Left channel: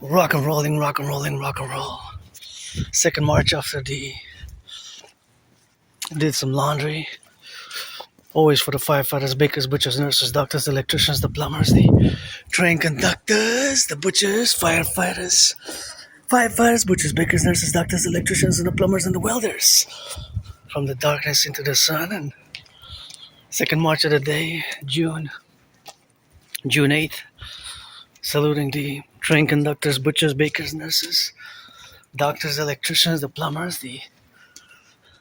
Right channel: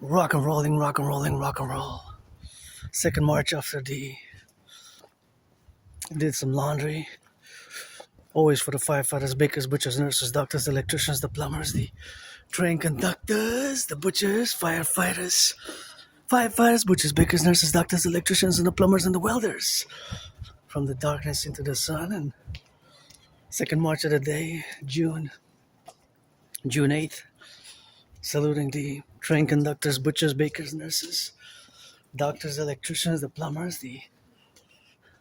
Rock and rolling, rock and rolling, rock and roll. Second march after the did some laundry. Always for the firefighters, bakers, butchers, nurses, doctors, the electricians, the plumbers, the train conductors, the butchers, firefighters, butchers, bakers, nurses, doctors, electricians, and the plumbers and the welders. From the darkness into the sun. And second march of the day, June 8th. Saluting the train conductors, butchers, bakers, nurses, doctors, electricians, the plumbers,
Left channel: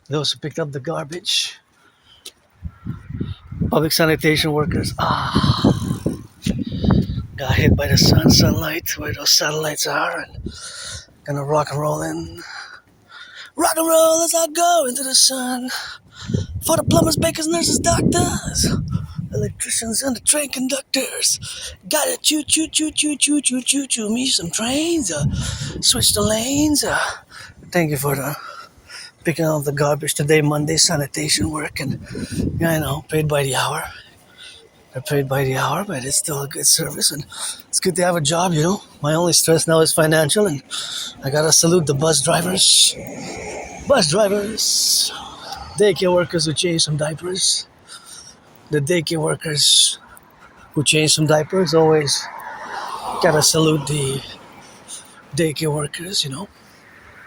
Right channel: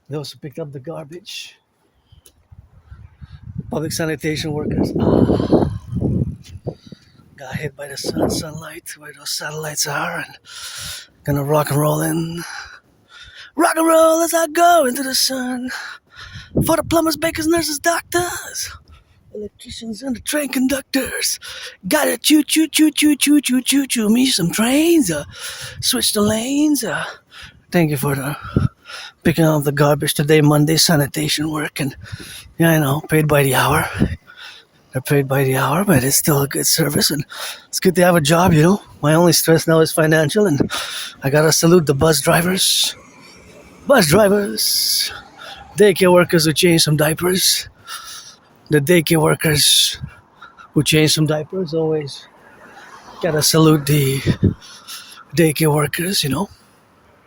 those who picked up the garbage, public sanitation workers. Got hit by the sunlight where those satellites are, and gonna rock and roll as I go into the sun. For the plumbers, bakers, nurses, doctors, electricians, and the train conductors. Gotta choo me some trains. Switch the lanes. Thank you for picking up the garbage today, Monday, sanitation work, and yeah, I know, paid by the hour. They're paid by the hour, but it's still a good service, and it's good to have a job, you know. My only stress now is financial, and I gotta salute the bus drivers, daycare workers who change some diapers. The daycare workers who change some diapers, always gotta salute the daycare workers, you know.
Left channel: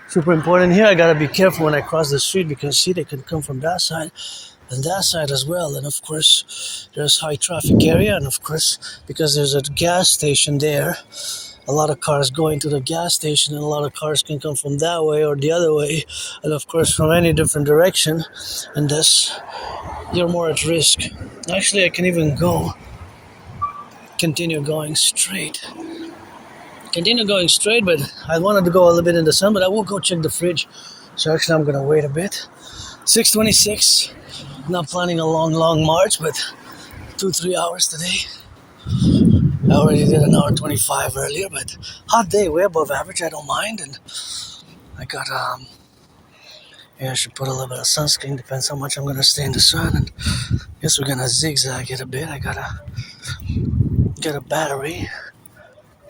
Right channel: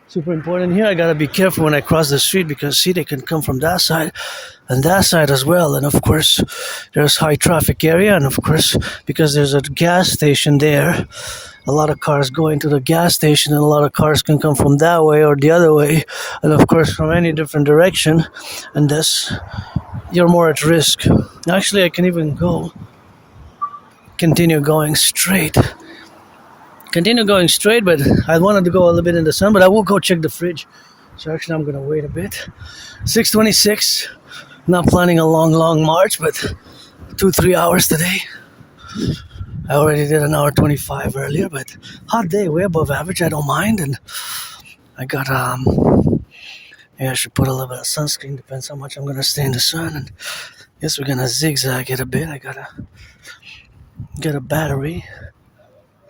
Super important here. I gotta be careful when I cross the street because, see, they can come from that side and that side as well. And of course, there's high traffic area. And of course, because there's a gas station there, a lot of cars going to the gas station, and a lot of cars can come from that way or the other way. And of course, from any different direction. And thus, you're more at risk. Actually, I can even continue going straight, but I wanted to go a little bit in the sun, but I will go check the fridge. So actually, I'm gonna wait a bit. 6:26. Not planning a long march, but 2-3 hours today. I already did an hour 25 earlier, but hot day, way above average. I don't mind, and I got I should put a little bit of sunscreen. Depends how much I'm gonna stay in the sun. And guess we're gonna zigzag it a bit. I got a battery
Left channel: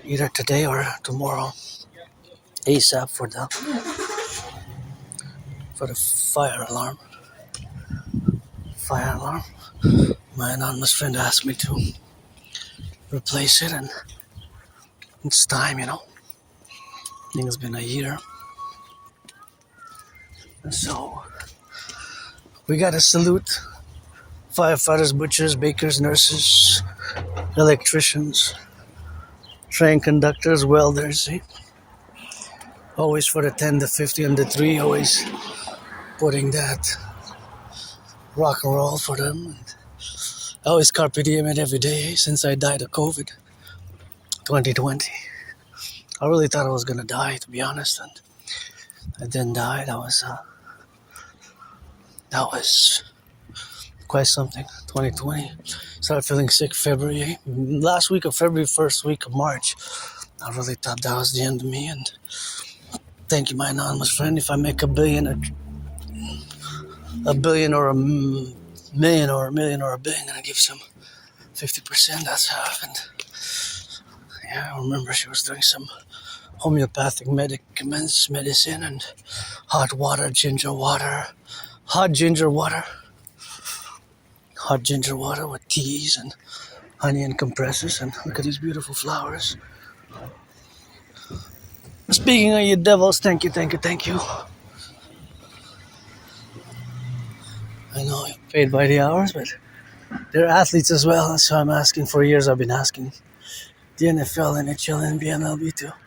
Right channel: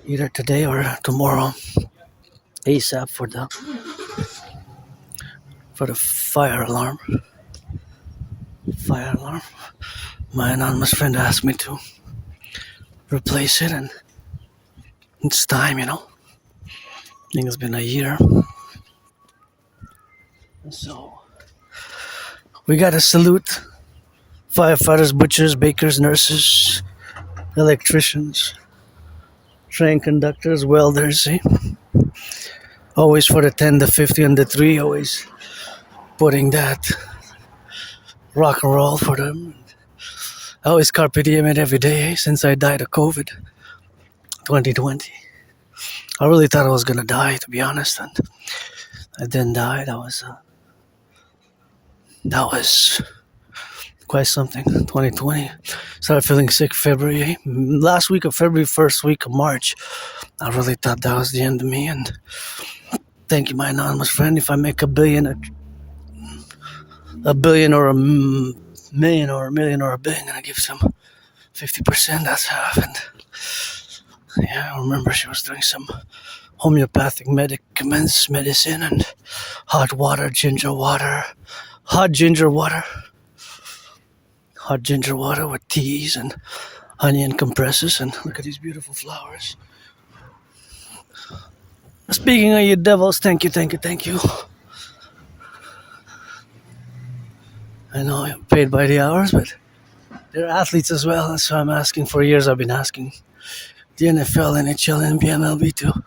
either today or tomorrow, ASAP for the fire alarm. My anonymous friend asked me to replace it, and it's time, you know. I think it's been a year. So we gotta salute firefighters, butchers, bakers, nurses, electricians, train conductors, welders, see? Always for the 10, the 50, and the 3, always putting that rock and roll for them. I always carpe diem it every day since I died of COVID 2020. I really thought I was gonna die, to be honest, and I didn't die. That was quite something. 2020. Started feeling sick February. Last week of February, first week of March. I really thought that was the end of me. And thank you, my anonymous friend. If I make a billion or a million or a billion, I'm gonna give some 50%. That's half. And yeah, I remember she was doing some homeopathic medicine and hot ginger water with teas and honey and compresses. And look at these beautiful flowers. Speaking of you devils, thank you. I know you're paid by the hours, but they're athletes as well. That's why I'm asking. For years I've been asking the NFL, NHL, and MLB to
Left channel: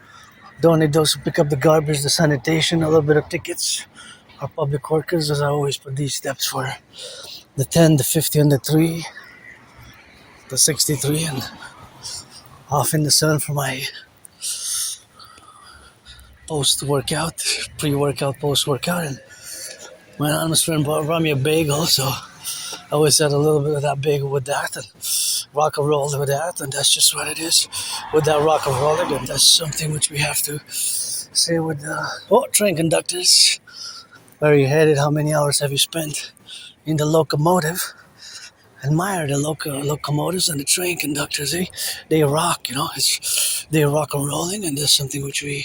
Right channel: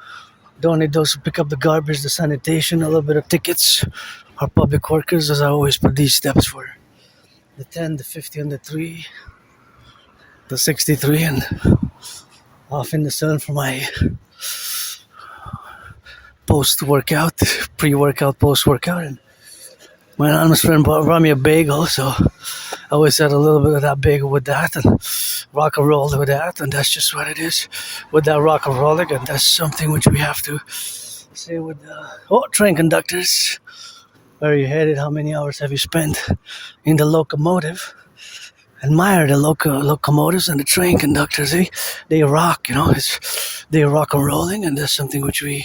donate those who pick up the garbage, the sanitation, a little bit of tickets. Our public workers, as I always put these steps for the 10, the 50, and the 3, the 63, and off in the sun for my post-workout, pre-workout, post-workout. And my anonymous friend brought me a bagel, so I always had a little bit of that bagel with that, and rock and roll with that, and that's just what it is with that rock and rolling. And that's something which we have to say with the train conductors. Where are you headed? How many hours have you spent in the locomotive? admire the locomotives and the train conductors. They rock, they rock and rolling, and that's something which we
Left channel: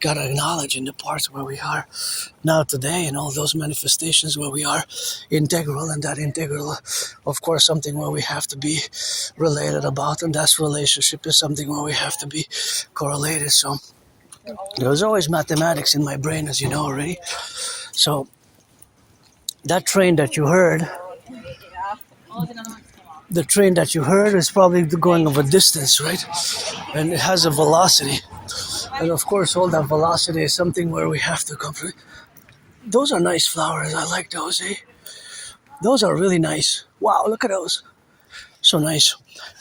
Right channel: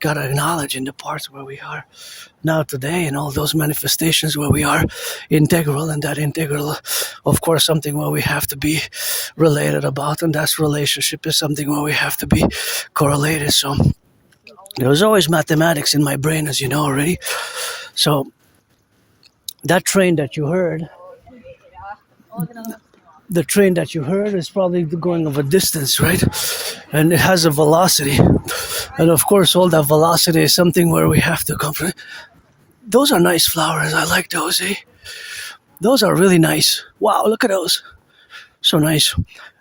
gotta acknowledge in the parts where we are now today, and all those manifestations where we are integral, and that integral, of course, something where we have to be related about, and that's relationship is something where we have to be correlated. So there was always mathematics in my brain, as you know already. So that train that you heard, is probably going of a distance, right? And it has a velocity. And of course, all that velocity is something where we have to come from. Those are nice flowers. I like those, eh? Those are really nice. Wow, look at those. So nice.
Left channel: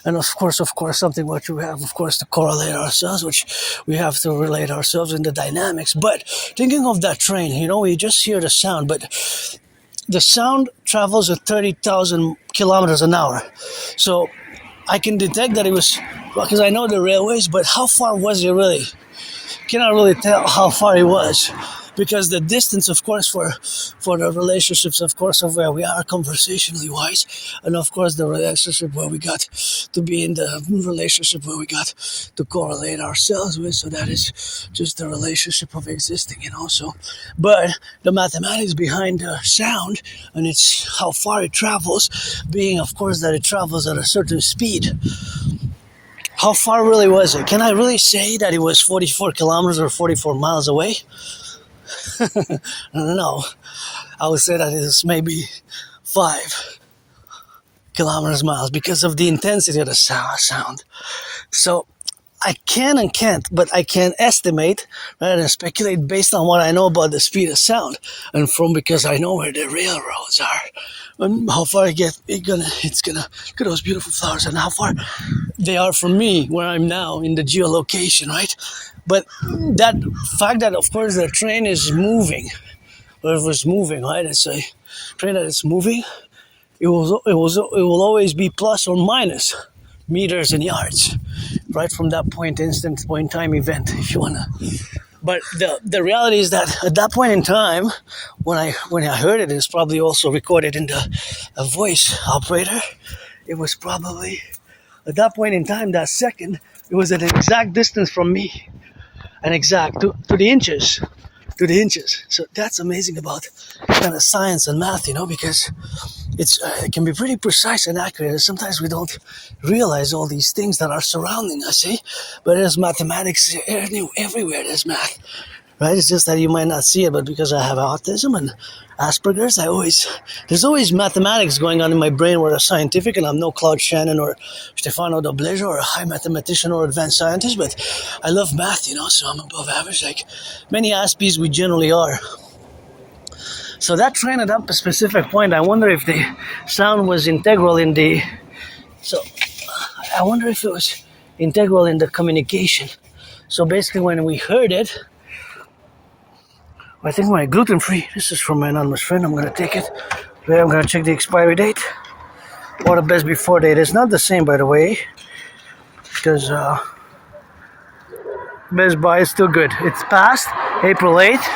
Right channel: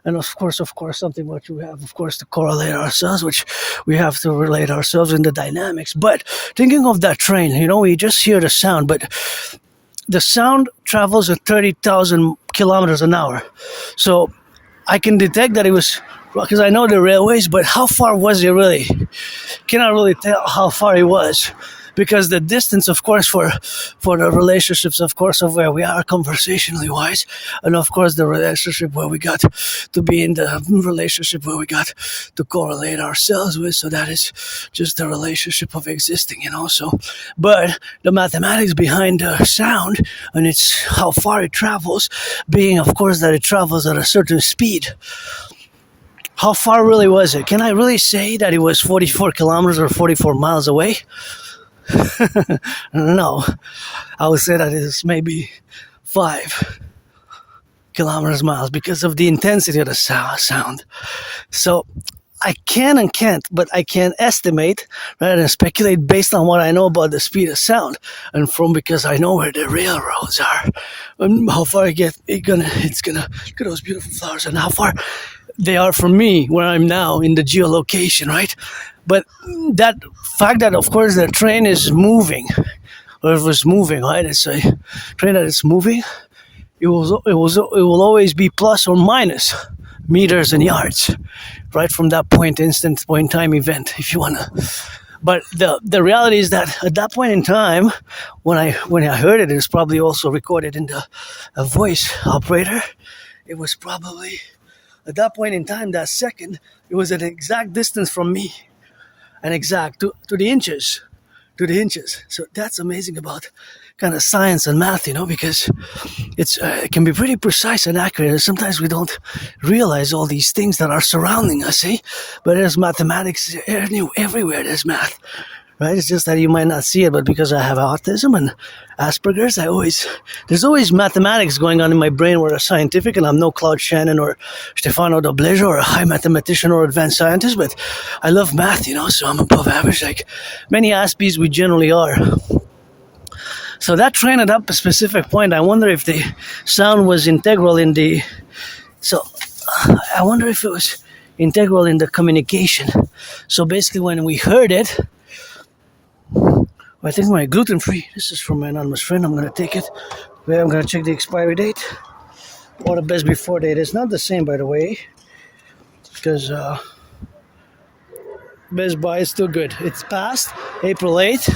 And of course, something which we have, of course, to correlate ourselves, which we have to relate ourselves in the dynamics. But thinking of that train, we just hear the sound, but the sound travels at 30,000 kilometers an hour. So I can detect that it was, because I know the railways, but how far was it really? Cannot really tell how far it was. Because the distance, of course, for the relationships, of course, of where we are conversationally wise, and of course the relationship where we got to be in the relationship where we got to correlate ourselves with, so that is just the relationship of existing, So, but the mathematics behind the sound, and it's how far it travels, being, of course, that it travels at a certain speed. How far really was it? Can I really say that it was 44 kilometers or 44 miles away? No, I would say that it is maybe 5 kilometers miles because of the intensity of the sound. So I can and can't, but I can estimate rather than speculate based on what I know about the speed of sound, and because I know where the railroads are, and how far it's gonna look at those beautiful flowers and how far they are from me where I'm now in the geolocation, right? But that fact that, of course, the train is moving, or it was moving, right? It's a train that is moving. It will always be plus or minus meters and yards, right? From that point in time event, if you wanna. But the reality is that at that point in time, when I heard it, it's probably also recorded in the voice operator. It was probably at that point in time, that second, it was an exact distance from me. And exact to the inches, So that's amazing about kind of science and math, because it can be pretty precise and accurate. Sometimes we don't realize all these things that are surrounding us, eh? But there's mathematics everywhere. There's math, right? It's just that you might not see it, but because I have autism and Asperger's, there's always mathematics going on in my brain where I'm scientific, and I'm no Claude Shannon or Stefano Doblejo or a high mathematician or advanced scientist, but I love math, so I'm above average, like many Aspies we generally are. So that train at up a specific point, I wonder if the sound was integral in the, so I wonder if it was integral in the communication. So basically when we heard it, I think my gluten-free, this is from my anonymous friend, I'm going to take it. I'm going to check the expiry date or the best before date. It's not the same, by the way, because Best Buy is still good. It's past April 8th.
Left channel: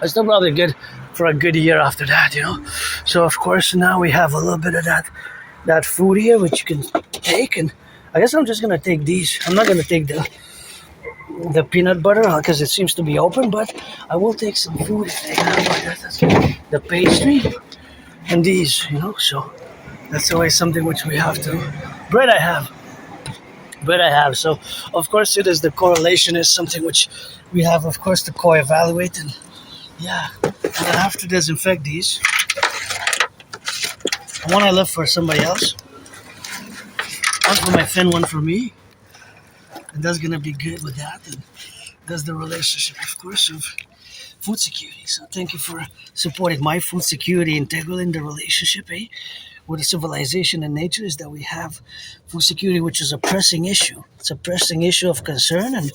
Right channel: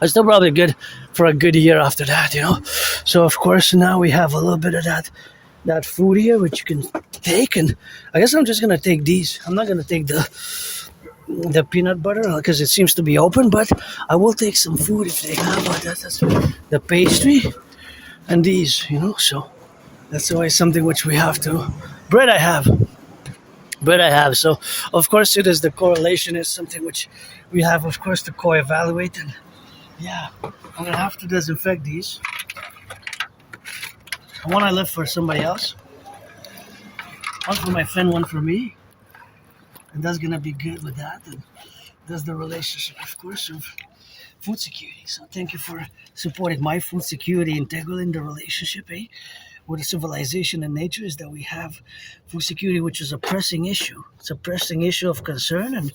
It's still probably good for a good year after that, So, of course, now we have a little bit of that food here, which you can take, and I guess I'm just going to take these. I'm not going to take the peanut butter because it seems to be open, but I will take some food if they got that's the pastry and these, so that's always something which we have to. Bread I have, so of course it is the correlation is something which we have, of course, to co-evaluate, and and I have to disinfect these. One I left for somebody else, one for my friend, one for me. And that's gonna be good with that. And that's the relationship, of course, of food security. So thank you for supporting my food security integral in the relationship, with the civilization and nature, is that we have food security, which is a pressing issue. It's a pressing issue of concern, and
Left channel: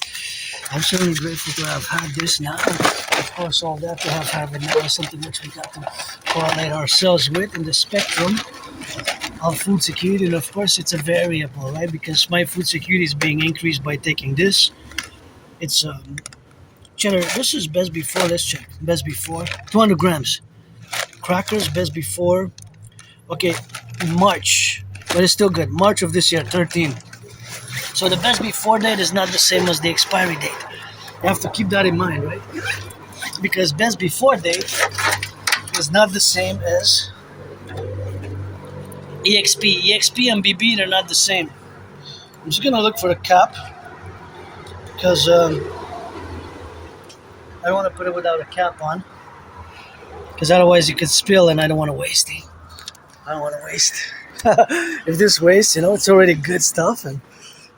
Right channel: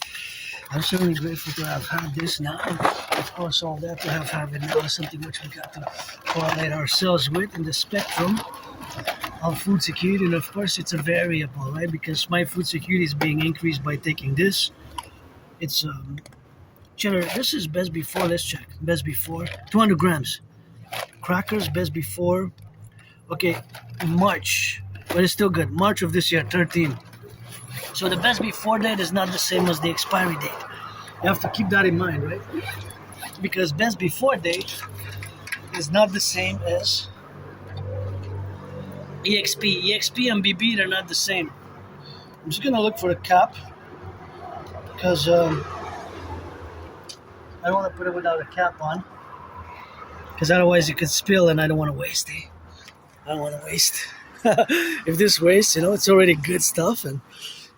I'm certainly grateful to have had this now. Of course, all that to have it now is something which we got to correlate ourselves with in the spectrum of food security. And of course it's a variable, right? Because my food security is being increased by taking this. It's cheddar. This is best before. Let's check. Best before 200 grams. Crackers best before. Okay, in March, but it's still good. March of this year, 13. So the best before date is not the same as the expiry date. You have to keep that in mind, right? Because best before date is not the same as EXP. EXP and BB, they're not the same. I'm just gonna look for a cap because I don't want to put it without a cap on, because otherwise you could spill and I don't want to waste it. I don't want to waste. If this wastes, it's already good stuff, and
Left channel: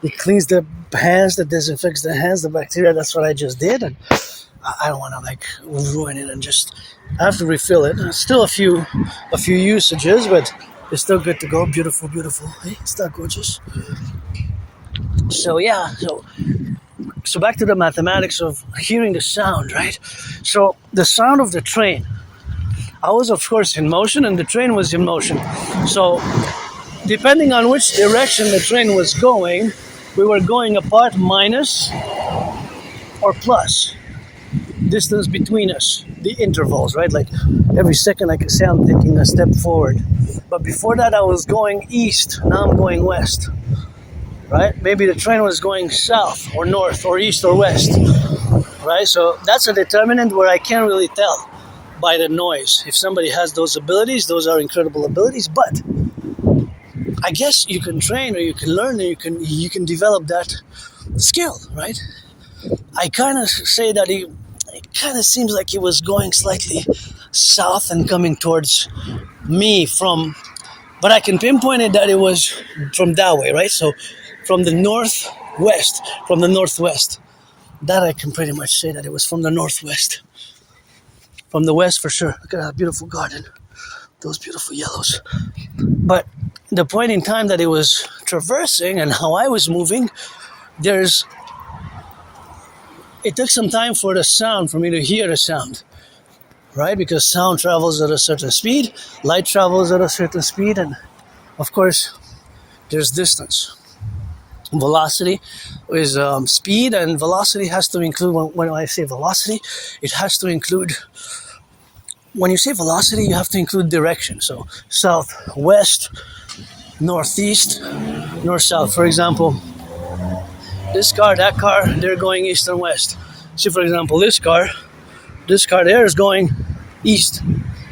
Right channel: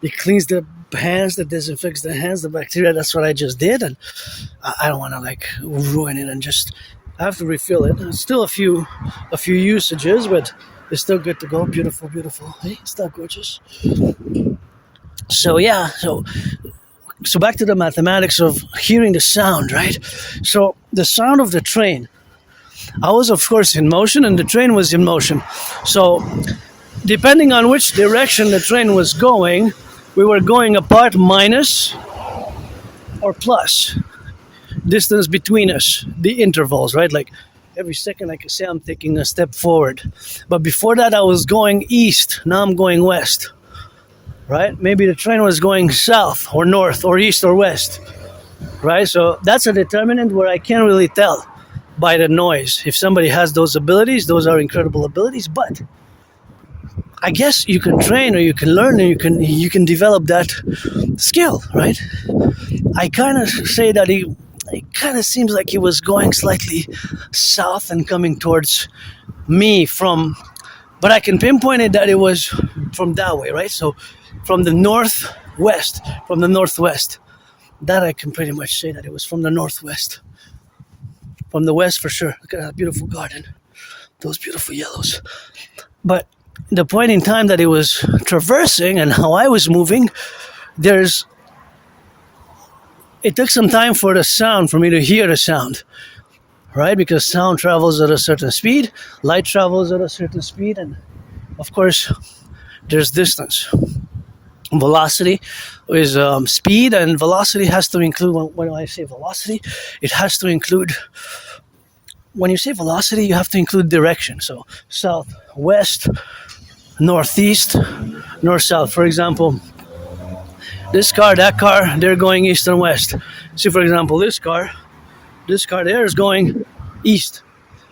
it cleans the hands, it disinfects the hands, the bacteria. That's what I just did, and I don't want to ruin it and just. I have to refill it. It's still a few usages, but it's still good to go. Beautiful, beautiful. Hey, it's not gorgeous. So yeah, so back to the mathematics of hearing the sound, right? So the sound of the train. I was, of course, in motion, and the train was in motion. So depending on which direction the train was going, we were going apart minus or plus distance between us, the intervals, right? Like every second I can say I'm taking a step forward. But before that I was going east, now I'm going west, right? Maybe the train was going south or north or east or west, right? So that's a determinant where I can't really tell by the noise. If somebody has those abilities, those are incredible abilities, but I guess you can train, or you can learn, or you can develop that skill, right? I kind of say that it kind of seems like he was going slightly south and coming towards me but I can pinpoint it that it was from that way, right? So from the northwest, that I can pretty much say that it was from the northwest. From the west for sure. Look at that beautiful garden, those beautiful yellows. But the point in time that it was traversing and how I was moving, it took some time for me to hear the sound, right? Because sound travels at a certain speed, light travels at a certain speed, and of course, there's distance. Velocity is speed, and velocity has to include, when I say velocity, it has to include, when you say velocity, you have to include direction. So south, west, northeast, north-south. For example, this car, that car, they're going east and west. See, for example, this car there is going east.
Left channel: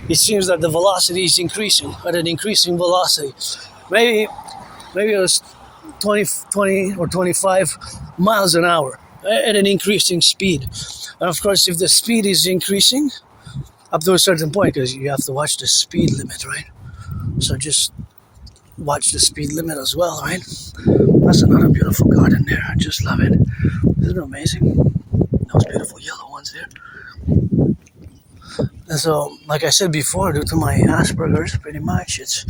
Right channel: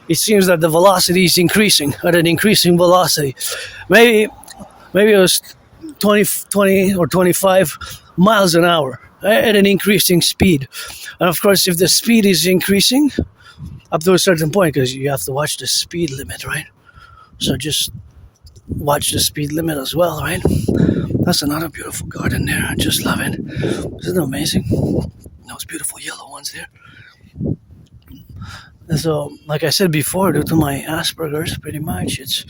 It seems that the velocity is increasing at an increasing velocity. Maybe it was 20 or 25 miles an hour at an increasing speed. And of course, if the speed is increasing up to a certain point, because you have to watch the speed limit, right? So just watch the speed limit as well, right? That's another beautiful garden there. I just love it. Isn't it amazing? Those beautiful yellow ones there. And so, like I said before, due to my Asperger's, pretty much,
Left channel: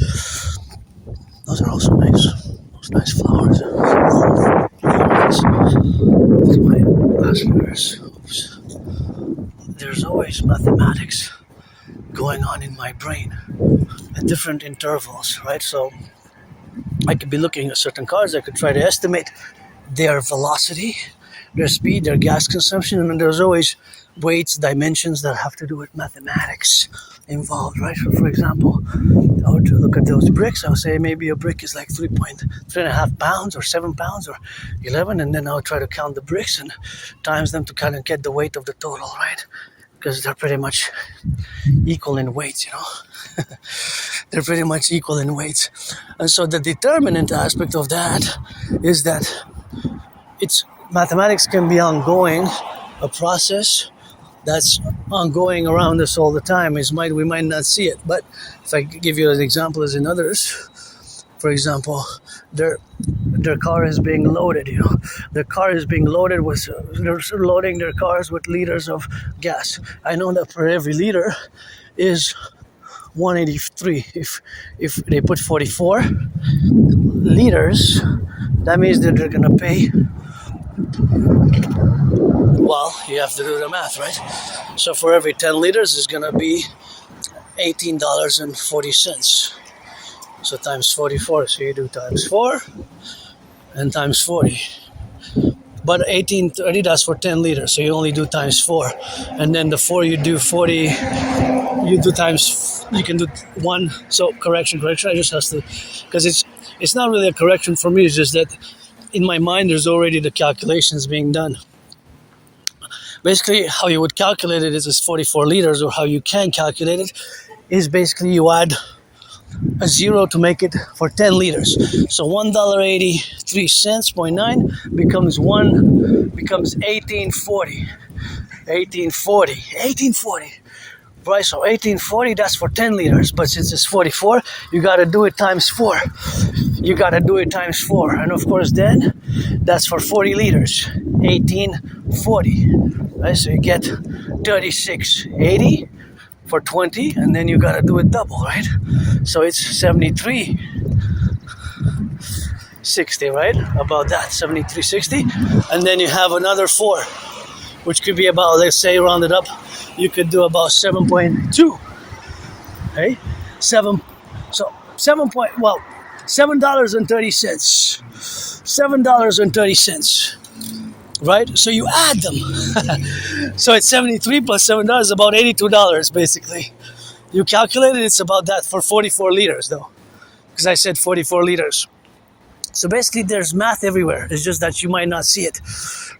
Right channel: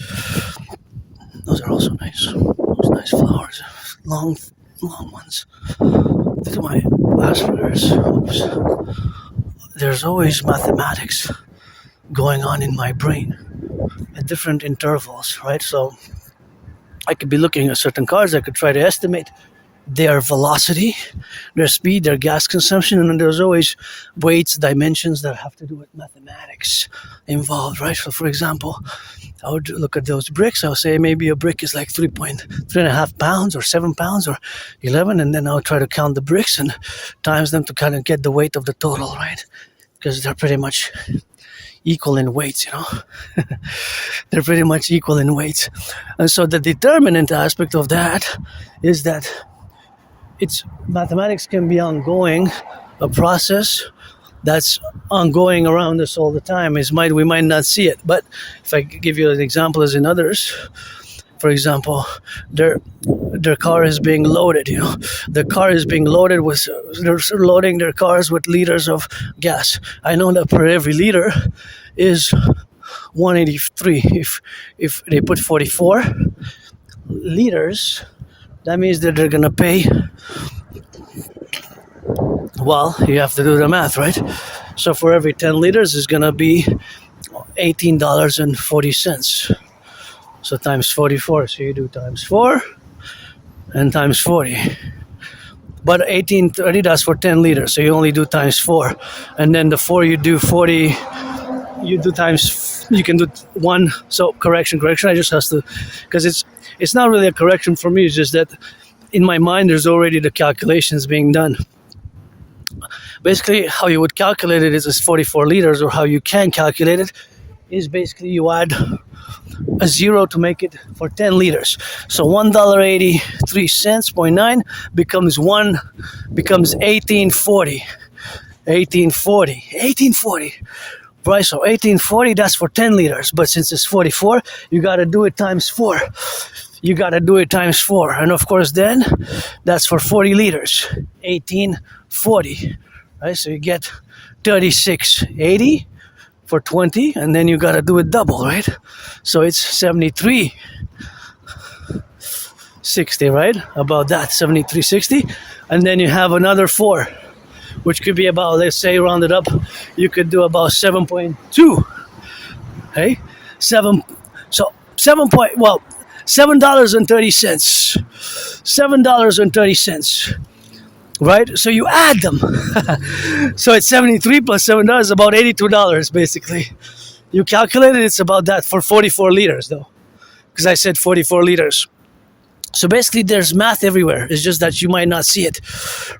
those are also nice. Those nice flowers. Long ones. Due to my Asperger's, there's always mathematics going on in my brain at different intervals, right? So I could be looking at certain cars, I could try to estimate their velocity, their speed, their gas consumption, and then there's always weights, dimensions that have to do with mathematics involved, right? So for example, I would look at those bricks, I'll say maybe a brick is like 3.5 pounds or 7 pounds or 11, and then I'll try to count the bricks and times them to kind of get the weight of the total, right? Because they're pretty much equal in weights, They're pretty much equal in weights. And so the determinant aspect of that is that mathematics can be ongoing, a process that's ongoing around us all the time. We might not see it, but if I give you an example as in others, for example, their car is being loaded, The car is being loaded they're loading their cars with liters of gas. I know that per every liter is 183. If they put 44 liters, that means that they're gonna pay, well, you have to do the math, right? So for every 10 liters is gonna be $18.40. So times 44, so you do times 4 and times 40. But 1830, that's for 10 liters, so you only do times 4. And then the 4 you do 40, you do times, you can do one. So correction. I just has to, because it's not really a correction for me. It's just that in my mind there's already the calculations being done. Basically, how you would calculate it is 44 liters, or how you can calculate it is basically you add a zero to make it for 10 liters. So $1.83.9 becomes 1840. 1840. Right, so 1840, that's for 10 liters. But since it's 44, you got to do it times 4. And of course, then that's for 40 liters. 1840. Right, so you get 3680 for 20, and then you got to do it double, right? So it's 7360, right? About that, 7360. And then you have another 4, which could be about, let's say, rounded up, you could do about 7.2. Okay? $7.30. $7.30. Right? So you add them. So it's 73 plus $7, about $82 basically. You calculate it, it's about that for 44 liters though. Because I said 44 liters. So basically there's math everywhere. It's just that you might not see it.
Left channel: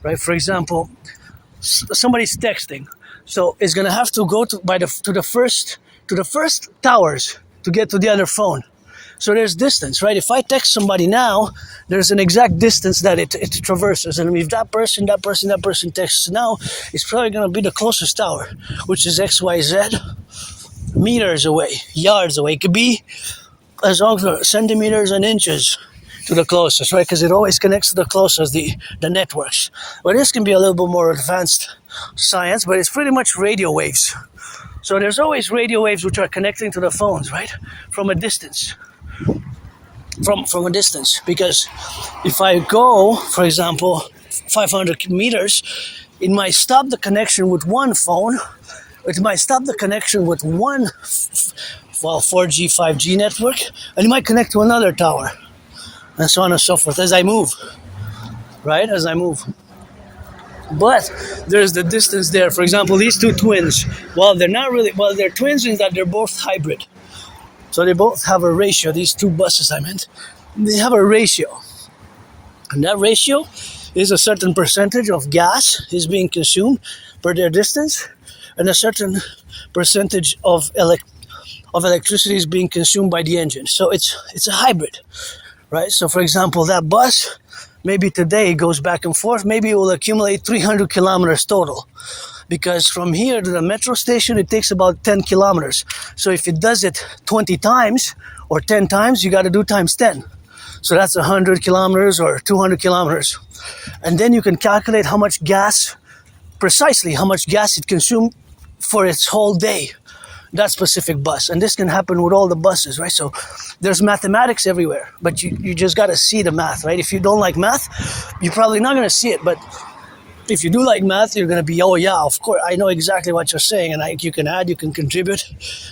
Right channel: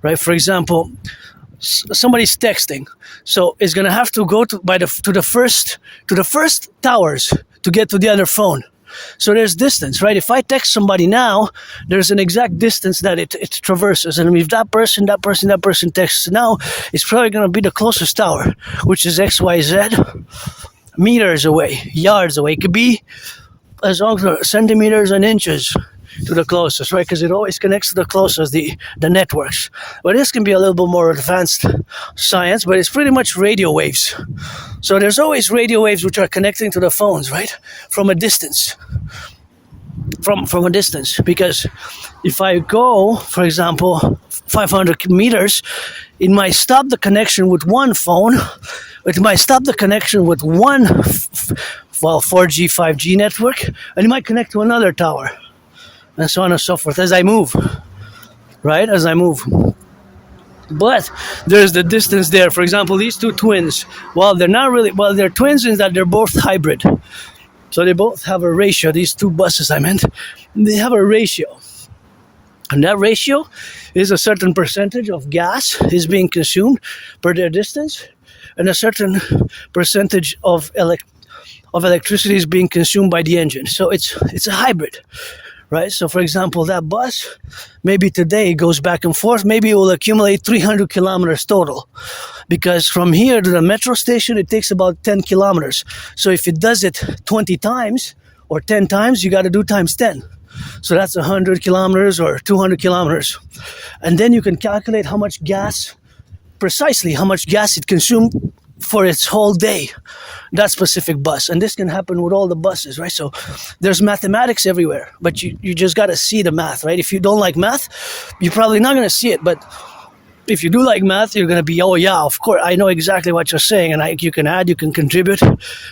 Right? For example, somebody's texting. So it's gonna have to go to the first towers to get to the other phone. So there's distance, right? If I text somebody now, there's an exact distance that it traverses. And if that person texts now, it's probably going to be the closest tower, which is XYZ, meters away, yards away. It could be as long as centimeters and inches to the closest, right? Because it always connects to the closest, the networks. But this can be a little bit more advanced science, but it's pretty much radio waves. So there's always radio waves which are connecting to the phones, right? From a distance. From a distance. Because if I go, for example, 500 meters, it might stop the connection with one phone. It might stop the connection with one 4G, 5G network, and it might connect to another tower. And so on and so forth as I move, right? As I move. But there's the distance there. For example, these two twins, they're twins in that they're both hybrid. So they both have a ratio. These two buses they have a ratio. And that ratio is a certain percentage of gas is being consumed per their distance, and a certain percentage of electricity is being consumed by the engine. So it's a hybrid. Right, so for example, that bus, maybe today goes back and forth, maybe it will accumulate 300 kilometers total. Because from here to the metro station, it takes about 10 kilometers. So if it does it 20 times or 10 times, you got to do times 10. So that's 100 kilometers or 200 kilometers. And then you can calculate precisely how much gas it consumed for its whole day. That specific bus. And this can happen with all the buses, right? So there's mathematics everywhere, but you just got to see the math, right? If you don't like math, you're probably not going to see it. But if you do like math, you're going to be, oh yeah, of course, I know exactly what you're saying. And you can add, you can contribute.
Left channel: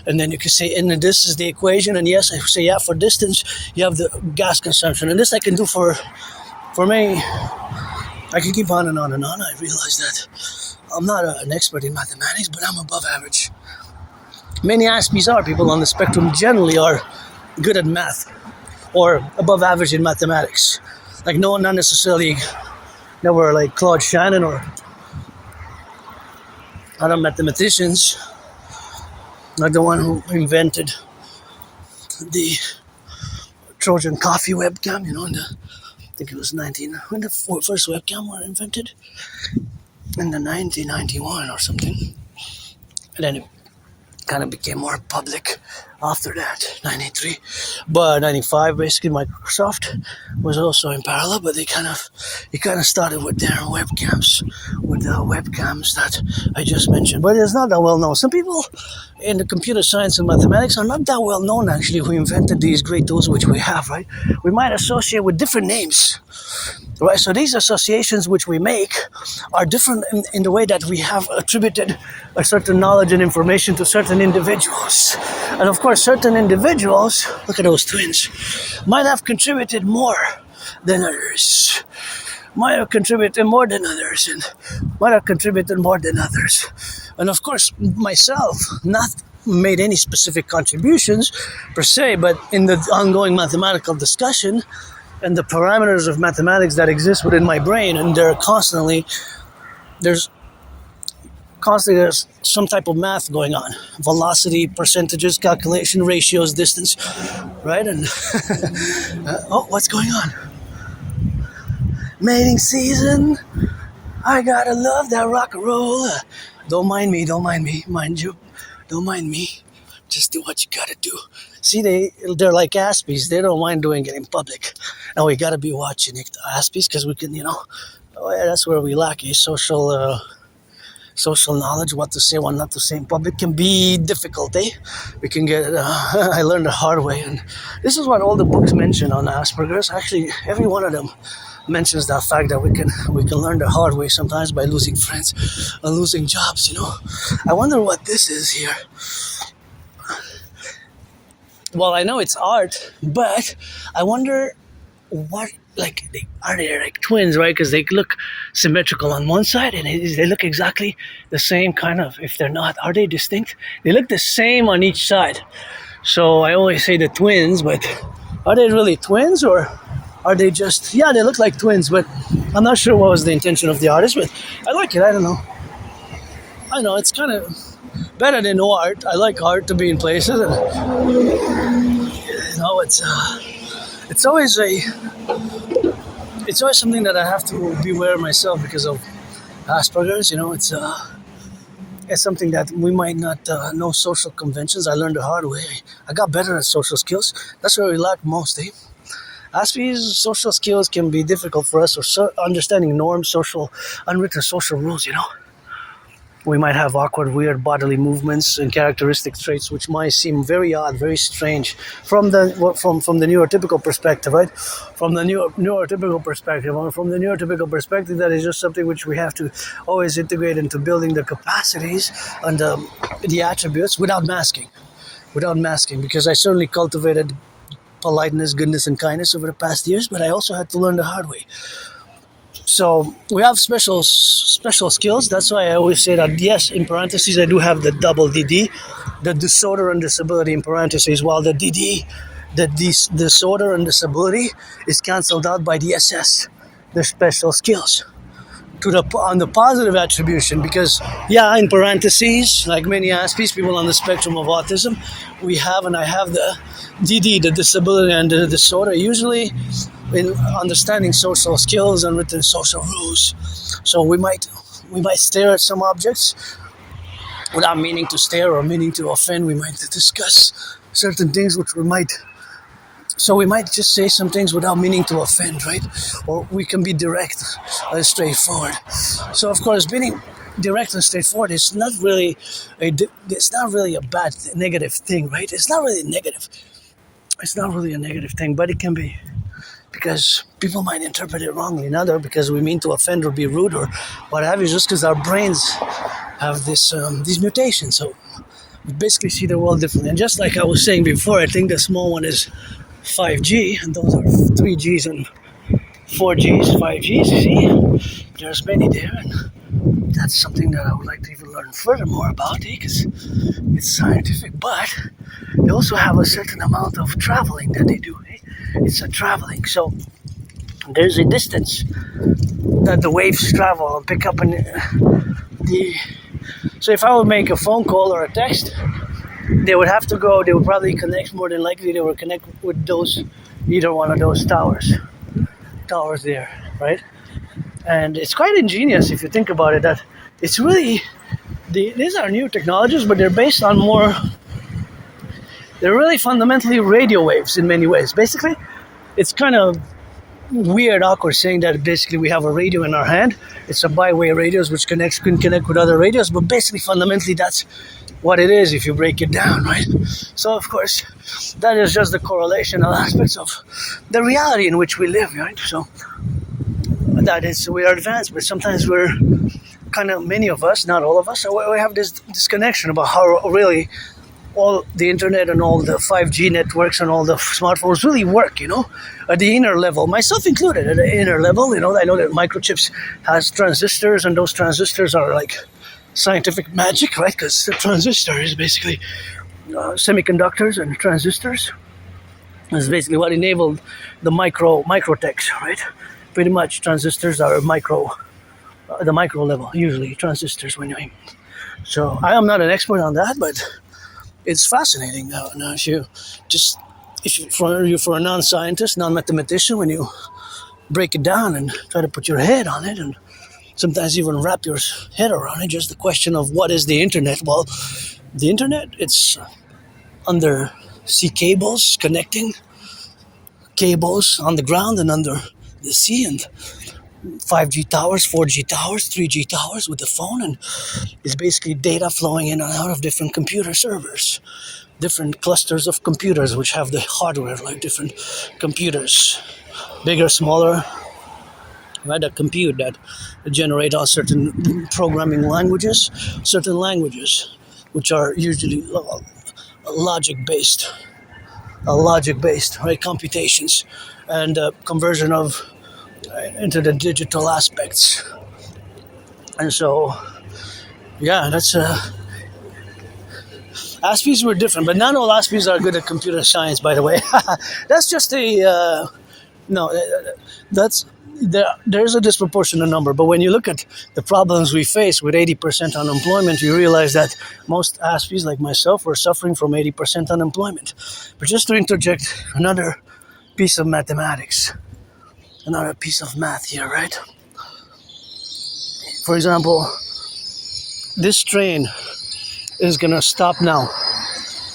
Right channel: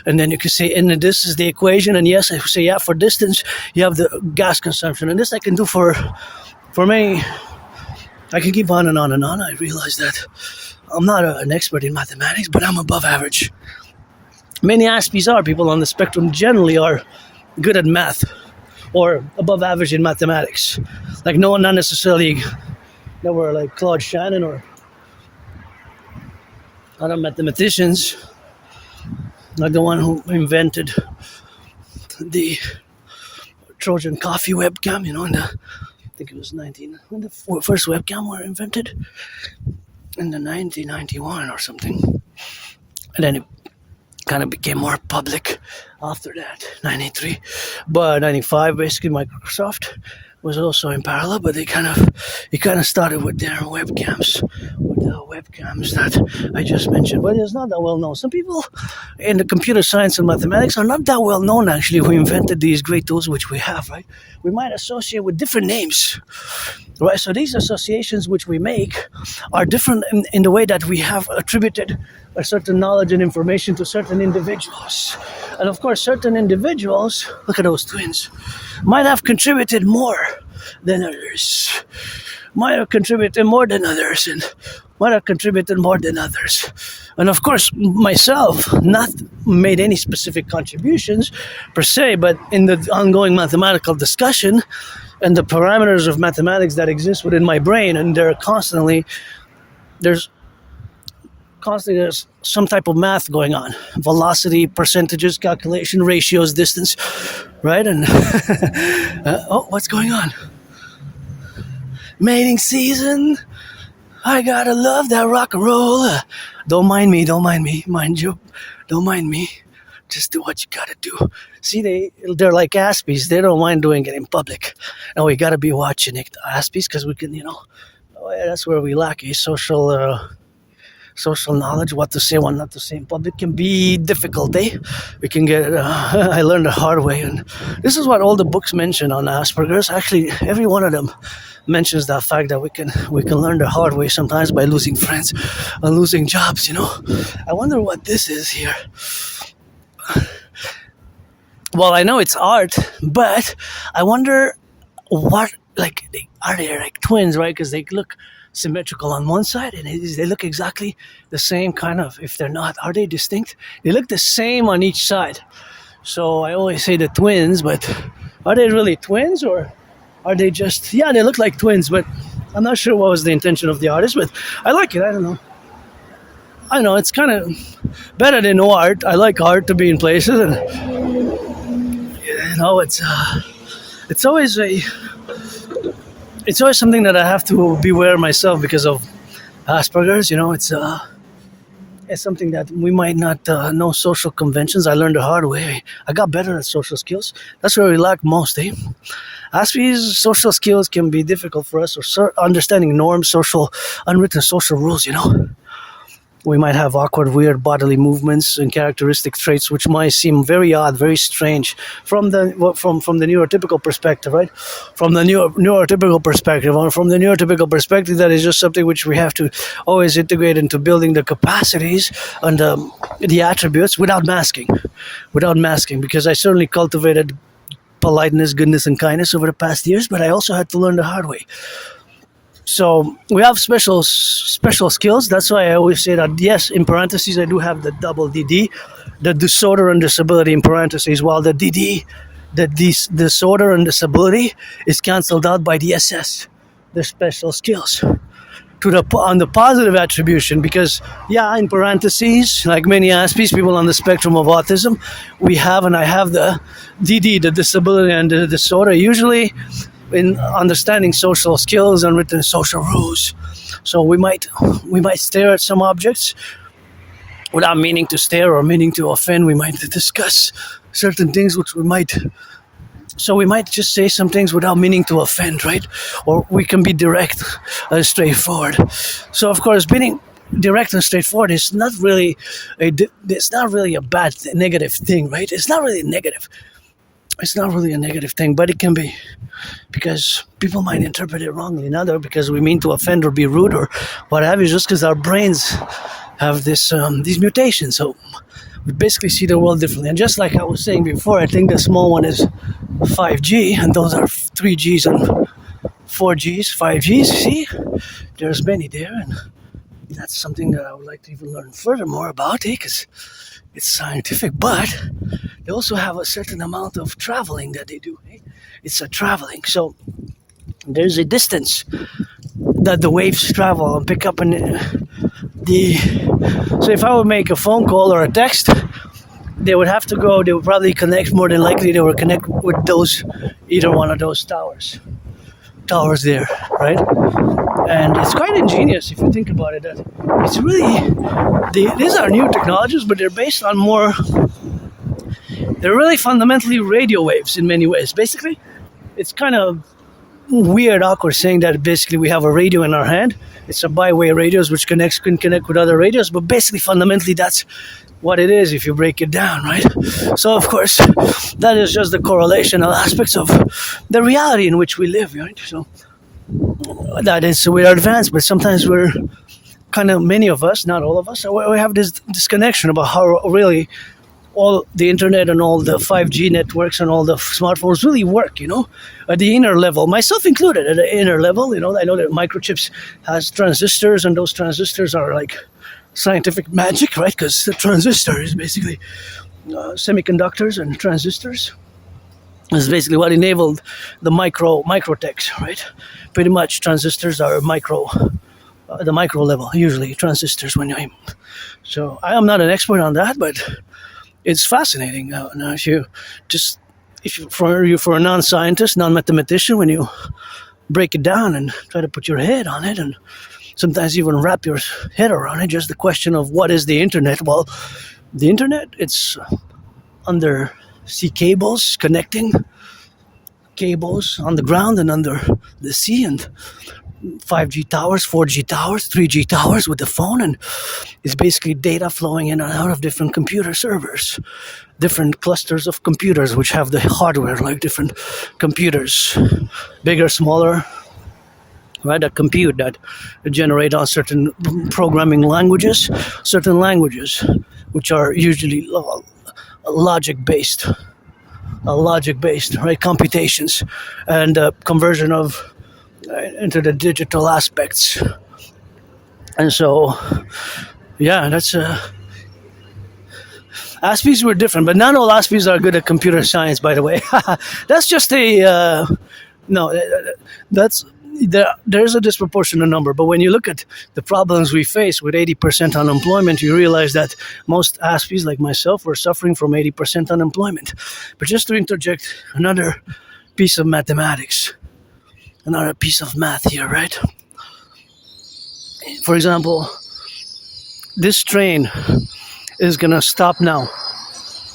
And then you can say, and this is the equation. And yes, I say, yeah, for distance, you have the gas consumption. And this I can do for me. I can keep on and on and on. I realize that I'm not an expert in mathematics, but I'm above average. Many Aspies people on the spectrum generally are good at math or above average in mathematics. Like not necessarily, they were like Claude Shannon or other mathematicians, like the one who invented the Trojan coffee webcam, I think it was when the first webcam were invented in the 1991 or something. And then it kind of became more public after that, 93. But 95, basically, Microsoft was also in parallel, but it kind of started with their webcams, that I just mentioned. But it's not that well known. Some people in the computer science and mathematics are not that well known, actually, who invented these great tools which we have, right? We might associate with different names, right? So these associations which we make are different in the way that we have attributed a certain knowledge and information to certain individuals. And of course, certain individuals, look at those twins, might have contributed more than others. might have contributed more than others, and might have contributed more than others. And of course, myself, not made any specific contributions per se, but in the ongoing mathematical discussion and the parameters of mathematics that exist within my brain, and there's some type of math going on. Velocity, percentages, calculation, ratios, distance, right? And oh, what's going on? Mating season. I gotta love that rock and roll. Don't mind me, mind you. Don't mind me. Just do what you gotta do. See, they're like Aspies. They don't mind doing it in public. And we gotta be watching it, Aspies, because we can, that's where we lack a social knowledge. What to say, what not to say in public can be difficult, eh? We can get I learned the hard way, and this is what all the books mention on Asperger's. Actually, every one of them mentions that fact that we can learn the hard way sometimes by losing friends and losing jobs. I wonder what this is here. Well, I know it's art, but I wonder what, are they like twins, right? Because they look symmetrical on one side, and they look exactly the same kind of. If they're not, are they distinct? They look the same on each side. So I always say the twins, but are they really twins, or are they just, they look like twins, but I'm not sure what was the intention of the artist, but I like it. I don't know. I know it's kind of better than no art. I like art to be in places, and it's always something that I have to beware myself because of Asperger's. It's something that we might not know social conventions. I learned the hard way. I got better at social skills. That's where we lack most, eh? Aspie's social skills can be difficult for us, or understanding norms, unwritten social rules, We might have awkward, weird bodily movements and characteristic traits which might seem very odd, very strange from the neurotypical perspective, right? From the neurotypical perspective, or from the neurotypical perspective, that is just something which we have to always integrate into building the capacities and the attributes without masking, because I certainly cultivated politeness, goodness, and kindness over the past years, but I also had to learn the hard way. So we have special skills. That's why I always say that, yes, in parentheses, I do have the double dedie, the disorder and disability in parentheses, while the dedie, the disorder and disability, is cancelled out by the SS, the special skills, on the positive attribution. Because, in parentheses, like many Aspies, people on the spectrum of autism, I have the DD, the disability and the disorder, usually in understanding social skills and written social rules. So we might stare at some objects without meaning to stare or meaning to offend. We might discuss certain things which we might just say some things without meaning to offend, right? Or we can be direct and straightforward. So of course, being direct and straightforward is not really a bad negative thing, right? It's not really negative. It's not really a negative thing, but it can be, because people might interpret it wrongly, not because we mean to offend or be rude or what have you, just because our brains have these mutations. So we basically see the world differently. And just like I was saying before, I think the small one is 5G, and those are 3Gs and 4Gs, 5Gs. See, there's many there, and that's something that I would like to even learn furthermore about, because it's scientific. But they also have a certain amount of traveling that they do. It's a traveling, so there's a distance that the waves travel and pick up so if I would make a phone call or a text, they would probably connect, more than likely they would connect with either one of those towers there, right? And it's quite ingenious if you think about it, that it's really, these are new technologies, but they're based on they're really fundamentally radio waves in many ways. Basically, it's kind of weird, awkward saying that basically we have a radio in our hand. It's a bi-way radios which can connect with other radios, but basically fundamentally that's what it is if you break it down, right? So of course, that is just the correlational aspects of the reality in which we live, right? So that is, we're advanced, but sometimes we're kind of, many of us, not all of us, we have this disconnection about how really all the internet and all the 5G networks and all the smartphones really work, at the inner level, myself included, at the inner level. I know that microchips has transistors, and those transistors are like scientific magic, right? Because the transistor is basically semiconductors, and transistors is basically what enabled the microtechs, right? Pretty much transistors are the micro level, usually transistors so I am not an expert on that, but it's fascinating. Now for a non-scientist, non-mathematician, when you break it down and try to put your head on it, and sometimes even wrap your head around it, just the question of what is the internet? Well, the internet, it's undersea cables, connecting cables on the ground and under the sea, and 5G towers, 4G towers, 3G towers with the phone, and it's basically data flowing in and out of different computer servers, different clusters of computers which have the hardware, like different computers, bigger, smaller, right, that compute, that generate on certain programming languages, certain languages which are usually logic-based, right, computations, and conversion of into the digital aspects. And so, yeah, that's Aspies were different, but not all Aspies are good at computer science, by the way. That's just there's a disproportionate number. But when you look at the problems we face with 80% unemployment, you realize that most Aspies, like myself, were suffering from 80% unemployment. But just to interject another piece of mathematics, another piece of math here, right? For example, this train is gonna stop now,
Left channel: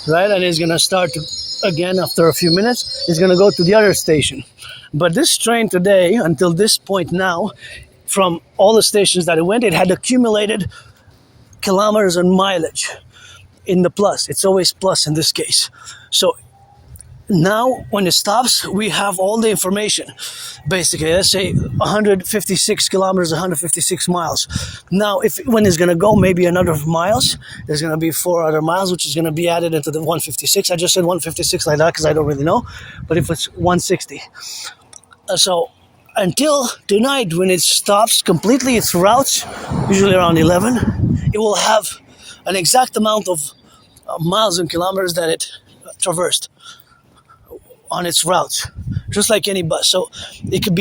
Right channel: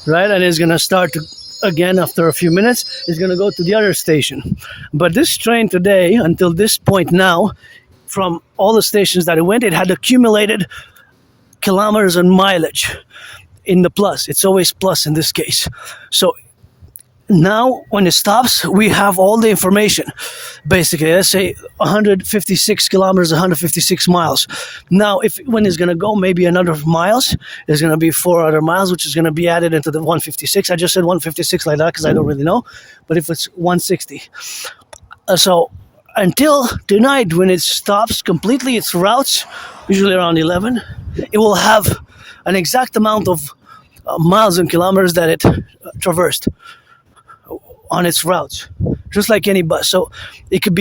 right? And it's gonna start again after a few minutes. It's gonna go to the other station. But this train today, until this point now, from all the stations that it went, it had accumulated kilometers and mileage in the plus. It's always plus in this case. So now when it stops, we have all the information. Basically, let's say 156 kilometers, 156 miles. Now, when it's going to go maybe another miles, there's going to be 4 other miles, which is going to be added into the 156. I just said 156 like that because I don't really know. But if it's 160. So until tonight, when it stops completely its routes, usually around 11, it will have an exact amount of miles and kilometers that it traversed on its routes, just like any bus. So we can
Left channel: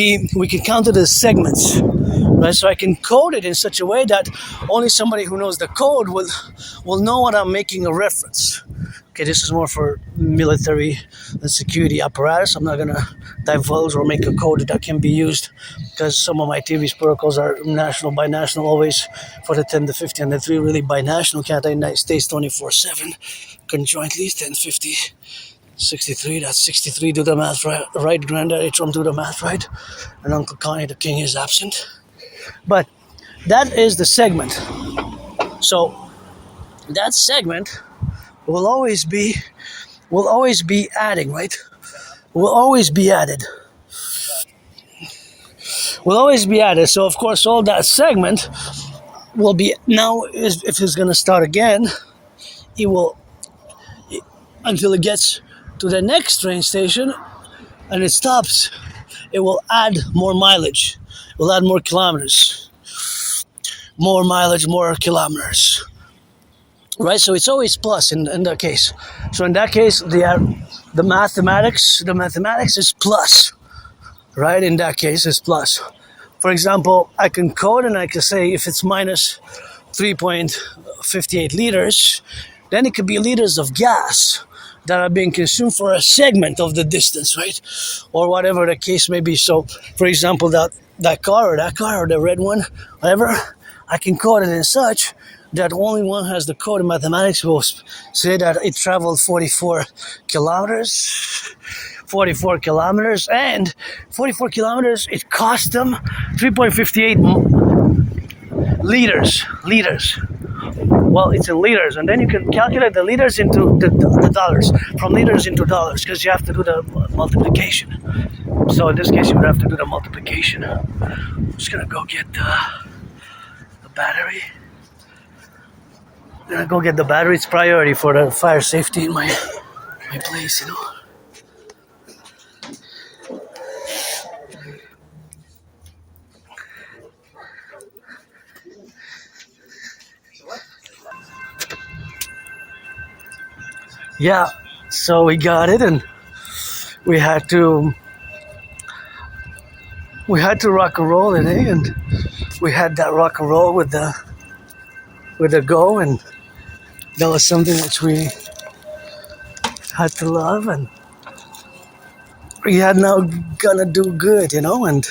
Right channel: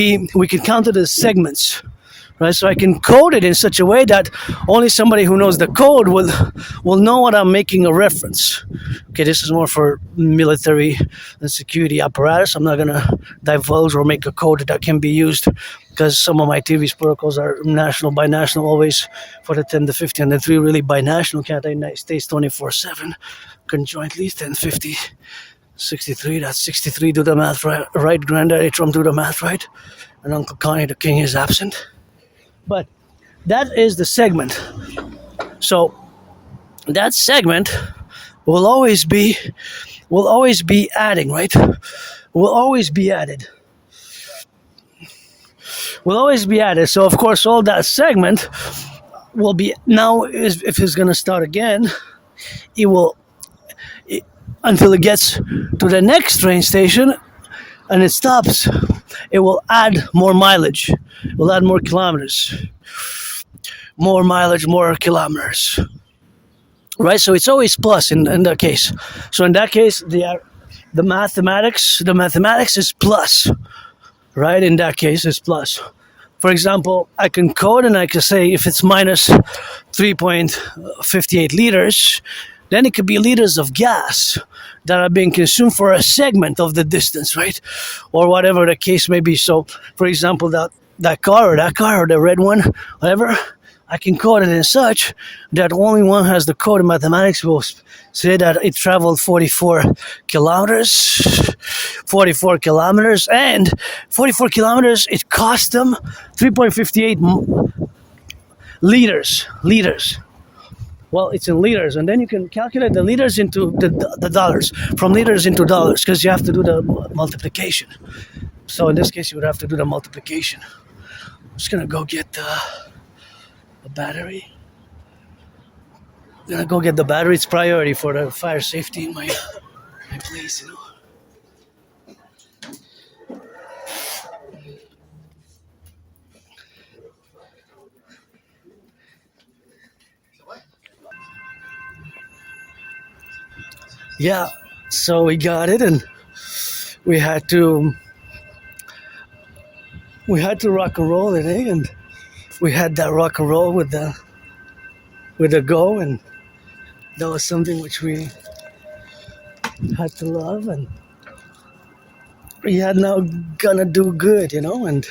count it as segments, right? So I can code it in such a way that only somebody who knows the code will know what I'm making a reference. Okay, this is more for military and security apparatus. I'm not gonna divulge or make a code that can be used because some of my TV's protocols are national, binational, always for the 10 to 50, and the 3 really binational, Canada, United States 24/7, conjointly 1050. 63, that's 63, do the math right, Granddaddy Trump, do the math right, and Uncle Connie, the king, is absent. But that is the segment. So that segment will always be adding, right? Will always be added. So of course all that segment will be, now if it's going to start again, it will, until it gets to the next train station and it stops, it will add more mileage. It will add more kilometers. More mileage, more kilometers. Right? So it's always plus in that case. So in that case, the mathematics is plus. Right? In that case, it's plus. For example, I can code and I can say if it's minus 3.58 liters, then it could be liters of gas that are being consumed for a segment of the distance, right? Or whatever the case may be. So, for example, that car or the red one, whatever, I can code it in such that only one has the code in mathematics will say that it traveled 44 kilometers, and 44 kilometers, it cost them 3.58 liters. Well, it's in liters, and then you can calculate the liters into the dollars, from liters into dollars, because you have to do the multiplication. So in this case, you would have to do the multiplication. I'm just gonna go get the battery. I'm gonna go get the battery. It's priority for the fire safety in my place, you know. Yeah, so we got it, and we had to rock and roll it, eh? And we had that rock and roll with the go, and that was something which we had to love, and we had now gonna do good, you know. And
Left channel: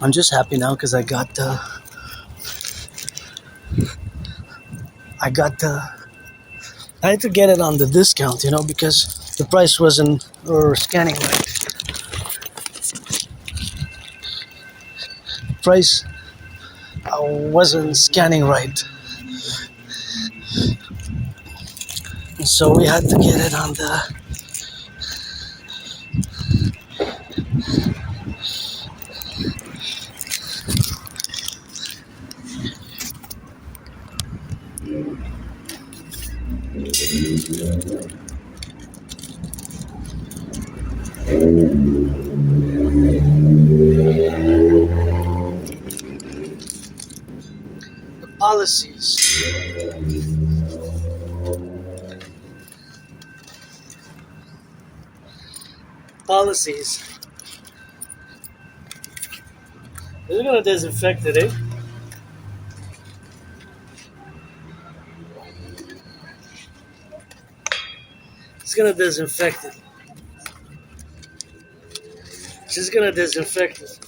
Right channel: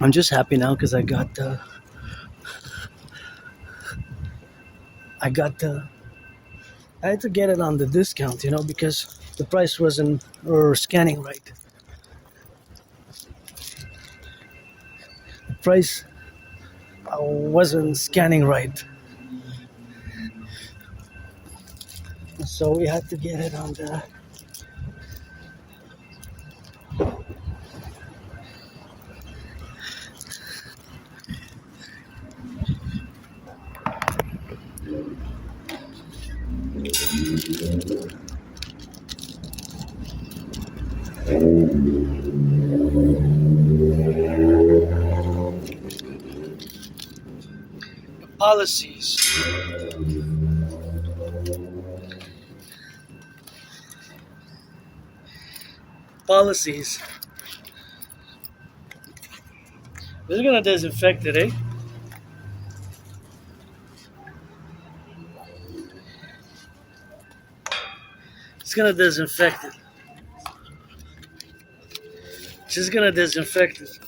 I'm just happy now because I had to get it on the discount, you know, because the price wasn't scanning right. The price wasn't scanning right. And so we had to get it on the policies. Policies. This is gonna disinfect it, eh? It's gonna disinfect it. She's gonna disinfect it.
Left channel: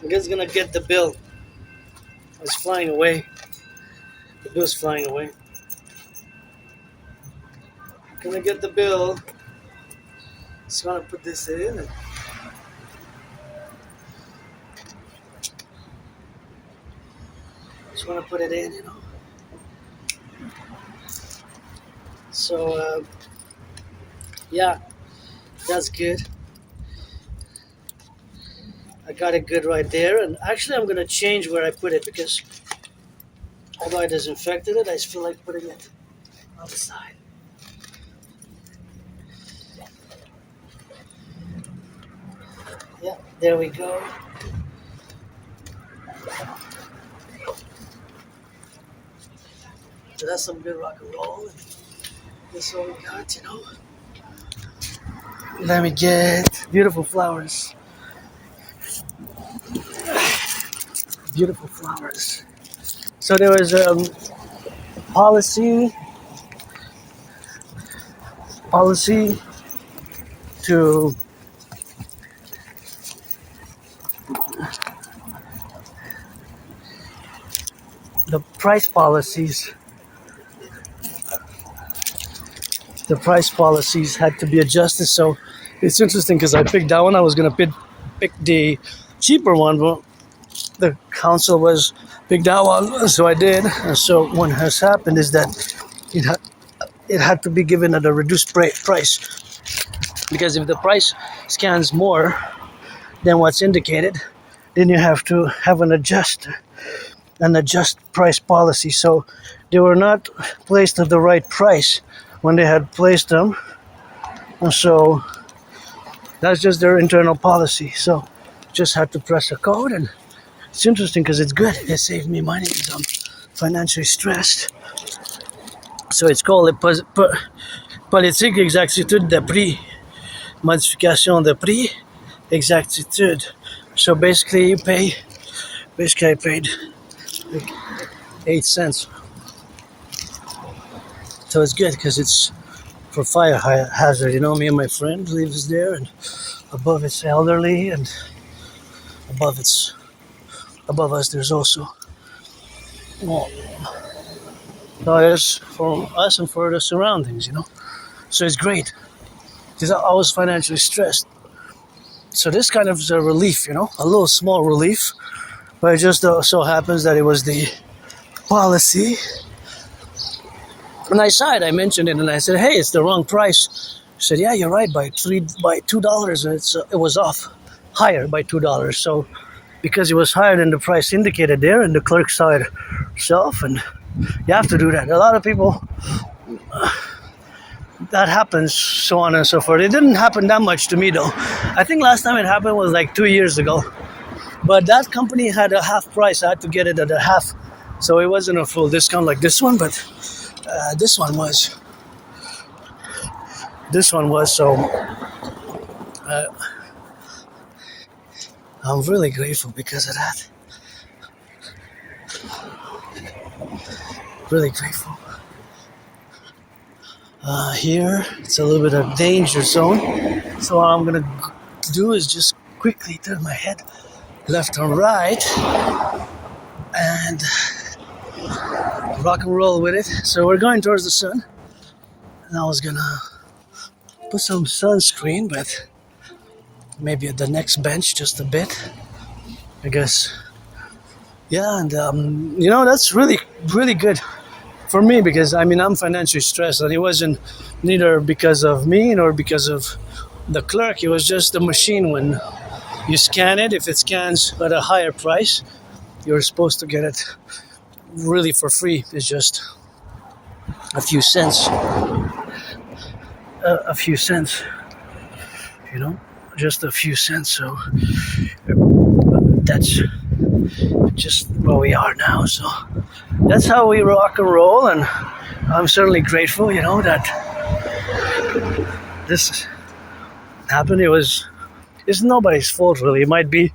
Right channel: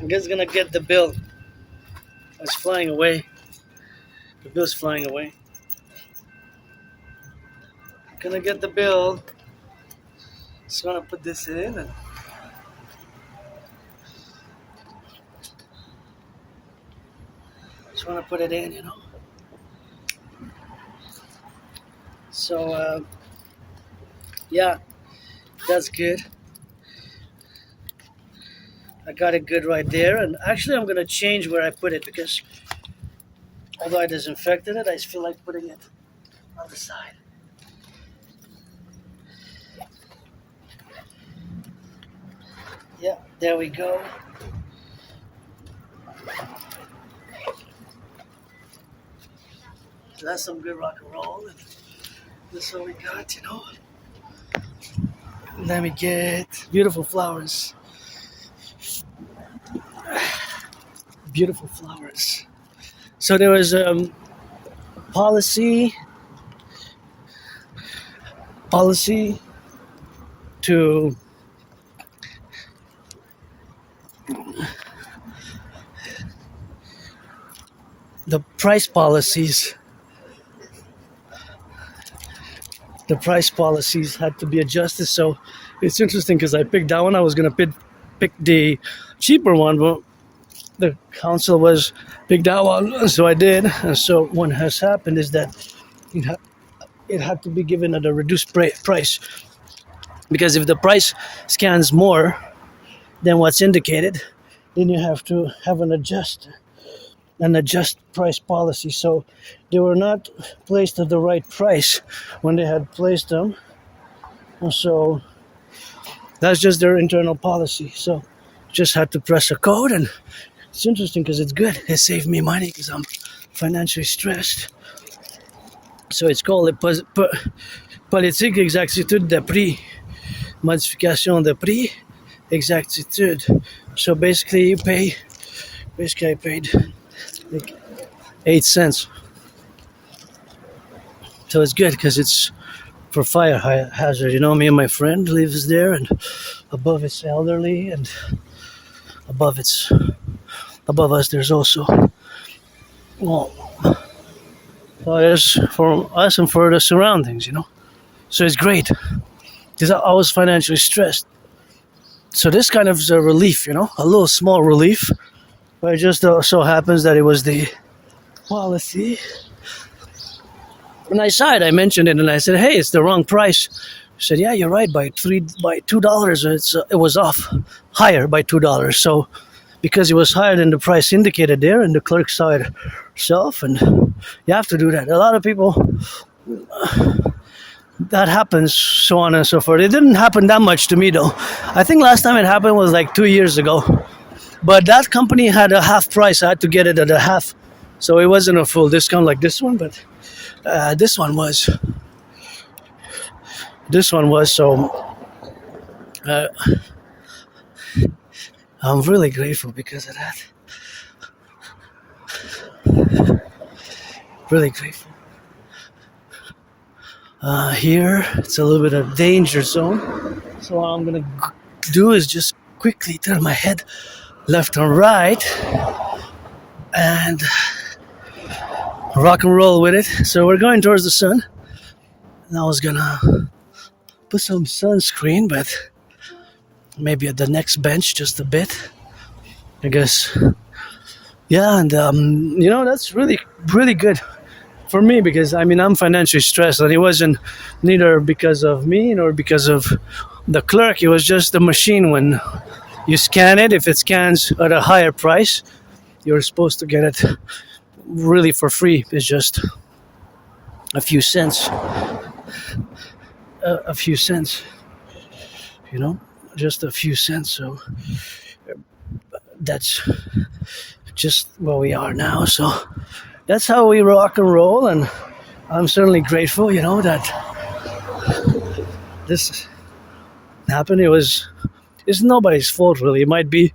I'm just gonna get the bill. It's flying away. The bill's flying away. Gonna get the bill. Just gonna put this in and just wanna put it in, you know. So yeah, that's good. I got it good right there, and actually I'm gonna change where I put it because although I disinfected it, I just feel like putting it on the side. Yeah, there we go. So that's some good rock and roll, and this is what we got, you know. Let me get beautiful flowers. Beautiful flowers. So there was policy to the price policies. The price policies had to be adjusted. So it's interesting because I picked that one. I was gonna pick the cheaper one, but the council was pick that one, so I did. And so what has happened is that it had to be given at a reduced price, because if the price scans more than what's indicated, then you have to have an adjust price policy. So they were not placed at the right price when they had placed them, and so that's just their internal policy. So just had to press a code, and it's interesting because it's good. It saved me money because I'm financially stressed. So it's called Politique exactitude de prix, modification de prix, exactitude. So basically I paid like 8 cents. So it's good because it's for fire hazard. You know, me and my friend lives there, and above it's elderly, and above us there's also fires for us and for the surroundings, you know. So it's great because I was financially stressed. So this kind of is a relief, you know, a little small relief. But it just so happens that it was the policy. And I mentioned it, and I said, hey, it's the wrong price He said, yeah, you're right, by $2, it was off, higher by $2. So because it was higher than the price indicated there, and the clerk saw it herself, and you have to do that. A lot of people, that happens, so on and so forth. It didn't happen that much to me though. I think last time it happened was like 2 years ago. But that company had a half price. I had to get it at a half. So it wasn't a full discount like this one, but this one was. So I'm really grateful because of that. Really grateful. Here, it's a little bit of danger zone. So what I'm going to do is just quickly turn my head left and right and rock and roll with it. So we're going towards the sun. And I was going to put some sunscreen, but maybe at the next bench just a bit. I guess. Yeah, and that's really, really good for me because I'm financially stressed, and it wasn't neither because of me nor because of the clerk. It was just the machine. When you scan it, if it scans at a higher price, you're supposed to get it really for free. It's just a few cents. Just a few cents. So that's just where we are now. So that's how we rock and roll, and I'm certainly grateful, that this happened. It's nobody's fault really. It might be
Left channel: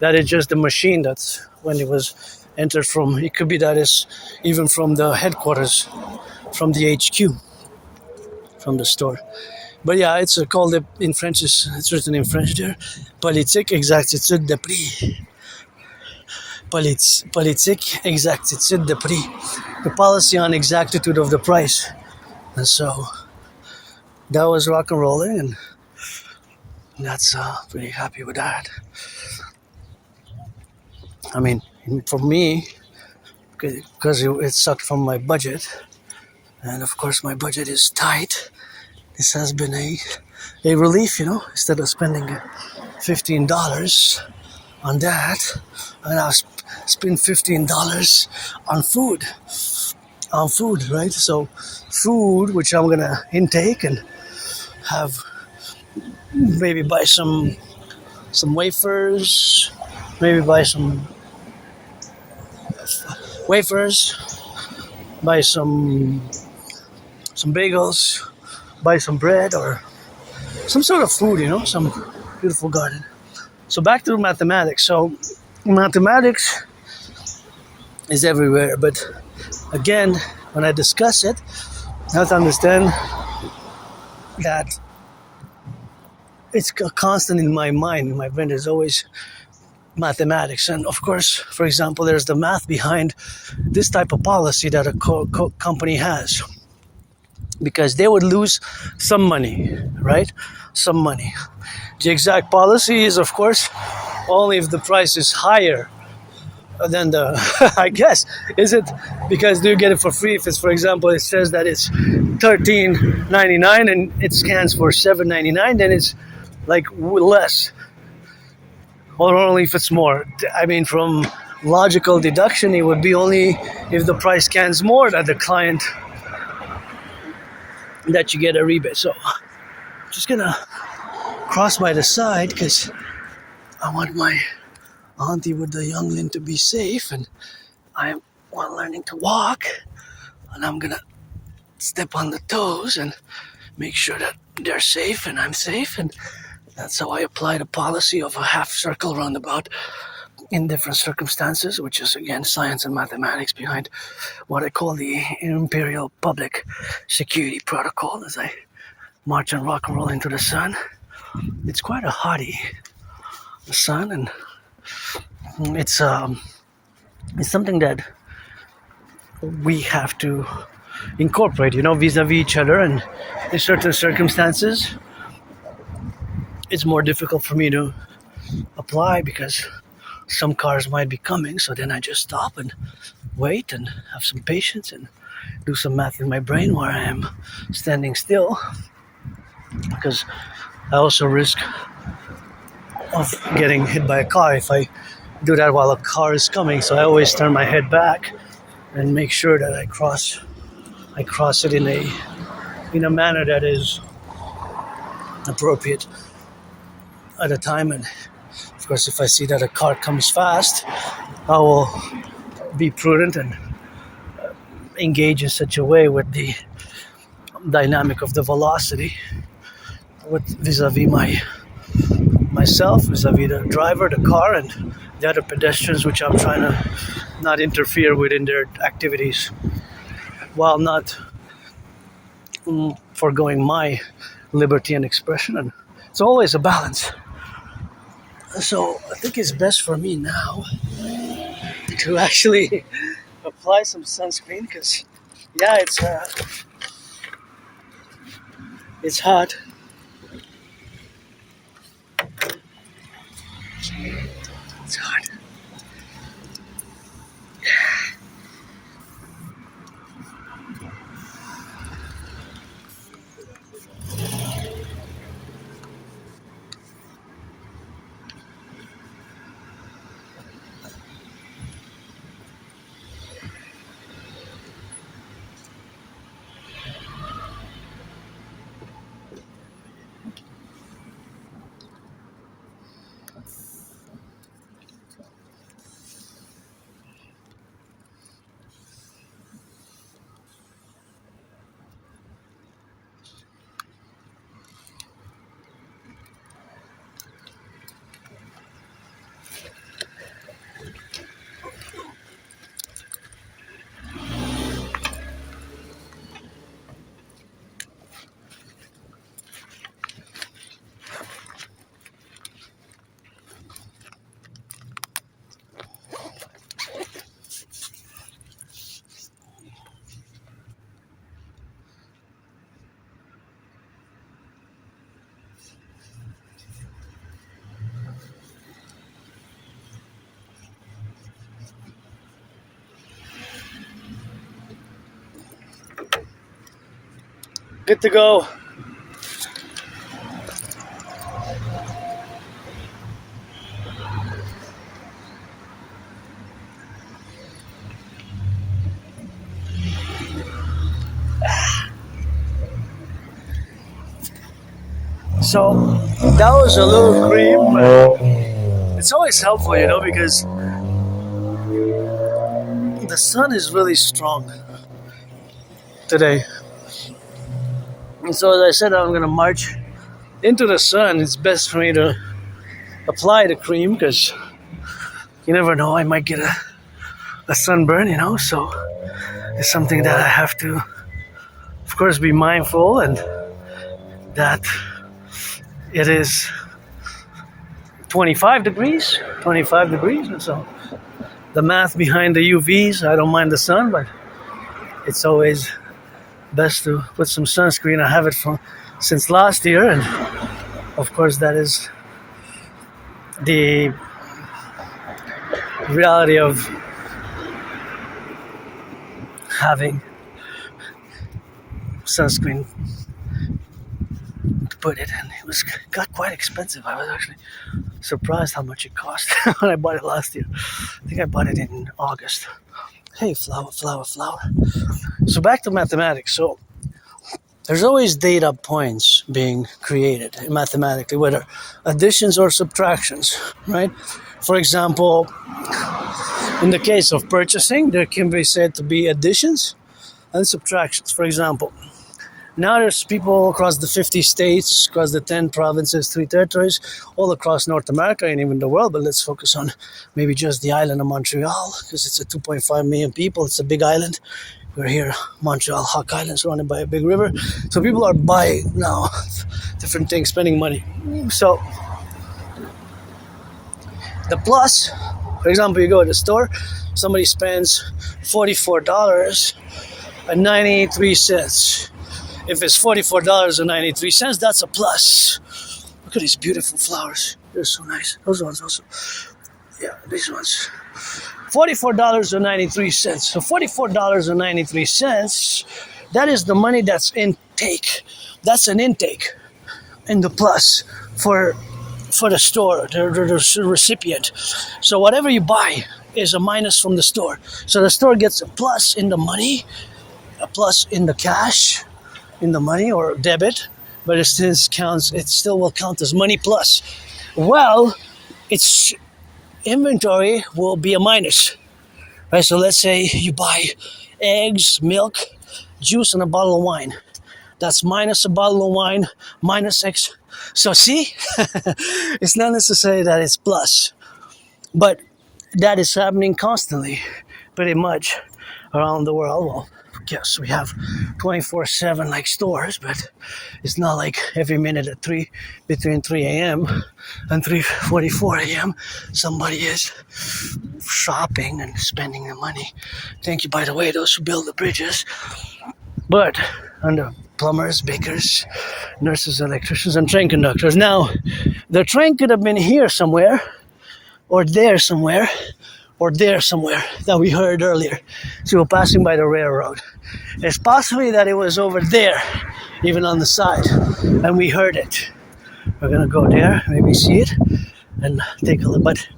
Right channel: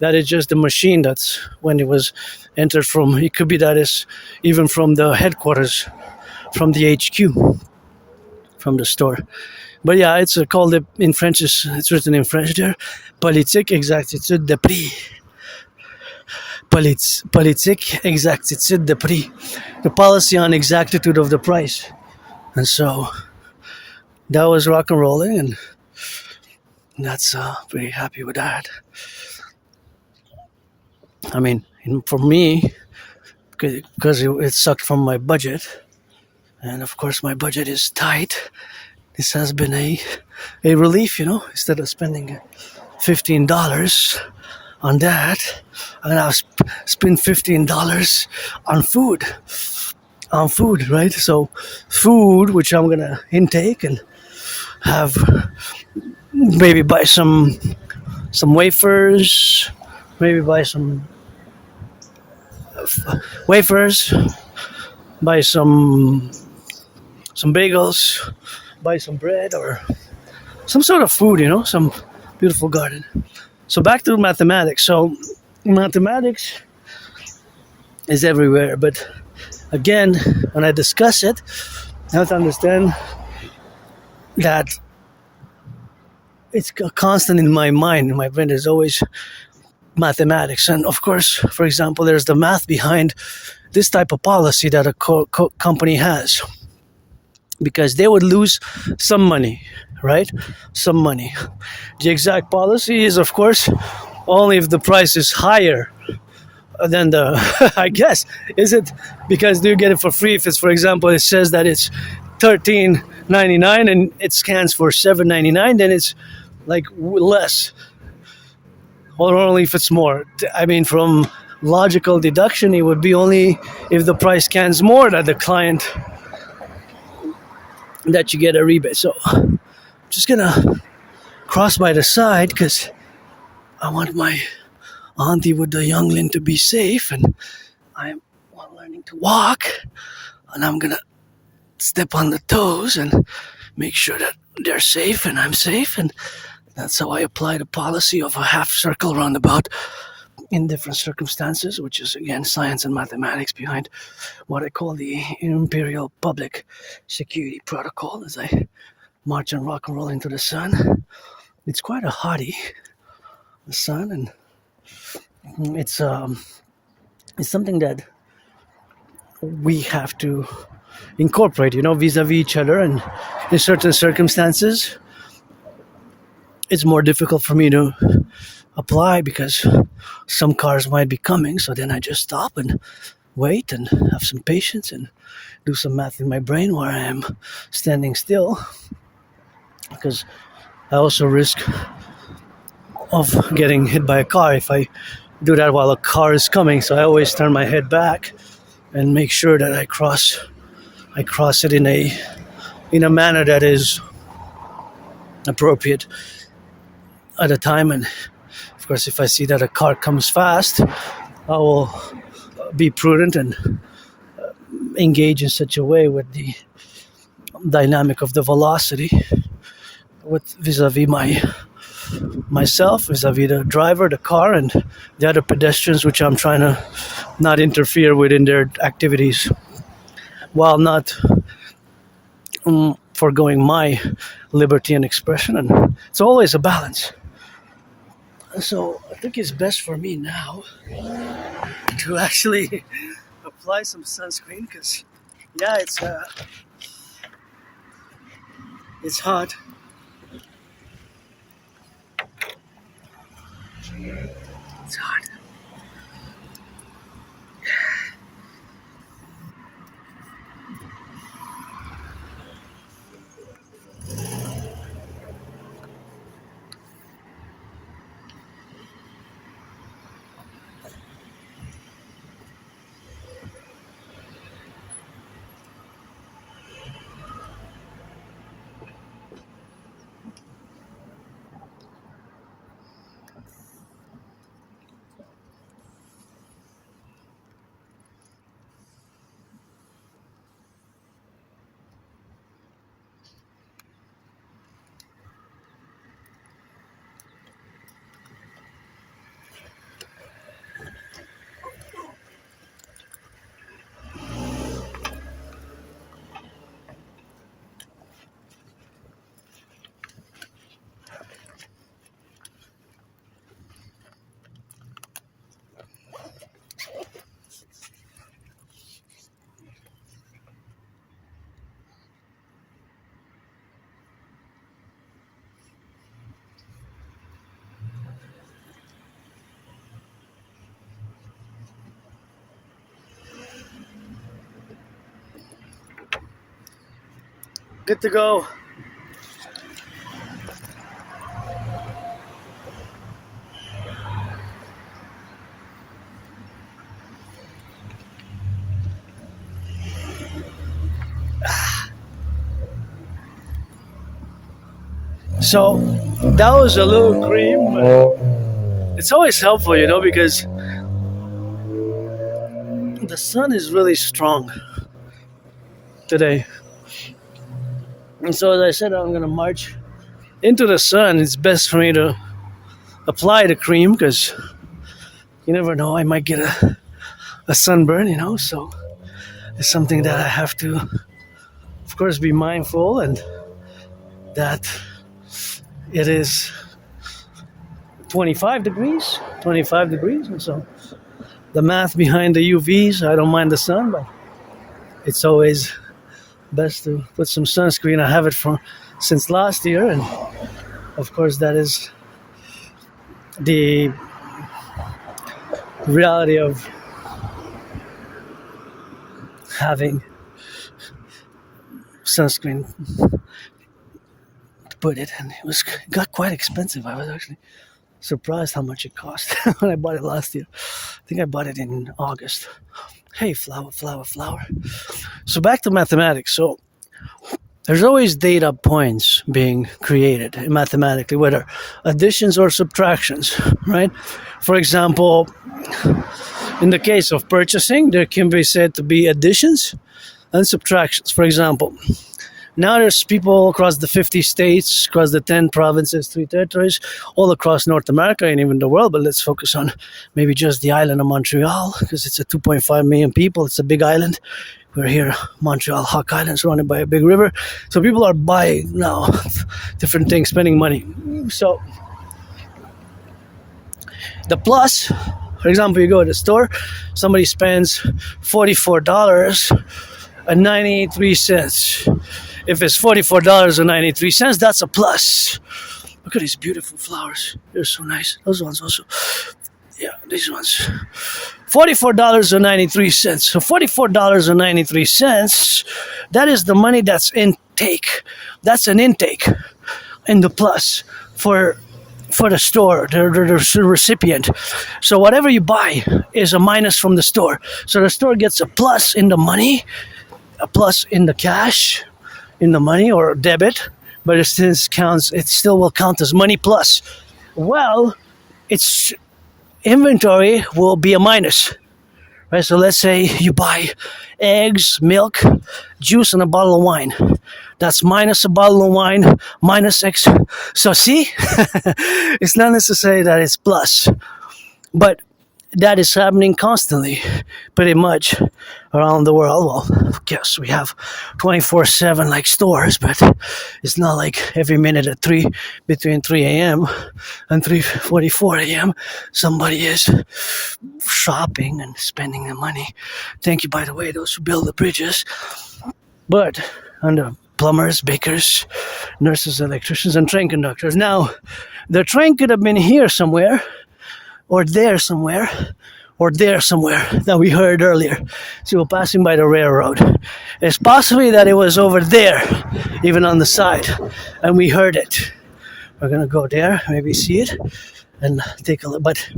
that it's just the machine that's when it was entered from. It could be that it's even from the headquarters, from the HQ, from the store. But yeah, it's called in French. It's written in French there. Politique exactitude de prix. Politique exactitude de prix. The policy on exactitude of the price. And so that was rock and rolling, and that's pretty happy with that. For me, because it sucked from my budget, and of course my budget is tight. This has been a relief, instead of spending $15 on that, I'm gonna spend $15 on food, right? So food, which I'm gonna intake and have, maybe buy some wafers, buy some bagels, buy some bread or some sort of food, some beautiful garden. So back to mathematics. So mathematics is everywhere, but again, when I discuss it, you have to understand that it's constant in my mind. In my brain, there's always mathematics. And of course, for example, there's the math behind this type of policy that a company has. Because they would lose some money, right? Some money. The exact policy is, of course, only if the price is higher than the, I guess, is it? Because do you get it for free? If it's, for example, it says that it's $13.99 and it scans for $7.99, then it's like less. Or only if it's more. From logical deduction, it would be only if the price scans more that the client, that you get a rebate. So I'm just gonna cross by the side because I want my auntie with the youngling to be safe, and I'm learning to walk, and I'm gonna step on the toes and make sure that they're safe and I'm safe, and that's how I apply the policy of a half circle roundabout in different circumstances, which is again science and mathematics behind what I call the Imperial Public Security Protocol as I march and rock and roll into the sun. It's quite a hottie, the sun, and it's something that we have to incorporate, vis-a-vis each other, and in certain circumstances it's more difficult for me to apply because some cars might be coming, so then I just stop and wait and have some patience and do some math in my brain while I am standing still. because I also risk of getting hit by a car if I do that while a car is coming. So I always turn my head back and make sure that I cross it in a manner that is appropriate at a time. And of course, if I see that a car comes fast, I will be prudent and engage in such a way with the dynamic of the velocity vis-a-vis myself, vis-a-vis the driver, the car, and the other pedestrians, which I'm trying to not interfere with in their activities, while not foregoing my liberty and expression. And it's always a balance. So I think it's best for me now to actually apply some sunscreen, because yeah, it's hot. It's hot. Good to go. So that was a little cream, but it's always helpful, because the sun is really strong today. And so as I said, I'm going to march into the sun. It's best for me to apply the cream, because you never know, I might get a sunburn, so it's something that I have to, of course, be mindful, and that it is 25 degrees, and so the math behind the UVs, I don't mind the sun, but it's always best to put some sunscreen. I have it since last year, and of course that is the reality of having sunscreen to put it, and it got quite expensive. I was actually surprised how much it cost when I bought it last year. I think I bought it in August. Hey, flower. So back to mathematics. So there's always data points being created mathematically, whether additions or subtractions, right? For example, in the case of purchasing, there can be said to be additions and subtractions. For example, now there's people across the 50 states, across the 10 provinces, 3 territories, all across North America and even the world. But let's focus on maybe just the island of Montreal, because it's a 2.5 million people. It's a big island. We're here, Montreal, Hawk Island, surrounded by a big river. So people are buying now different things, spending money. So the plus, for example, you go to the store, somebody spends $44.93. If it's $44.93, that's a plus. Look at these beautiful flowers. They're so nice. Those ones also. Yeah, these ones. $44.93. So $44.93, that is the money that's intake. That's an intake. in the plus for the store, the recipient. So whatever you buy is a minus from the store. So the store gets a plus in the money, a plus in the cash, in the money or debit, but it still will count as money plus. Well, its inventory will be a minus. Right, so let's say you buy eggs, milk, juice, and a bottle of wine. That's minus a bottle of wine, minus X. So see, it's not necessary that it's plus, but that is happening constantly, pretty much around the world. Well, yes, we have 24/7 like stores, but it's not like every minute at between 3 a.m. and 3:44 a.m. somebody is shopping and spending the money. Thank you, by the way, those who build the bridges. But under plumbers, bakers, nurses, electricians, and train conductors. Now, the train could have been here somewhere, or there somewhere, or there somewhere that we heard earlier. So we're passing by the railroad. It's possibly that it was over there, even on the side, and we heard it. We're gonna go there, maybe see it, and take a look. But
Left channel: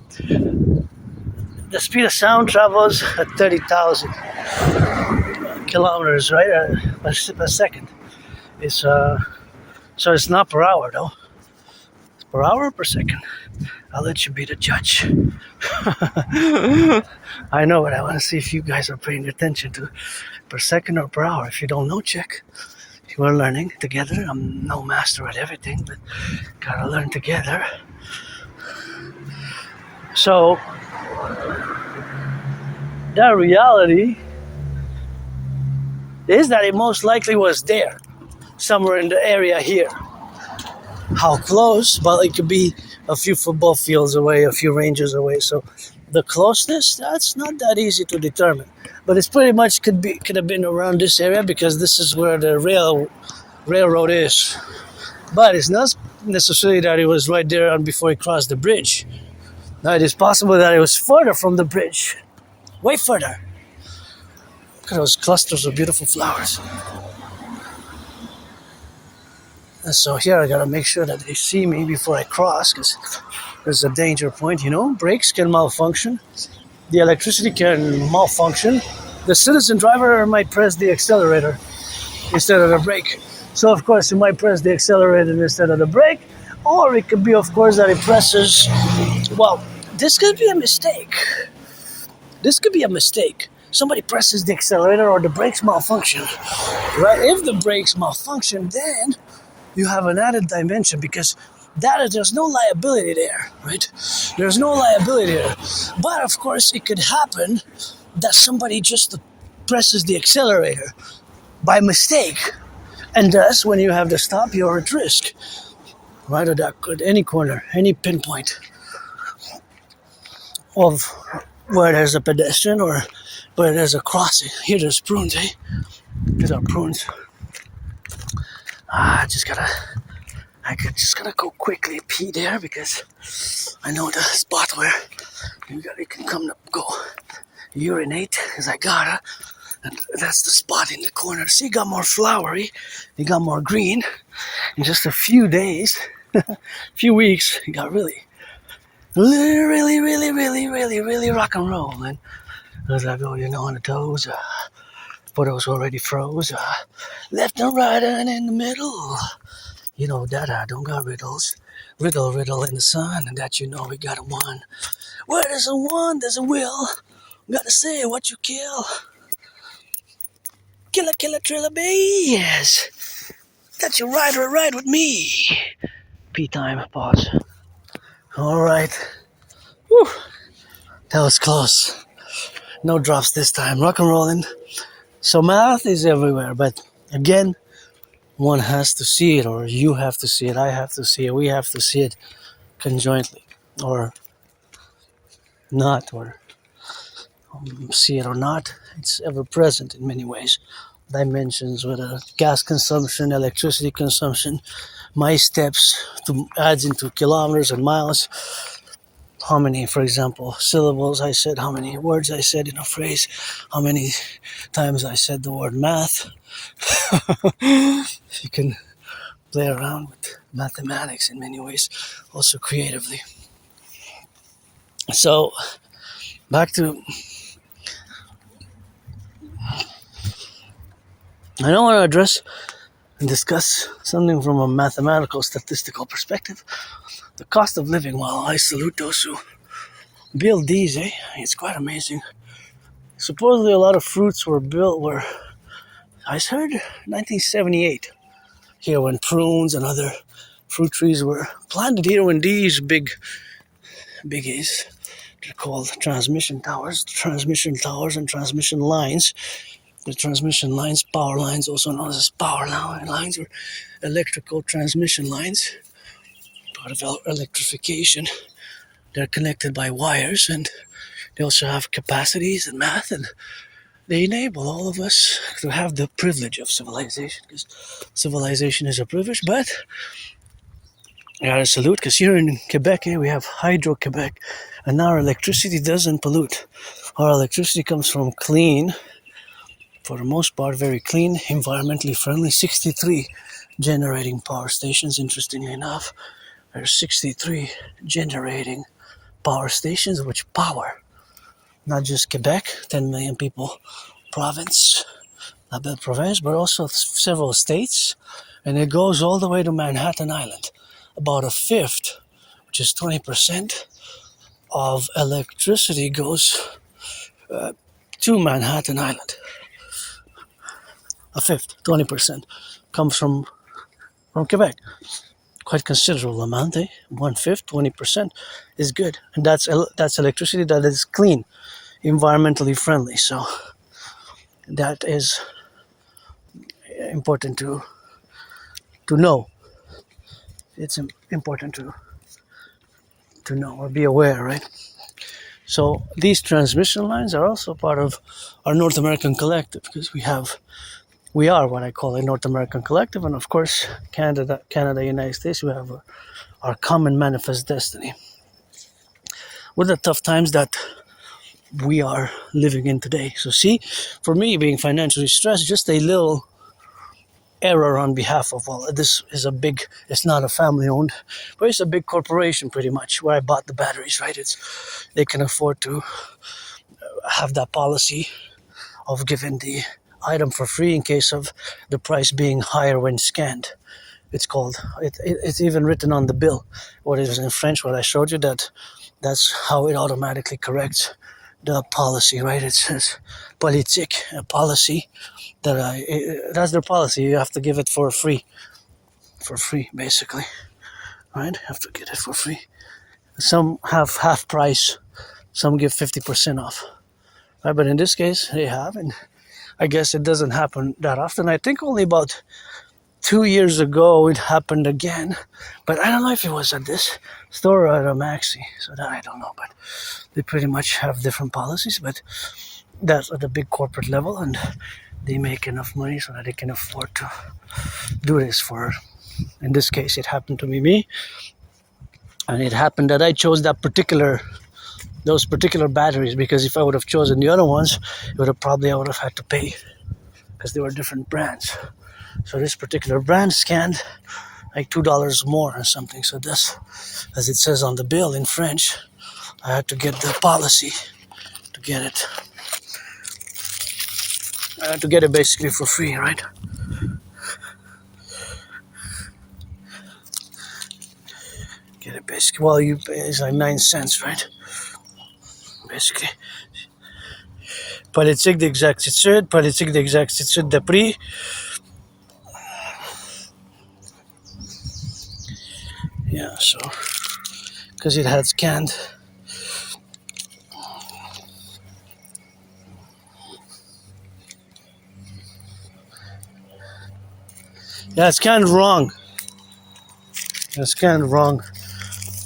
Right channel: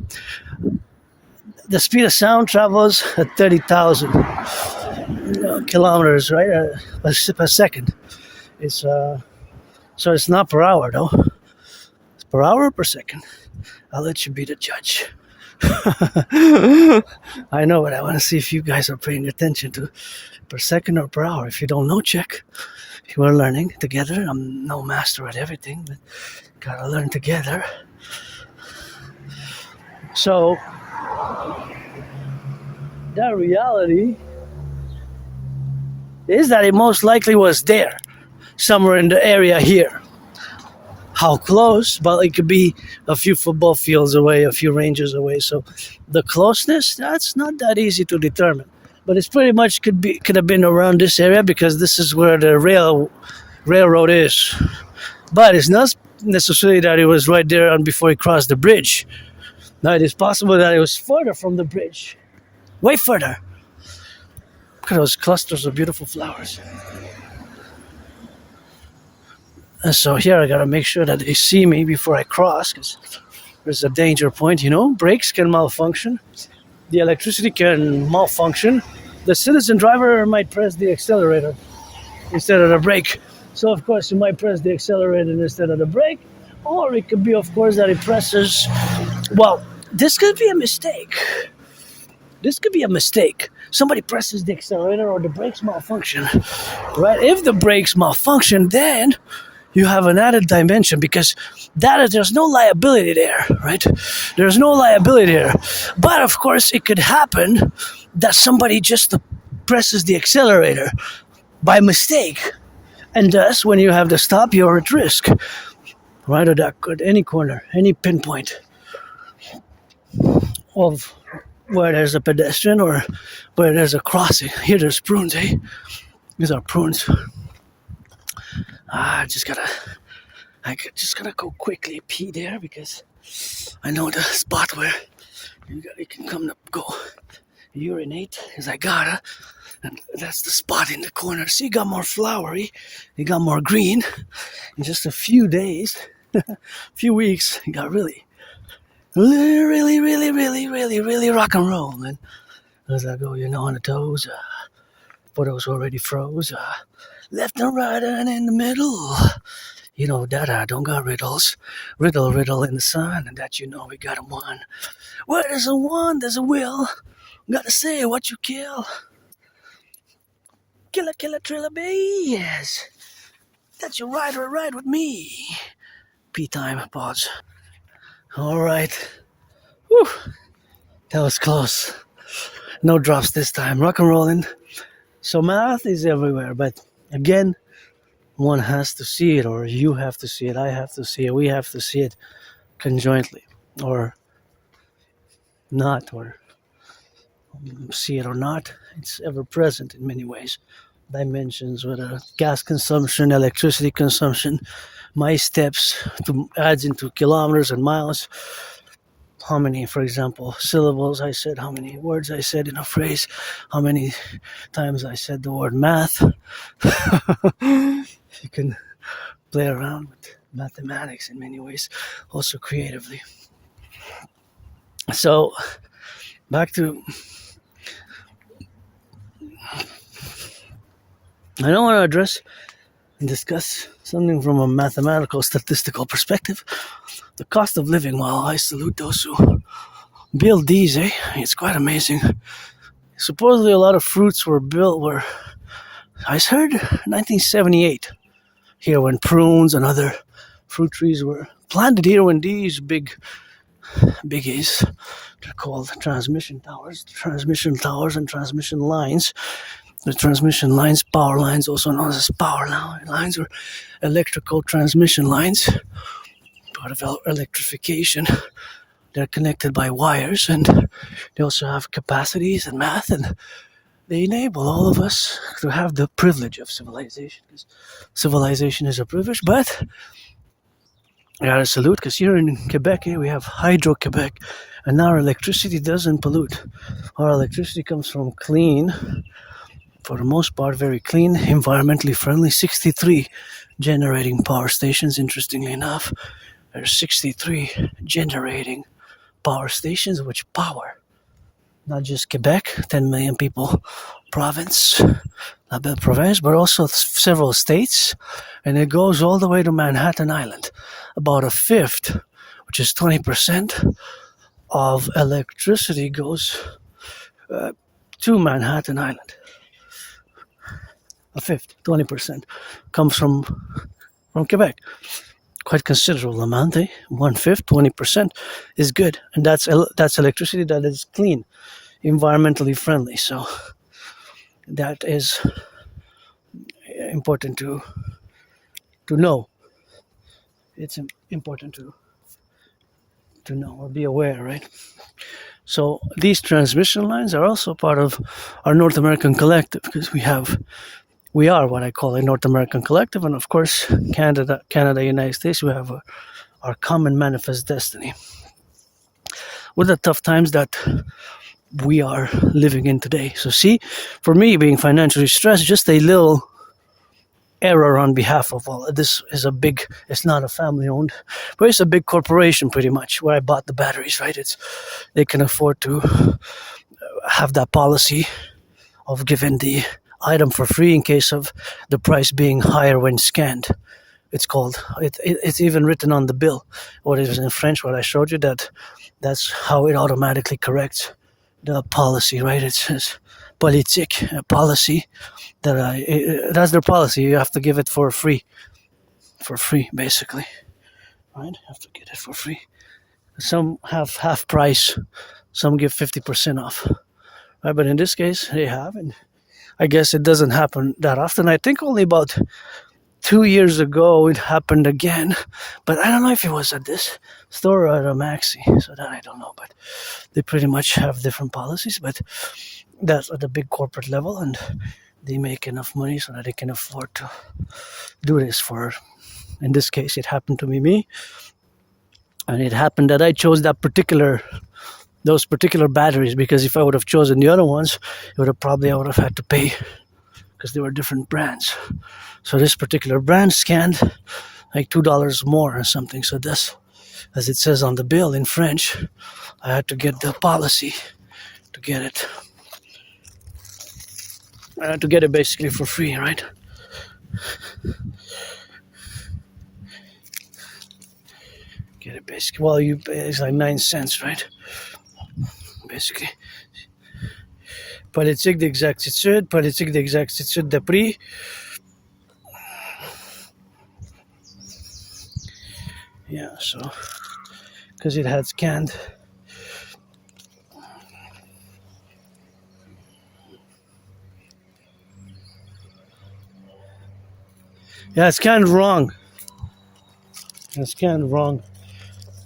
the speed of sound travels at 30,000 kilometers, right, per second. It's so it's not per hour though. It's per hour or per second. I'll let you be the judge. I know, but I want to see if you guys are paying attention to per second or per hour. If you don't know, check. We're learning together. I'm no master at everything, but gotta learn together. So the reality is that it most likely was there, somewhere in the area here. How close? Well, it could be a few football fields away, a few ranges away. So the closeness, that's not that easy to determine. But it's pretty much could have been around this area because this is where the railroad is. But it's not necessarily that it was right there and before he crossed the bridge. Now it is possible that it was further from the bridge, way further. Look at those clusters of beautiful flowers. And so here I gotta make sure that they see me before I cross, because there's a danger point, you know. Brakes can malfunction. The electricity can malfunction. The citizen driver might press the accelerator instead of the brake. So of course, you might press the accelerator instead of the brake, or it could be, of course, that it presses. Well, this could be a mistake. This could be a mistake. Somebody presses the accelerator or the brakes malfunction, right? If the brakes malfunction, then you have an added dimension because there's no liability there, right? There's no liability there. But of course, it could happen that somebody just presses the accelerator by mistake. And thus, when you have to stop, you're at risk. Right, or that could any corner, any pinpoint of where there's a pedestrian or where there's a crossing. Here there's prunes, eh? These are prunes. I just gotta go quickly pee there because I know the spot where you can come to go urinate, because I gotta. And that's the spot in the corner. See, you got more flowery, you got more green. In just a few days, few weeks, you got really rock and roll. And as I go, on the toes, photos already froze, left and right and in the middle. You know that I don't got riddles. Riddle in the sun, and that we got a one. Where there's a one, there's a will. Gotta say what you kill. Killer, triller, bees. That's your ride with me. Pee time, pause. All right. Whew. That was close. No drops this time. Rock and rolling. So math is everywhere, but again, one has to see it, or you have to see it, I have to see it, we have to see it conjointly, or not, or see it or not. It's ever present in many ways. Dimensions, whether gas consumption, electricity consumption, my steps adds into kilometers and miles. How many, for example, syllables I said, how many words I said in a phrase, how many times I said the word math. You can play around with mathematics in many ways, also creatively. So back to, I don't want to address and discuss something from a mathematical statistical perspective. The cost of living. Well, I salute those who build these, it's quite amazing. Supposedly a lot of fruits were I heard 1978 here, when prunes and other fruit trees were planted here, when these biggies, they're called transmission towers and transmission lines. The transmission lines, power lines, also known as power lines, or electrical transmission lines, part of electrification. They're connected by wires, and they also have capacities and math, and they enable all of us to have the privilege of civilization, because civilization is a privilege. But I gotta salute, because here in Quebec, we have Hydro-Quebec, and our electricity doesn't pollute. Our electricity comes from clean, for the most part, very clean, environmentally friendly, 63 generating power stations. Interestingly enough, there are 63 generating power stations which power not just Quebec, 10 million people province, la belle province, but also several states, and it goes all the way to Manhattan Island. About a fifth, which is 20% of electricity, goes to Manhattan Island. A fifth, 20%, comes from Quebec. Quite considerable amount, 1/5, 20% is good, and that's electricity that is clean, environmentally friendly. So that is important to know. It's important to know or be aware, right? So these transmission lines are also part of our North American collective, because we are what I call a North American collective, and of course Canada, United States, we have our common manifest destiny. With the tough times that we are living in today. So see, for me, being financially stressed, just a little error on behalf of all. This is it's not a family owned, but it's a big corporation pretty much, where I bought the batteries, right? They can afford to have that policy of giving the item for free in case of the price being higher when scanned. It's even written on the bill, what it is in French, what I showed you, that's how it automatically corrects the policy, right? It says politique, a policy, that's their policy. You have to give it for free, basically, right? You have to get it for free. Some have half price, some give 50% off, right? But in this case, they have, and I guess it doesn't happen that often. I think only about 2 years ago it happened again, but I don't know if it was at this store or at a Maxi, so that I don't know. But they pretty much have different policies, but that's at a big corporate level, and they make enough money so that they can afford to do this for, in this case, it happened to be me, and it happened that I chose those particular batteries, because if I would have chosen the other ones, I would have had to pay, because they were different brands. So this particular brand scanned like $2 more or something. So this, as it says on the bill in French, I had to get the policy to get it. I had to get it basically for free, right? Get it basically. Well, it's like 9 cents, right? Basically. Politique d'exactitude de prix. Yeah, so because it had scanned. Yeah, it's scanned wrong. It's scanned wrong.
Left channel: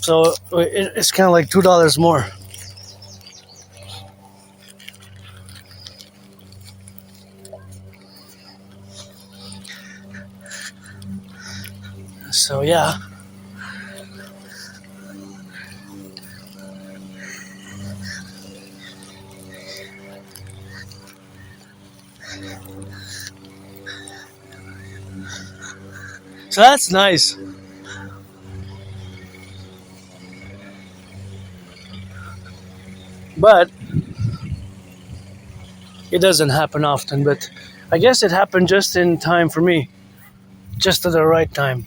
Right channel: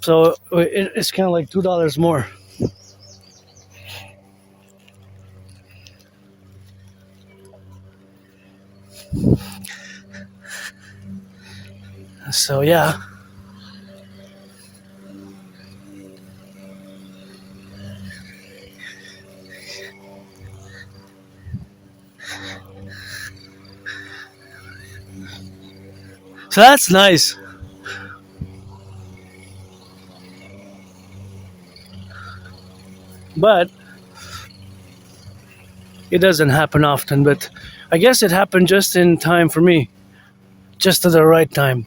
So it's kind of like $2 more. So yeah. So that's nice. But it doesn't happen often. But I guess it happened just in time for me, just at the right time,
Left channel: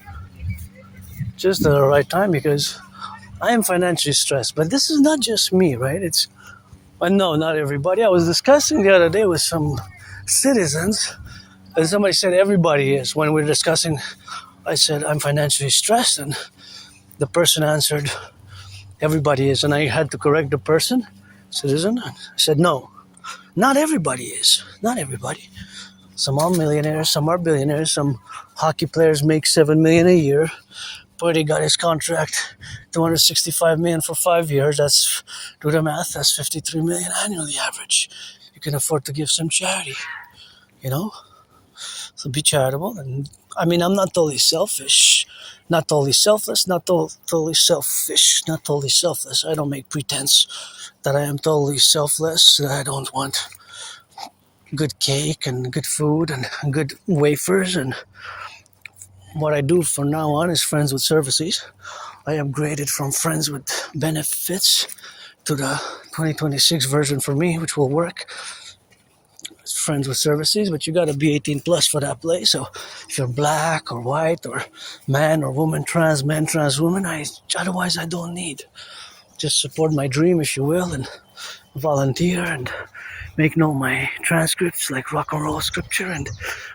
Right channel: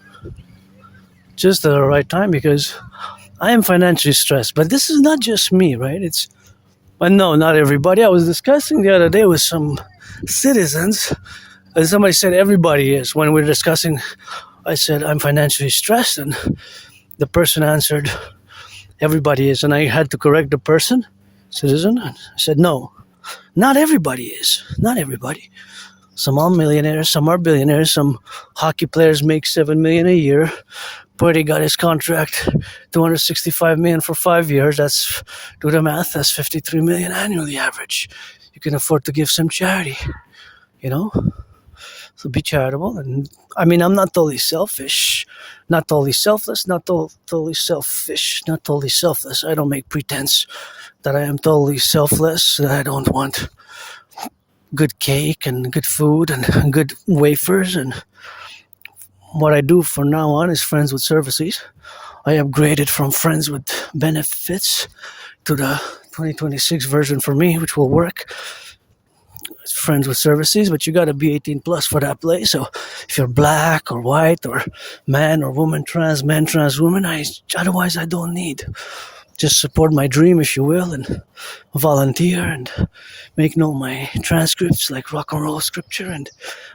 just at the right time because I am financially stressed. But this is not just me, right? But no, not everybody. I was discussing the other day with some citizens, and somebody said everybody is. When we were discussing, I said I'm financially stressed, and the person answered everybody is, and I had to correct the person, citizen. I said no, not everybody is. Not everybody. Some are millionaires, some are billionaires. Some hockey players make $7 million a year. Brady got his contract, $265 million for 5 years. That's, do the math. That's $53 million annually average. You can afford to give some charity, you know. So be charitable. And I mean, I'm not totally selfish, not totally selfless, not totally selfish, not totally selfless. I don't make pretense that I am totally selfless. That I don't want good cake and good food and good wafers. And what I do from now on is friends with services. I upgraded from friends with benefits to the 2026 version for me, which will work. It's friends with services, but you gotta be 18 plus for that place. So if you're black or white or man or woman, trans man, trans woman, otherwise I don't need. Just support my dream, if you will, and volunteer and make known my transcripts like Rock&Roll scripture, and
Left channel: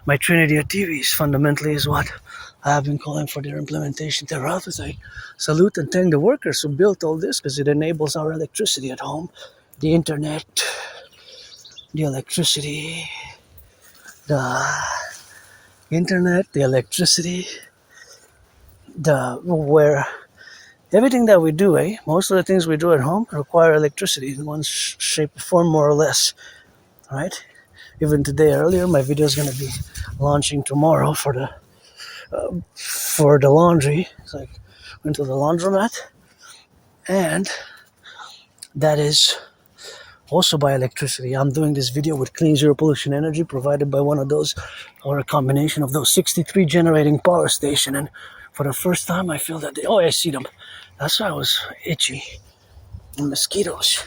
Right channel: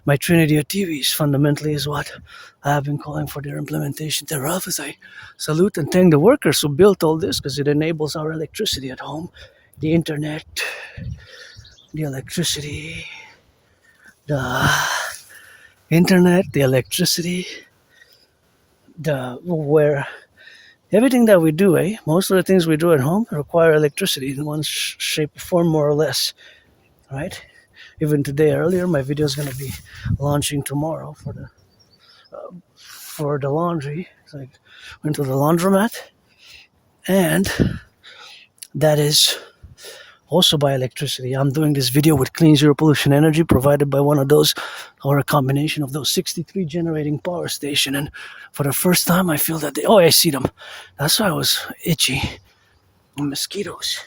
my Trinity of TVs fundamentally is what I have been calling for their implementation thereof, as I salute and thank the workers who built all this, because it enables our electricity at home, the internet, the electricity, the internet, the electricity, where everything that we do, most of the things we do at home require electricity in one shape or form, more or less, right? Even today, earlier, my video is going to be launching tomorrow for the laundry. So I went to the laundromat, and that is also by electricity. I'm doing this video with clean zero pollution energy provided by one of those, or a combination of those 63 generating power station. And for the first time, I feel that I see them. That's why I was itchy. Mosquitoes.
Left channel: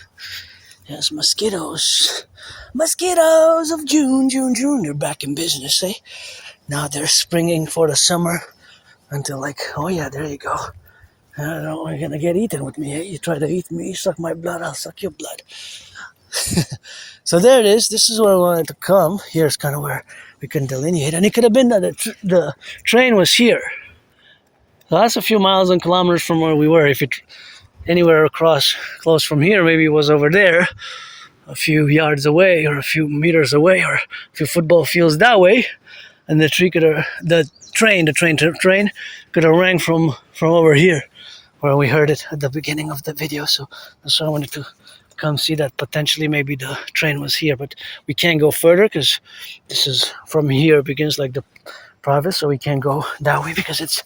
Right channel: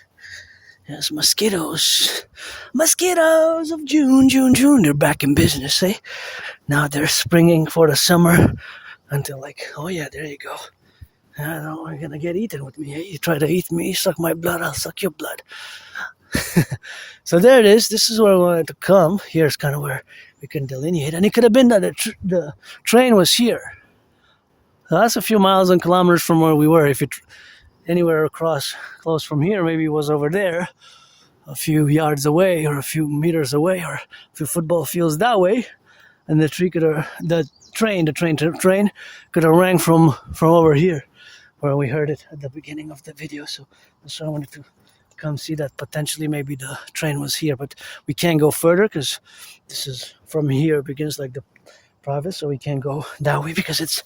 Yes, mosquitoes. Mosquitoes of June, June, June. They're back in business, eh? Now they're springing for the summer until oh yeah, there you go. I don't know, you're gonna get eaten with me, eh? You try to eat me, suck my blood, I'll suck your blood. So there it is. This is where I wanted to come. Here's kind of where we can delineate. And it could have been that the train was here. So that's a few miles and kilometers from where we were. If you anywhere across close from here, maybe it was over there, a few yards away, or a few meters away, or a few football fields that way. And the train could have rang from over here, where we heard it at the beginning of the video. So that's why I wanted to come see that potentially maybe the train was here, but we can't go further because this is from here begins like the private, so we can't go that way because it's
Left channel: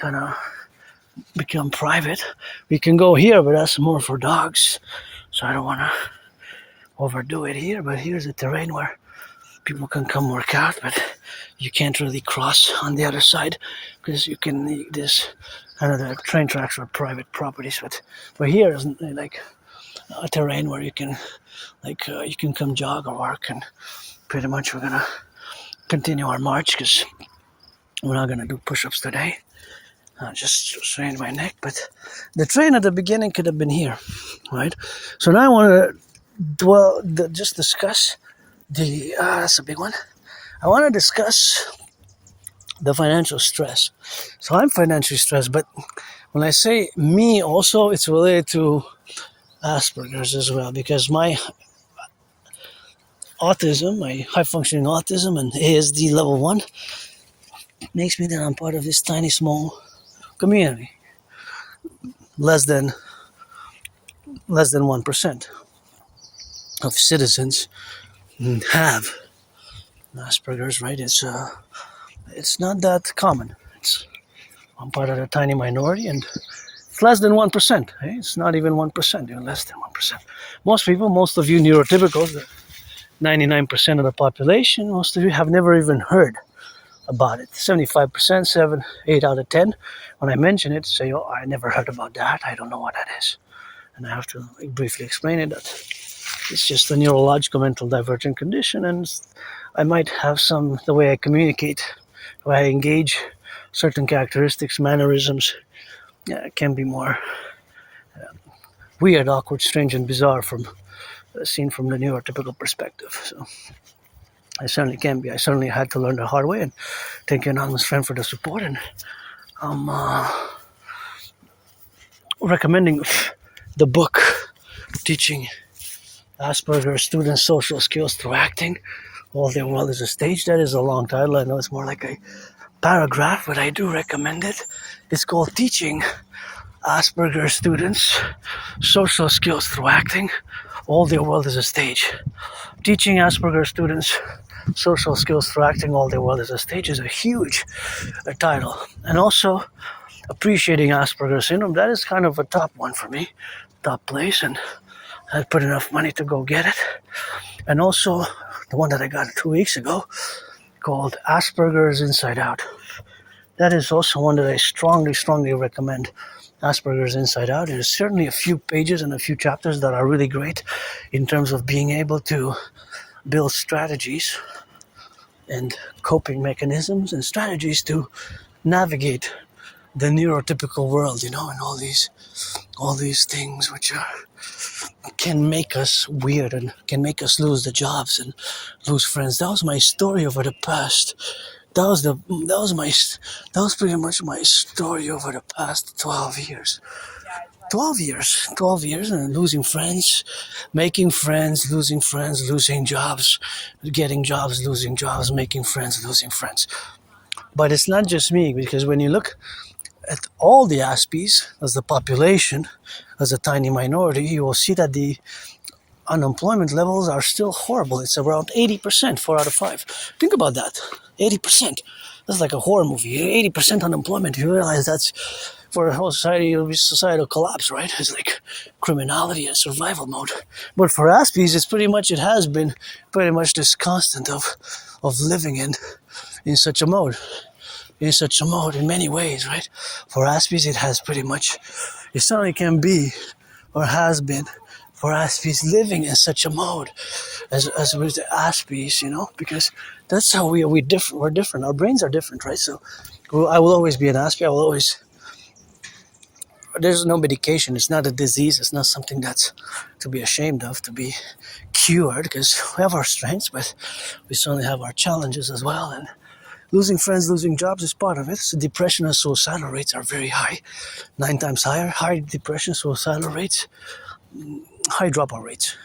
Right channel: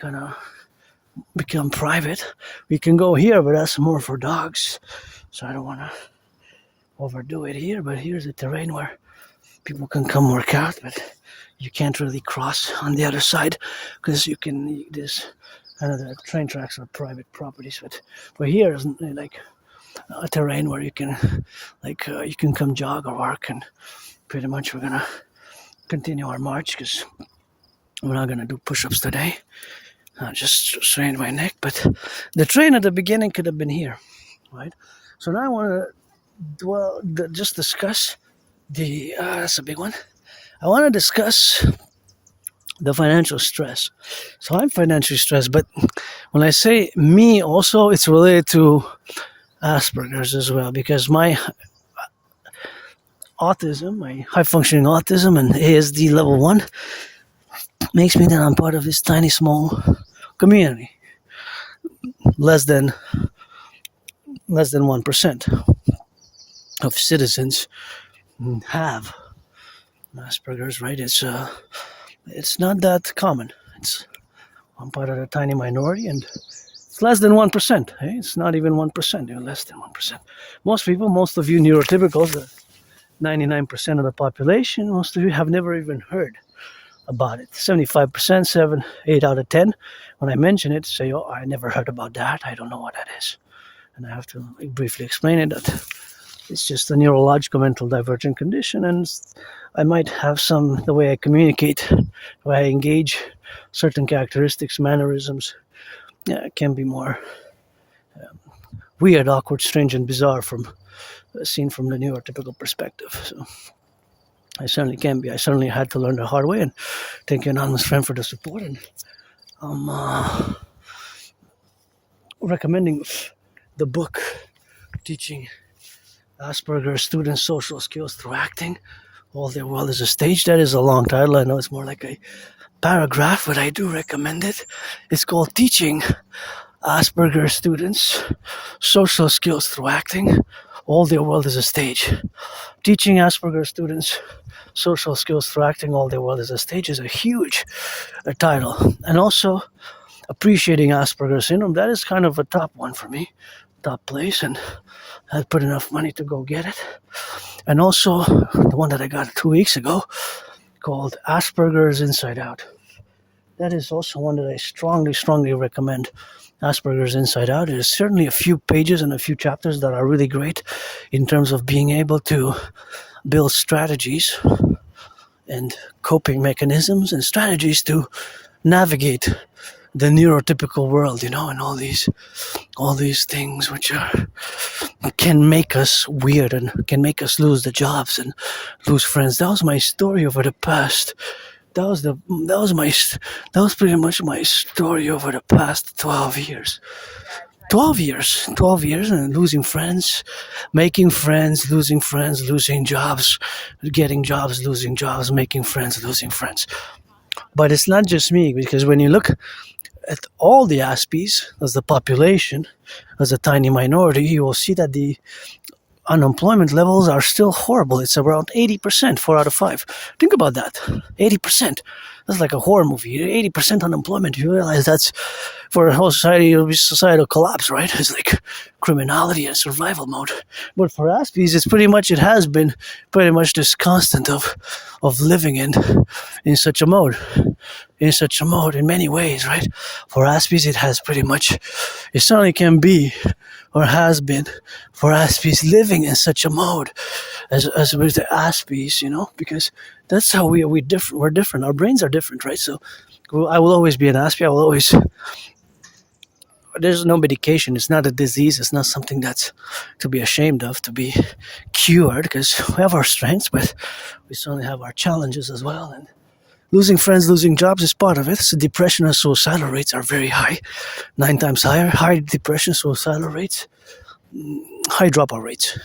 gonna become private. We can go here, but that's more for dogs, so I don't want to overdo it here. But here's the terrain where people can come work out, but you can't really cross on the other side because you can this kind of the train tracks are private properties, but here isn't like a terrain where you can you can come jog or work. And pretty much we're gonna continue our march because we're not gonna do push-ups today. Just strained my neck, but the train at the beginning could have been here, right? So now I want to just discuss that's a big one. I want to discuss the financial stress. So I'm financially stressed, but when I say me also, it's related to Asperger's as well, because my autism, my high-functioning autism and ASD level 1 makes me that I'm part of this tiny small community. Less than 1% of citizens have Asperger's, right? It's not that common. I'm part of a tiny minority, and it's less than 1%. It's not even 1%, even less than 1%. Most of you neurotypicals, the 99% of the population, most of you have never even heard about it. 75%, 8 out of 10. When I mention it, say, I never heard about that. I don't know what that is. And I have to briefly explain it that it's just a neurological mental divergent condition, and I might have the way I communicate, the way I engage, certain characteristics, mannerisms, can be more weird, awkward, strange, and bizarre seen from the neurotypical perspective. So I certainly can be. I certainly had to learn the hard way, and thank you, anonymous friend, for the support. And I'm recommending the book teaching Asperger's students social skills through acting. All their world is a stage. That is a long title. I know it's more like a paragraph, but I do recommend it. It's called Teaching Asperger's Students Social Skills Through Acting. All their world is a stage. Teaching Asperger's students social skills through acting. All their world is a stage is a huge title. And also, appreciating Asperger's syndrome. That is kind of a top one for me, top place, and I put enough money to go get it. And also, the one that I got 2 weeks ago, called Asperger's Inside Out. That is also one that I strongly recommend. Asperger's Inside Out. There's certainly a few pages and a few chapters that are really great in terms of being able to build strategies and coping mechanisms and strategies to navigate the neurotypical world, and all these things which can make us weird and can make us lose the jobs and lose friends. That was my story over the past. That was pretty much my story over the past 12 years. 12 years, and losing friends, making friends, losing jobs, getting jobs, losing jobs, making friends, losing friends. But it's not just me, because when you look at all the Aspies as the population, as a tiny minority, you will see that the unemployment levels are still horrible. It's around 80%, 4 out of 5. Think about that, 80%. That's like a horror movie. 80% unemployment. You realize that's, for a whole society, it'll be societal collapse, right? It's like criminality and survival mode. But for Aspies, it has been pretty much this constant of living in such a mode. In many ways, right? For Aspies, it certainly can be, or has been, for Aspies living in such a mode as with the Aspies, because that's how we're different. We're different. Our brains are different, right? So I will always be an Aspie. There's no medication. It's not a disease. It's not something that's to be ashamed of, to be cured, because we have our strengths, but we certainly have our challenges as well. And losing friends, losing jobs is part of it. So depression and suicidal rates are very high, 9 times higher. High depression, suicidal rates, high dropout rates.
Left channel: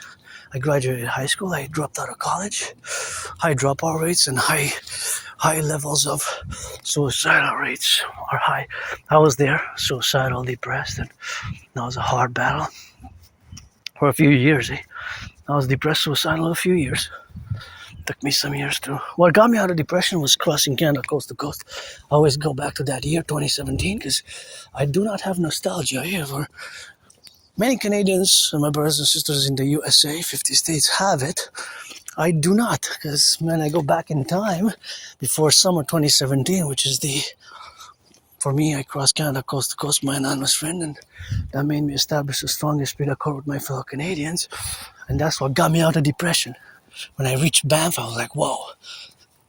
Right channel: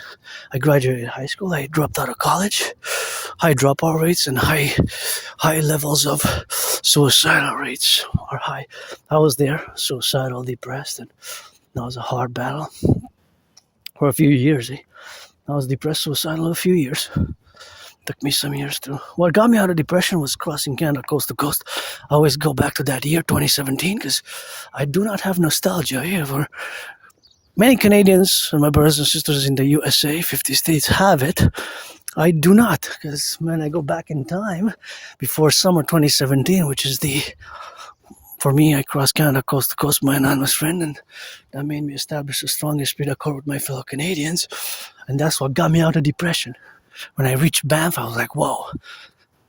I graduated high school. I dropped out of college. High dropout rates and high levels of suicidal rates are high. I was there, suicidal, depressed, and that was a hard battle for a few years. I was depressed, suicidal a few years. Took me some years too. What got me out of depression was crossing Canada coast to coast. I always go back to that year, 2017, because I do not have nostalgia here. For many Canadians and my brothers and sisters in the USA, 50 states, have it. I do not, because when I go back in time, before summer 2017, which is for me, I crossed Canada coast to coast, my anonymous friend, and that made me establish the strongest spirit accord with my fellow Canadians, and that's what got me out of depression. When I reached Banff, I was like, whoa.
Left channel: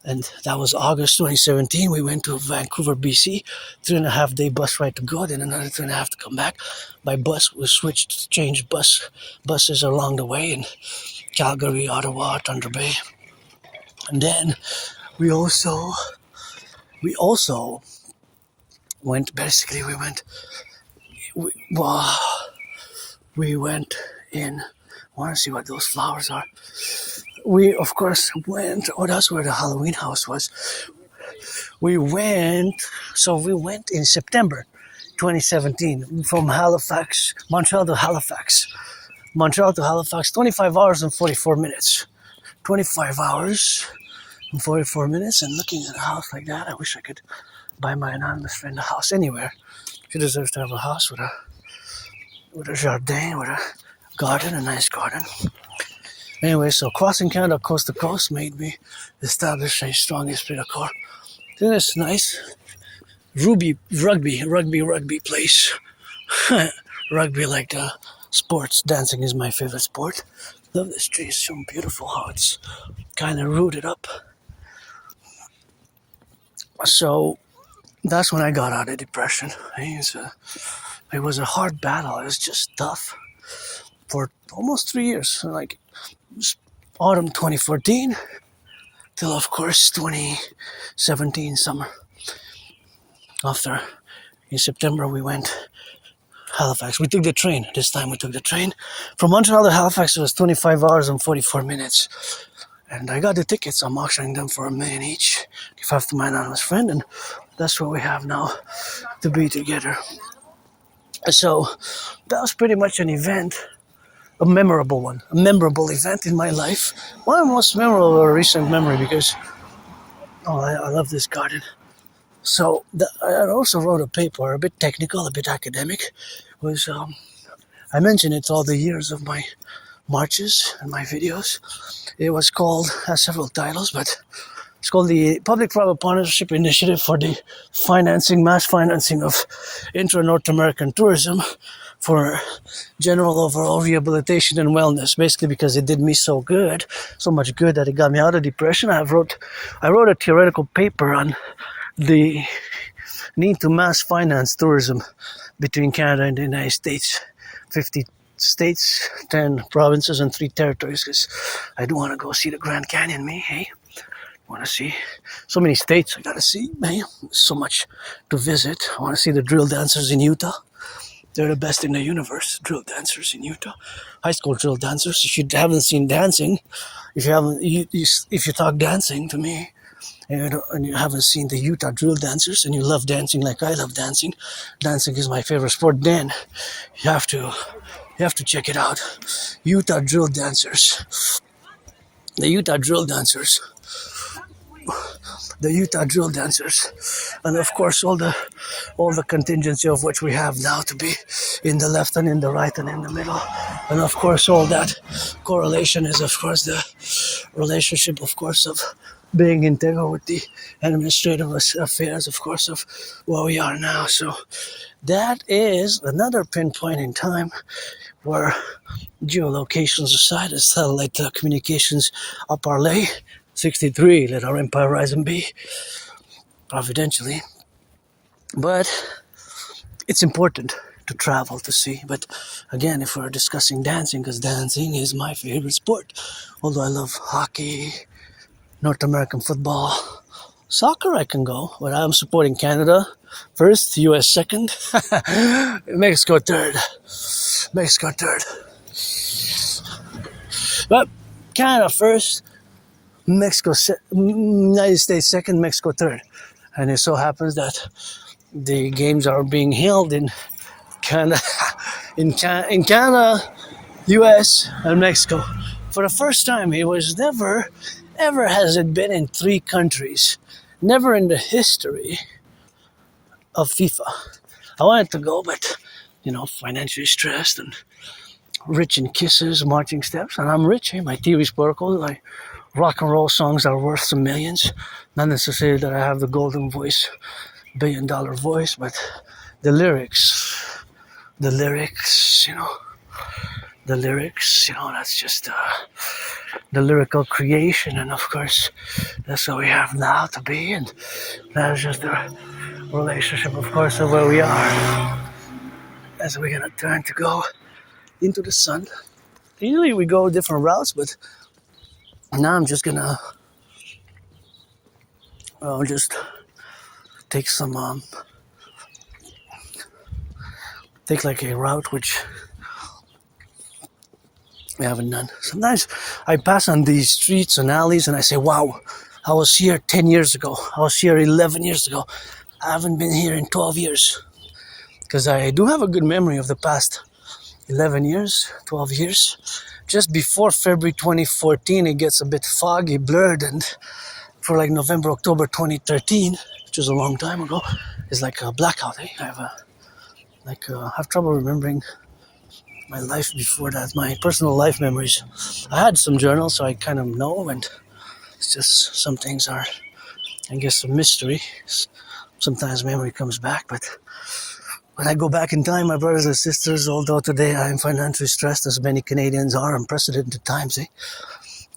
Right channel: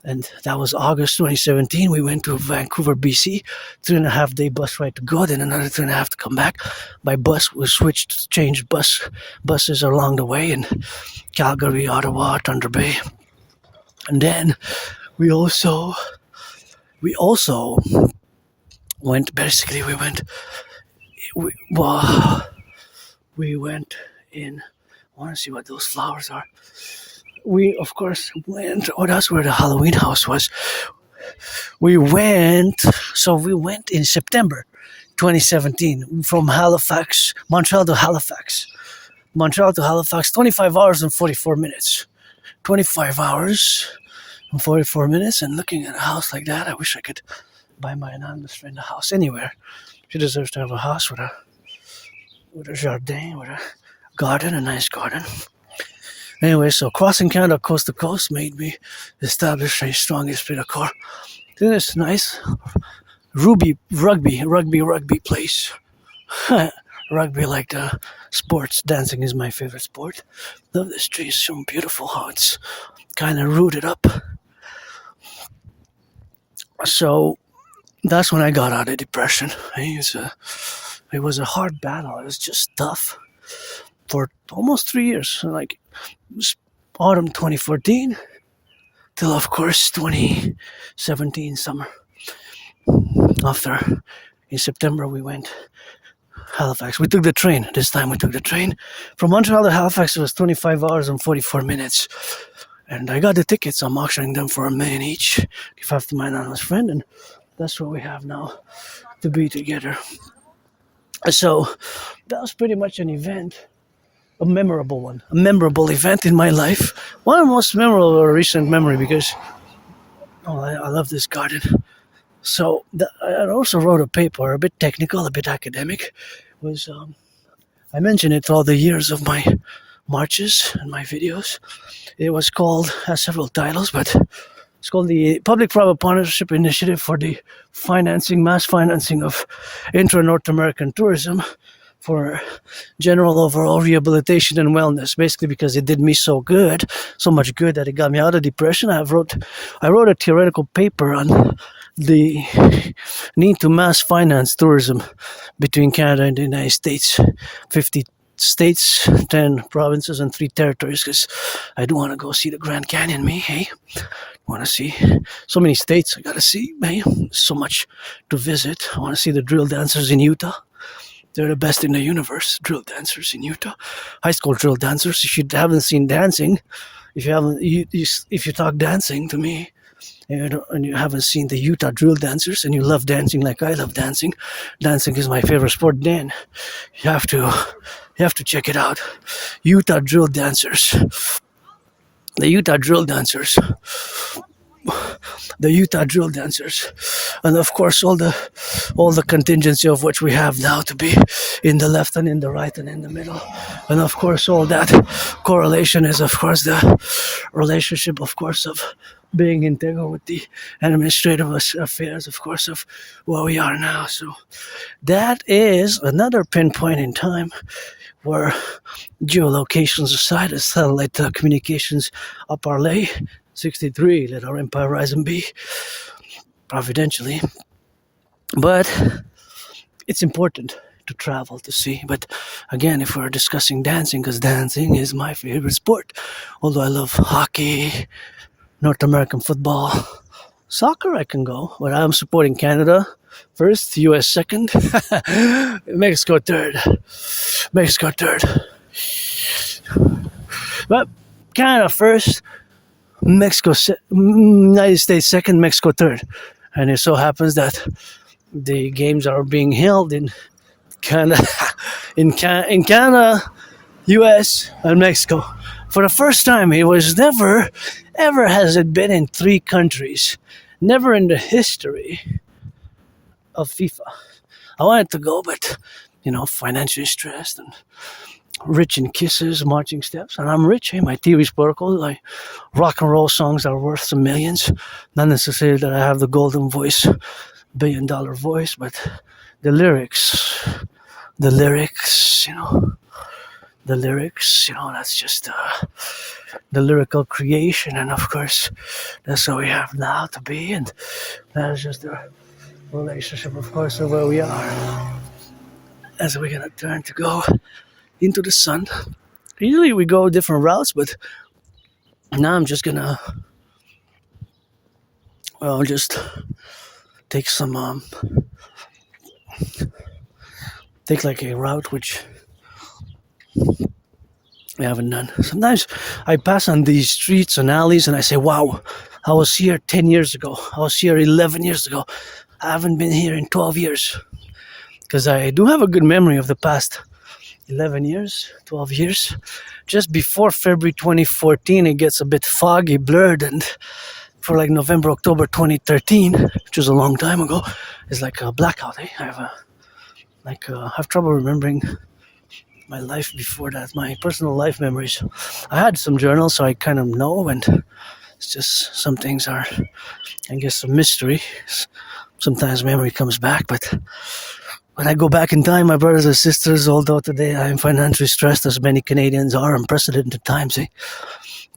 And that was August 2017. We went to Vancouver, BC. 3.5-day bus ride to go, then another 3.5 to come back. By bus, we changed buses along the way in Calgary, Ottawa, Thunder Bay. And then we also went in. I want to see what those flowers are. We, of course, went. Oh, that's where the Halloween house was. We went in September 2017 from Montreal to Halifax. 25 hours and 44 minutes. 25 hours and 44 minutes, and looking at a house like that, I wish I could buy my anonymous friend a house anywhere. She deserves to have a house with a jardin, with a garden, a nice garden. Anyway, so crossing Canada coast to coast made me establish a strong esprit de corps. Then it's nice. Rugby place. Rugby like the sports. Dancing is my favorite sport. Love this tree. It's so beautiful how it's kind of rooted up. So that's when I got out of depression. It was a hard battle. It was just tough for almost 3 years. Like autumn 2014 till, of course, 2017 summer. After, in September, we went Halifax. We took the train. This time we took the train. From Montreal to Halifax, it was 25 hours and 44 minutes. And I got the tickets. I'm auctioning them for $1 million each. Give half to my anonymous friend. And that's what we have now to be together. So that was pretty much an event. A memorable event in my life. One of the most memorable recent memory because, I love this garden. So I also wrote a paper, a bit technical, a bit academic. I mentioned it all the years of my marches and my videos. It was called, has several titles, but it's called the Public-Private Partnership Initiative for the mass financing of intra-North American tourism for general overall rehabilitation and wellness. Basically because it did me so much good that it got me out of depression. I wrote a theoretical paper on the need to mass finance tourism between Canada and the United States. 50 states, 10 provinces, and 3 territories, because I do want to go see the Grand Canyon, hey? Want to see so many states I gotta see, hey? So much to visit. I want to see the drill dancers in Utah. They're the best in the universe, drill dancers in Utah. High school drill dancers. If you haven't seen dancing, if you talk dancing to me, and you haven't seen the Utah drill dancers, and you love dancing like I love dancing is my favorite sport, then you have to check it out. Utah drill dancers. The Utah drill dancers. And of course all the contingency of which we have now to be in the left and in the right and in the middle. And of course all that correlation is of course the relationship of course of being integral with the administrative affairs of course of where we are now. So that is another pinpoint in time where geolocations aside, as satellite communications up our lay, 63, let our empire rise and be, providentially. But it's important to travel to see. But again, if we're discussing dancing, because dancing is my favorite sport, although I love hockey, North American football, soccer I can go, but I'm supporting Canada first, US second, Mexico third. But Canada first, United States second, Mexico third. And it so happens that the games are being held in Canada, in Canada, US, and Mexico. For the first time, it was never, ever has it been in 3 countries. Never in the history of FIFA. I wanted to go, but, financially stressed and rich in kisses, marching steps, and I'm rich, my theory sparkles, like rock-and-roll songs are worth some millions. Not necessarily that I have the golden voice, $1 billion voice, but the lyrics, that's just the lyrical creation, and of course, that's what we have now to be, and that's just the relationship, of course, of where we are, as we're gonna turn to go into the sun. Usually we go different routes, but now I'm just gonna, just take some, take like a route which I haven't done. Sometimes I pass on these streets and alleys and I say, wow, I was here 10 years ago. I was here 11 years ago. I haven't been here in 12 years. Because I do have a good memory of the past 11 years, 12 years. Just before February 2014, it gets a bit foggy, blurred, and for like November, October 2013, which was a long time ago, it's like a blackout. I have trouble remembering my life before that, my personal life memories. I had some journals, so I kind of know, and it's just some things are, I guess, a mystery. Sometimes memory comes back, but When I go back in time, my brothers and sisters, although today I am financially stressed as many Canadians are, unprecedented times,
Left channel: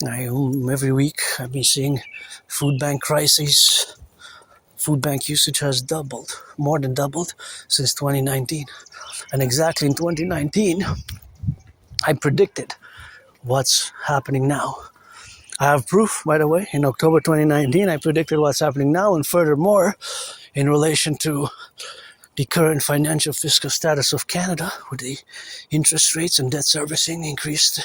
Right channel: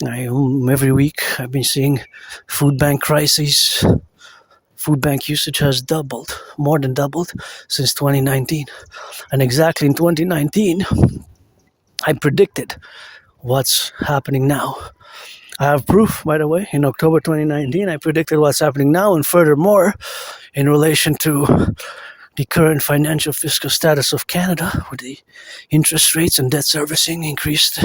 every week I've been seeing food bank crises. Food bank usage has doubled, more than doubled, since 2019. And exactly in 2019, I predicted what's happening now. I have proof, by the way. In October 2019, I predicted what's happening now, and furthermore, in relation to the current financial fiscal status of Canada, where the interest rates and debt servicing increased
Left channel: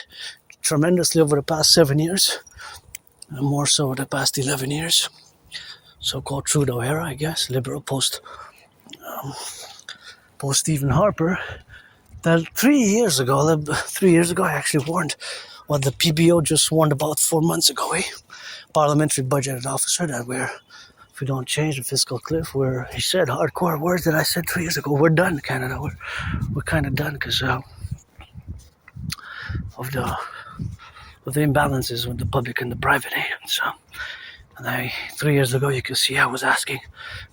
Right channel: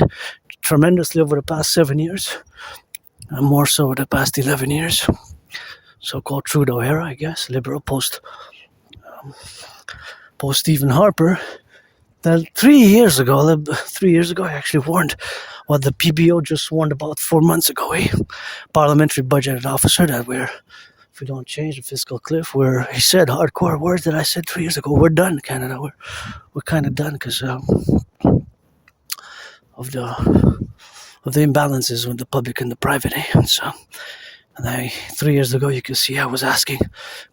tremendously over the past 7 years, and more so over the past 11 years. So-called Trudeau era, I guess, liberal post Stephen Harper. That 3 years ago, I actually warned what the PBO just warned about 4 months ago, parliamentary budget officer, that if we don't change the fiscal cliff, where he said hardcore words that I said 3 years ago, we're done, Canada. We're kind of done because of the imbalances with the public and the private, And so, 3 years ago, you can see I was asking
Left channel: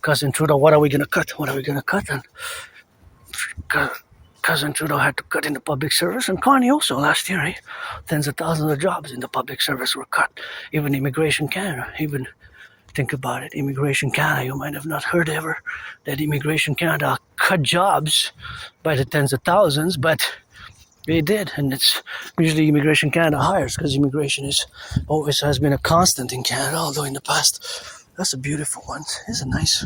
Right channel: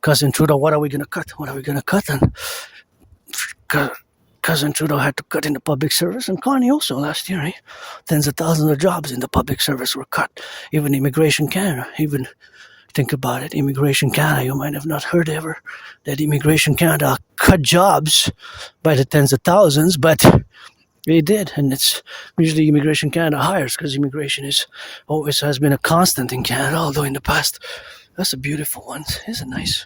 Cousin Trudeau, what are we going to cut? What are we going to cut? And Cousin Trudeau had to cut in the public service, and Connie also last year. Tens of thousands of jobs in the public service were cut. Even Immigration Canada, think about it, Immigration Canada, you might have not heard ever that Immigration Canada cut jobs by the tens of thousands, but they did, and it's usually Immigration Canada hires, because immigration always has been a constant in Canada, although in the past, that's a beautiful one. It's a nice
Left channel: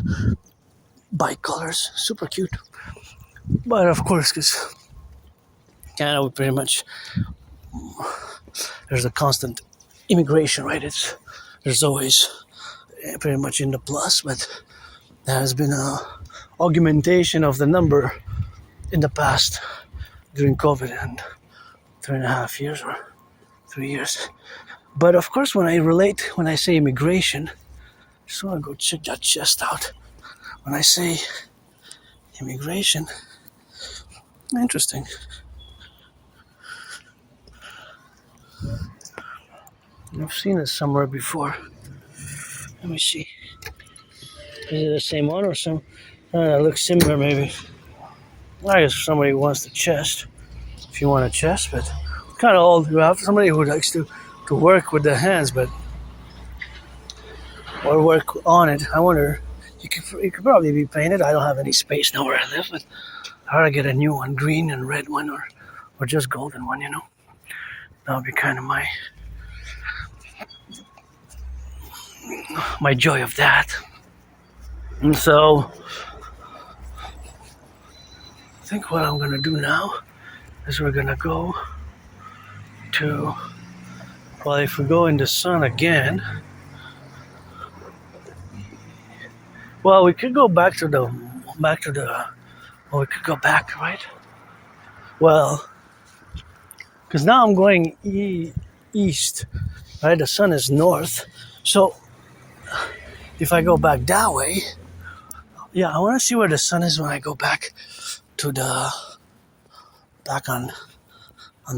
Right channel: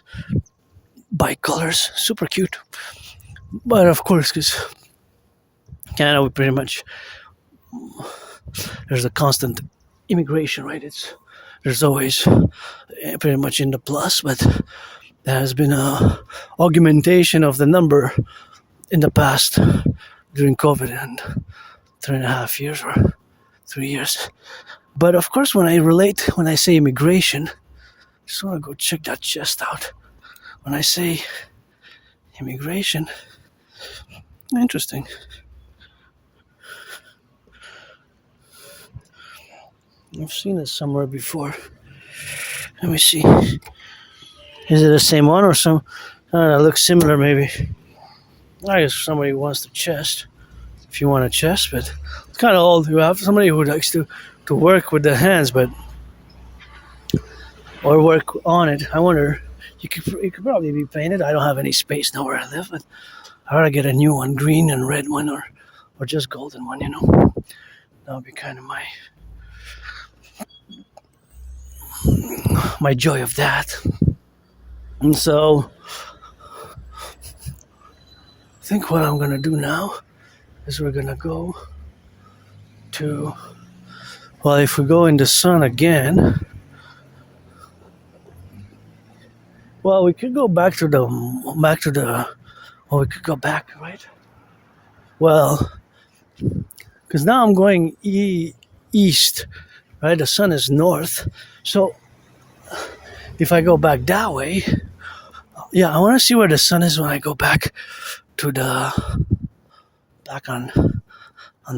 bicolors, super cute. But of course, because Canada, we pretty much, there's a constant immigration, right? There's always pretty much in the plus, but there has been a augmentation of the number in the past during COVID and 3.5 years or 3 years. But of course, when I say immigration, I just want to go check that chest out. When I say immigration, interesting. I've seen it somewhere before. Let me see. Is it the same one or some? That looks similar, maybe. I guess somebody wants the chest. If you want a chest, but it's kind of old. You have somebody who likes to work with the hands, or work on it. I wonder. You could probably be painted. I don't have any space now where I live, but I ought to get a new one, green and red one, or just golden one. That would be kind of my joy of that. And so, I think what I'm gonna do now is we're gonna go to. Well, if we go in the sun again. Well, we could go back to the. Well, we could go back, right? Well, because now I'm going east, right? The sun is north. So, if I go back that way, I want to see where the sun is when I go back to back on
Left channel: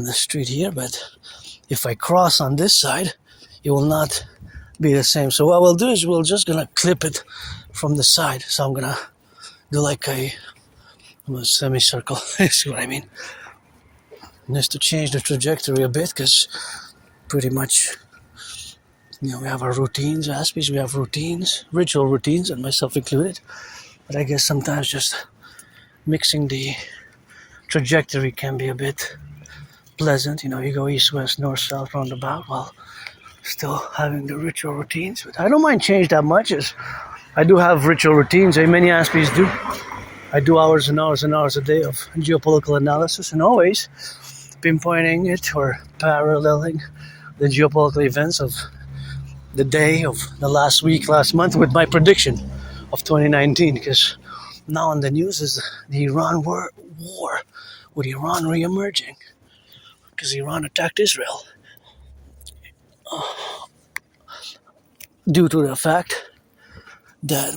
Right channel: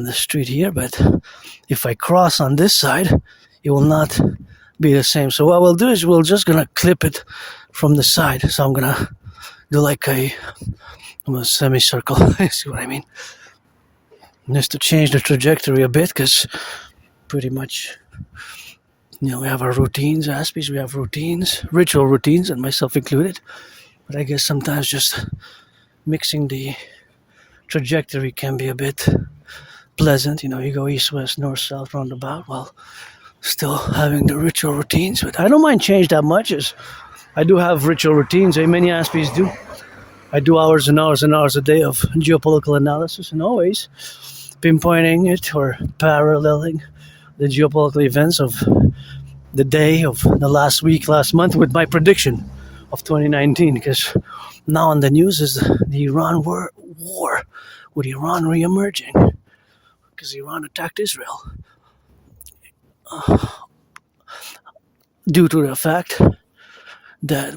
the street here. But if I cross on this side, it will not be the same. So what we'll do is we're just gonna clip it from the side. So I'm gonna do like a semicircle. See what I mean? Just to change the trajectory a bit, because pretty much, we have our routines, Aspies, we have routines, ritual routines, and myself included. But I guess sometimes just mixing the trajectory can be a bit pleasant. You go east, west, north, south, roundabout, while still having the ritual routines. But I don't mind change that much, as I do have ritual routines, many Aspies do. I do hours and hours and hours a day of geopolitical analysis, and always pinpointing it or paralleling the geopolitical events of the day, of the last week, last month, with my prediction of 2019. Because now on the news is the Iran war with Iran re-emerging, because Iran attacked Israel due to the fact that,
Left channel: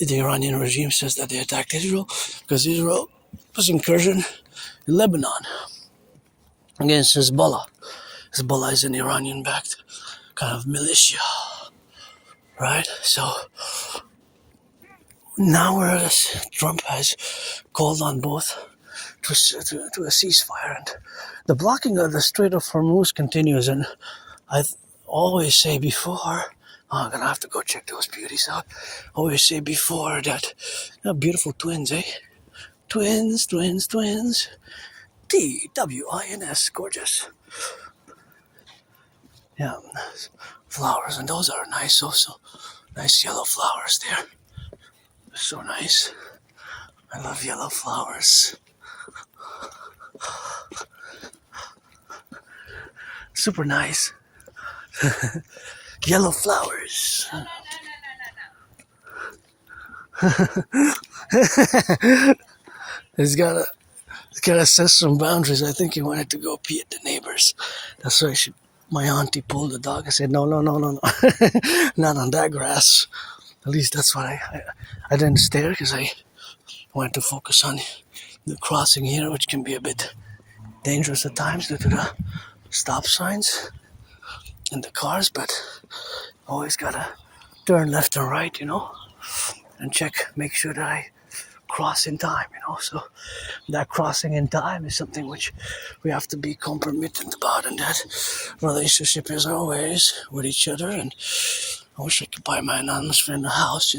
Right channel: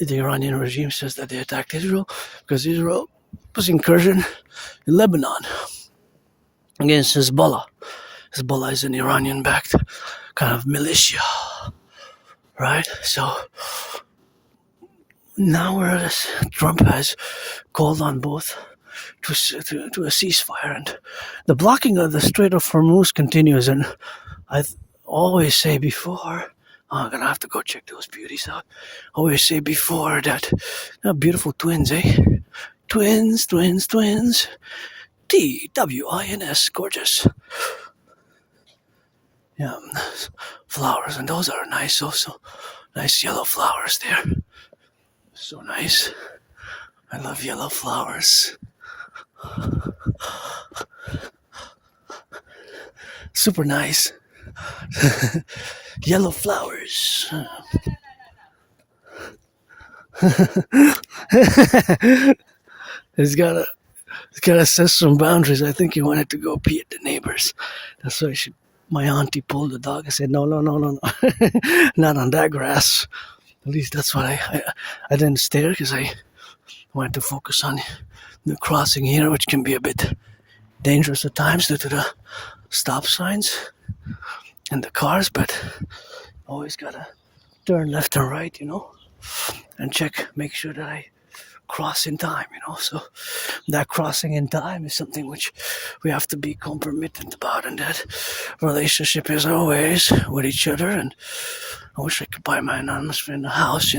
the Iranian regime says that they attacked Israel because Israel was incursion in Lebanon against Hezbollah. Hezbollah is an Iranian-backed kind of militia, right? So now Trump has called on both to a ceasefire, and the blocking of the Strait of Hormuz continues. And I always say before, I'm gonna have to go check those beauties out. Always say before that they're beautiful twins, eh? Twins. TWINS, gorgeous. Yeah, flowers, and those are nice also. Nice yellow flowers there. So nice. I love yellow flowers. Super nice. Yellow flowers. It's gotta set some boundaries. I think he wanted to go pee at the neighbors. That's why my auntie pulled the dog. I said, no, not on that grass. At least that's what I didn't stare, because I wanted to focus on the crossing here, which can be a bit dangerous at times due to the stop signs and the cars, but always gotta turn left and right, and make sure that I cross in time, so that crossing in time is something which we have to be compromised about, and that relationship is always with each other. And I wish I could buy my anonymous friend a house,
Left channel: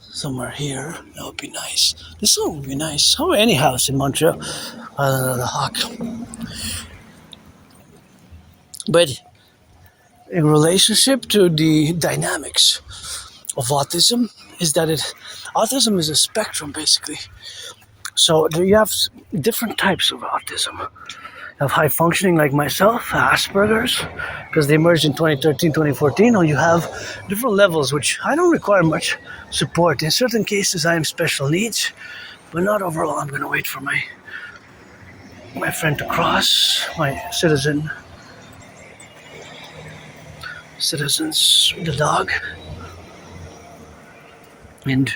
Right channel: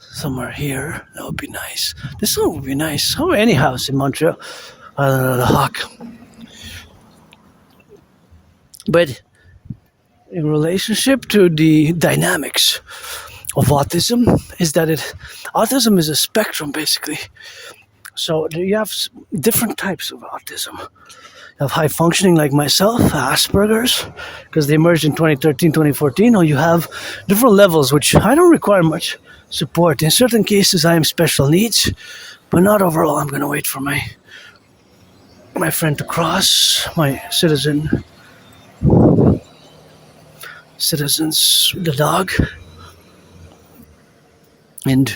somewhere here. That would be nice. This one would be nice. Or any house in Montreal, the Hawk. But in relationship to the dynamics of autism, is that autism is a spectrum, basically. So you have different types of autism. You have high functioning like myself, Asperger's, because they merged in 2013, 2014, or you have different levels, which I don't require much support. In certain cases, I am special needs, but not overall. I'm going to wait for my friend to cross, my citizens, the dog. And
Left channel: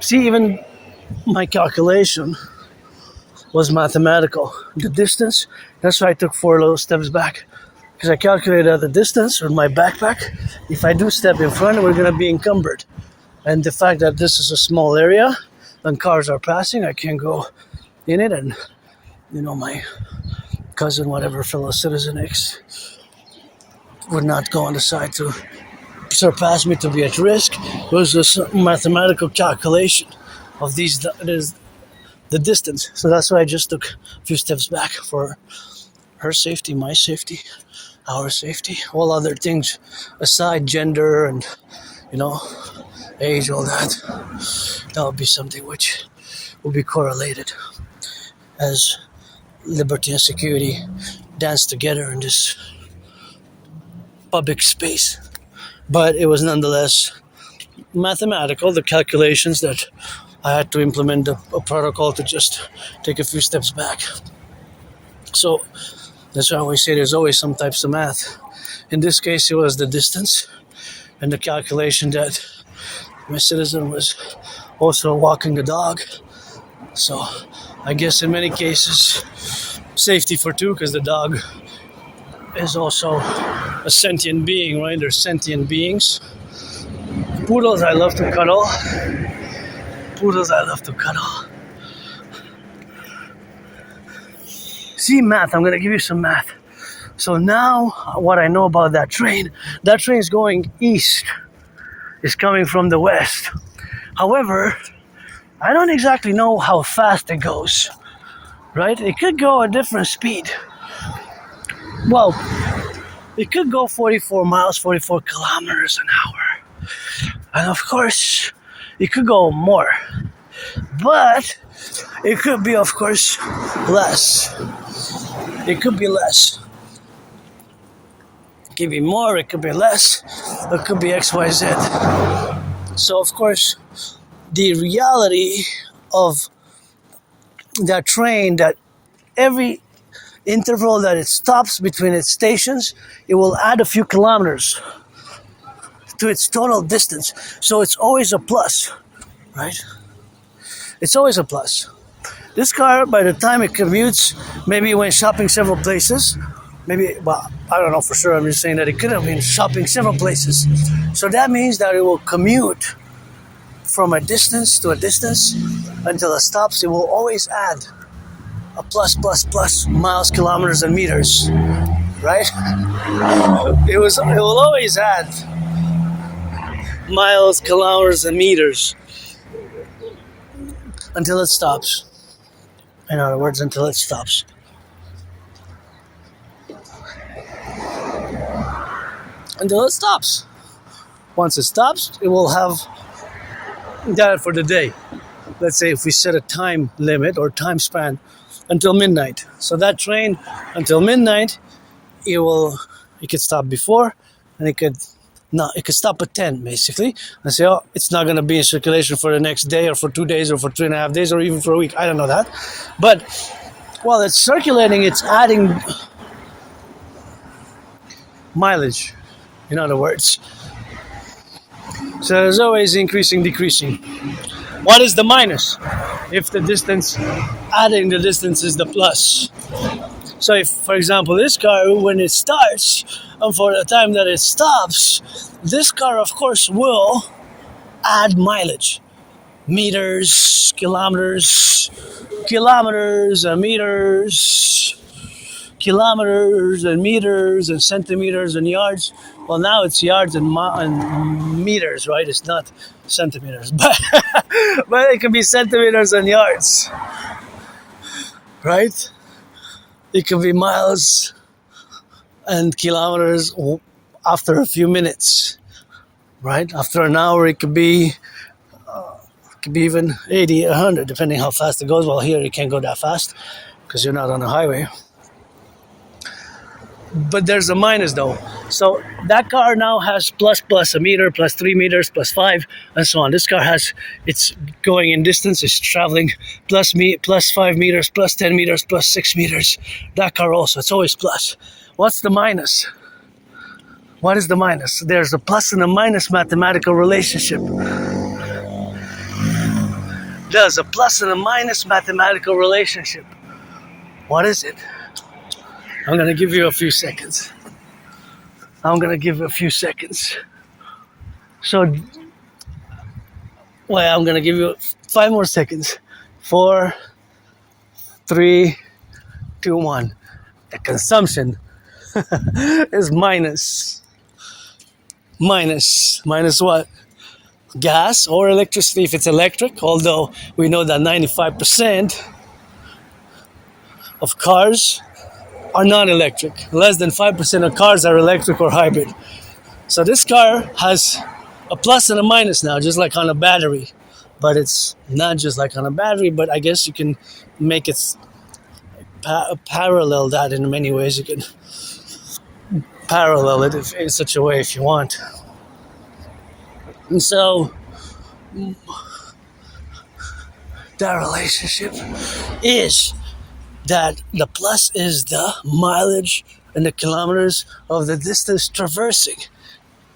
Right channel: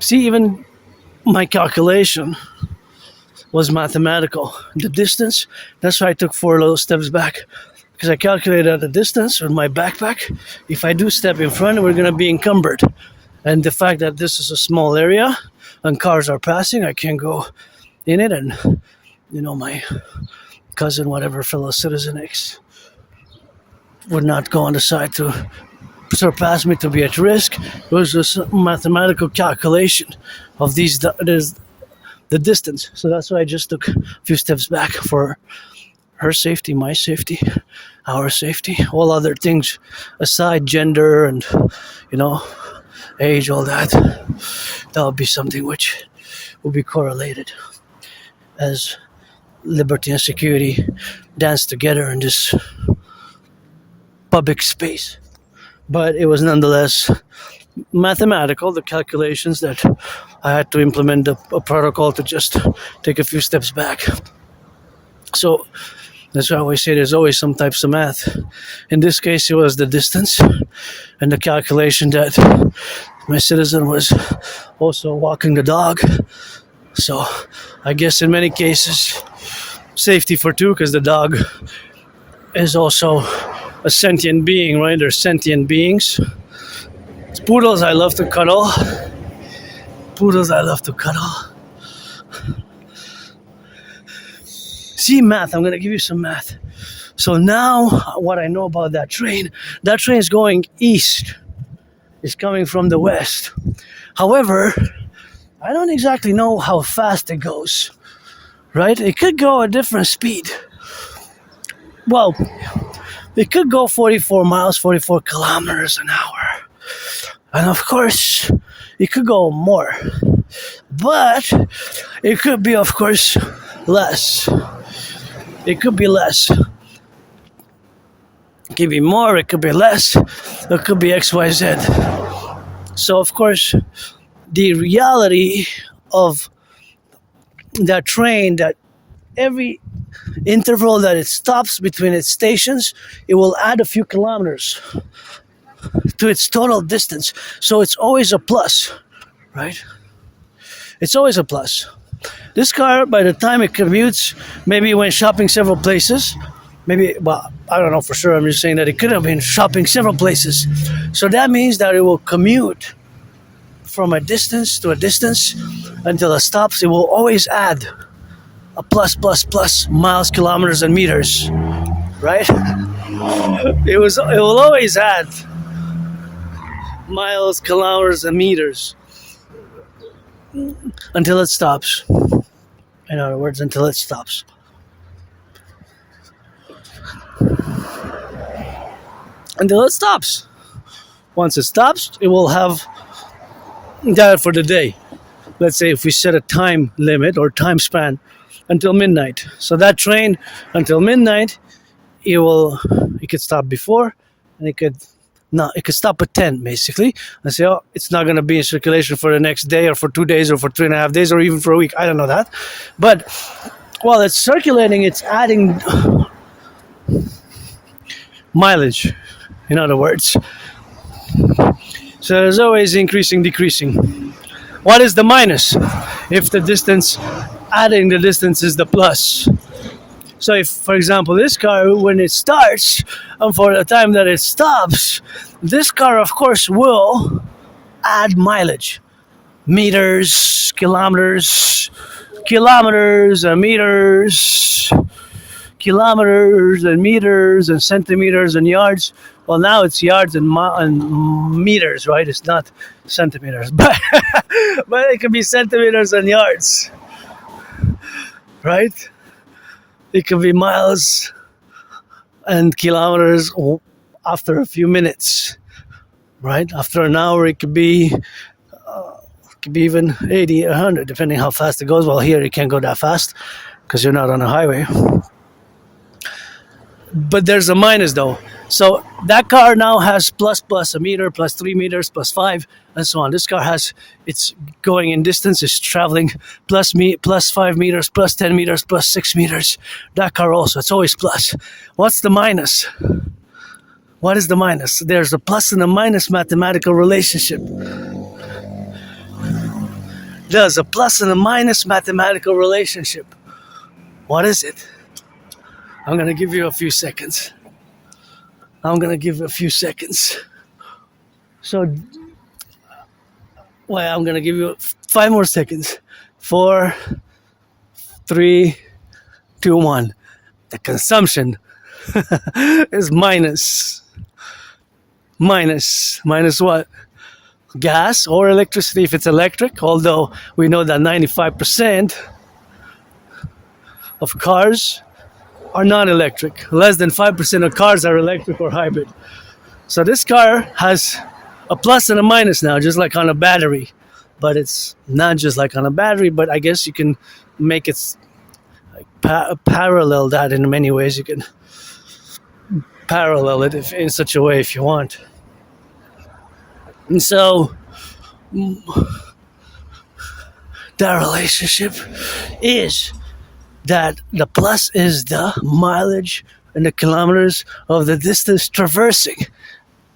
see, even my calculation was mathematical. The distance, that's why I took 4 little steps back, because I calculated the distance with my backpack. If I do step in front, we're going to be encumbered. And the fact that this is a small area and cars are passing, I can't go in it. And, my cousin, whatever, fellow citizen X, would not go on the side to surpass me to be at risk. It was just a mathematical calculation of the distance. So that's why I just took a few steps back for her safety, my safety, our safety. All other things aside, gender and, age, all that would be something which will be correlated as liberty and security dance together in this public space. But it was nonetheless mathematical, the calculations that I had to implement a protocol to just take a few steps back. So that's why I always say there's always some types of math. In this case, it was the distance and the calculation that my citizen was also walking the dog. So I guess in many cases, safety for two, because the dog is also a sentient being, right? They're sentient beings. Poodles I love to cuddle. See, math. I'm going to give you some math. So now what I know about that train is going east. It's coming from the west. However, I don't exactly know how fast it goes, right? It could go a different speed. Well, it could go 44 miles, 44 kilometers an hour. And of course, it could go more. But it could be, of course, less. It could be less. It could be more, it could be less. It could be XYZ. So, of course, the reality of that train, that every interval that it stops between its stations, it will add a few kilometers to its total distance. So it's always a plus, right? It's always a plus. This car, by the time it commutes, maybe it went shopping several places, Maybe, well, I don't know for sure. I'm just saying that it could have been shopping several places. So that means that it will commute from a distance to a distance until it stops. It will always add a plus miles, kilometers, and meters, right? It will always add miles, kilometers, and meters until it stops. In other words, until it stops. Until it stops. Once it stops, it will have that for the day. Let's say if we set a time limit or time span until midnight. So that train until midnight, it could stop before, and it could stop at 10 basically, and say, oh, it's not going to be in circulation for the next day or for 2 days or for 3.5 days or even for a week. I don't know that. But while it's circulating, it's adding mileage, in other words. So there's always increasing, decreasing. What is the minus? If the distance, adding the distance is the plus. So if, for example, this car, when it starts, and for the time that it stops, this car, of course, will add mileage. Meters, kilometers, and meters, kilometers and meters and centimeters and yards. Well, now it's yards and meters, right? It's not centimeters, but it can be centimeters and yards, right? It can be miles and kilometers after a few minutes, right? After an hour, it could be even 80, 100, depending how fast it goes. Well, here you can't go that fast because you're not on a highway. But there's a minus though. So that car now has plus a meter, plus 3 meters, plus 5, and so on. This car it's going in distance, it's traveling plus 5 meters, plus 10 meters, plus 6 meters. That car also, it's always plus. What's the minus? What is the minus? There's a plus and a minus mathematical relationship. There's a plus and a minus mathematical relationship. What is it? I'm going to give you a few seconds. So, I'm going to give you 5 more seconds. 4, 3, 2, 1. The consumption is minus. Minus what? Gas or electricity if it's electric, although we know that 95% of cars are not electric. Less than 5% of cars are electric or hybrid. So this car has a plus and a minus now, just like on a battery. But it's not just like on a battery, but I guess you can make it parallel that in many ways. You can parallel it in such a way if you want. And so that relationship is that the plus is the mileage and the kilometers of the distance traversing,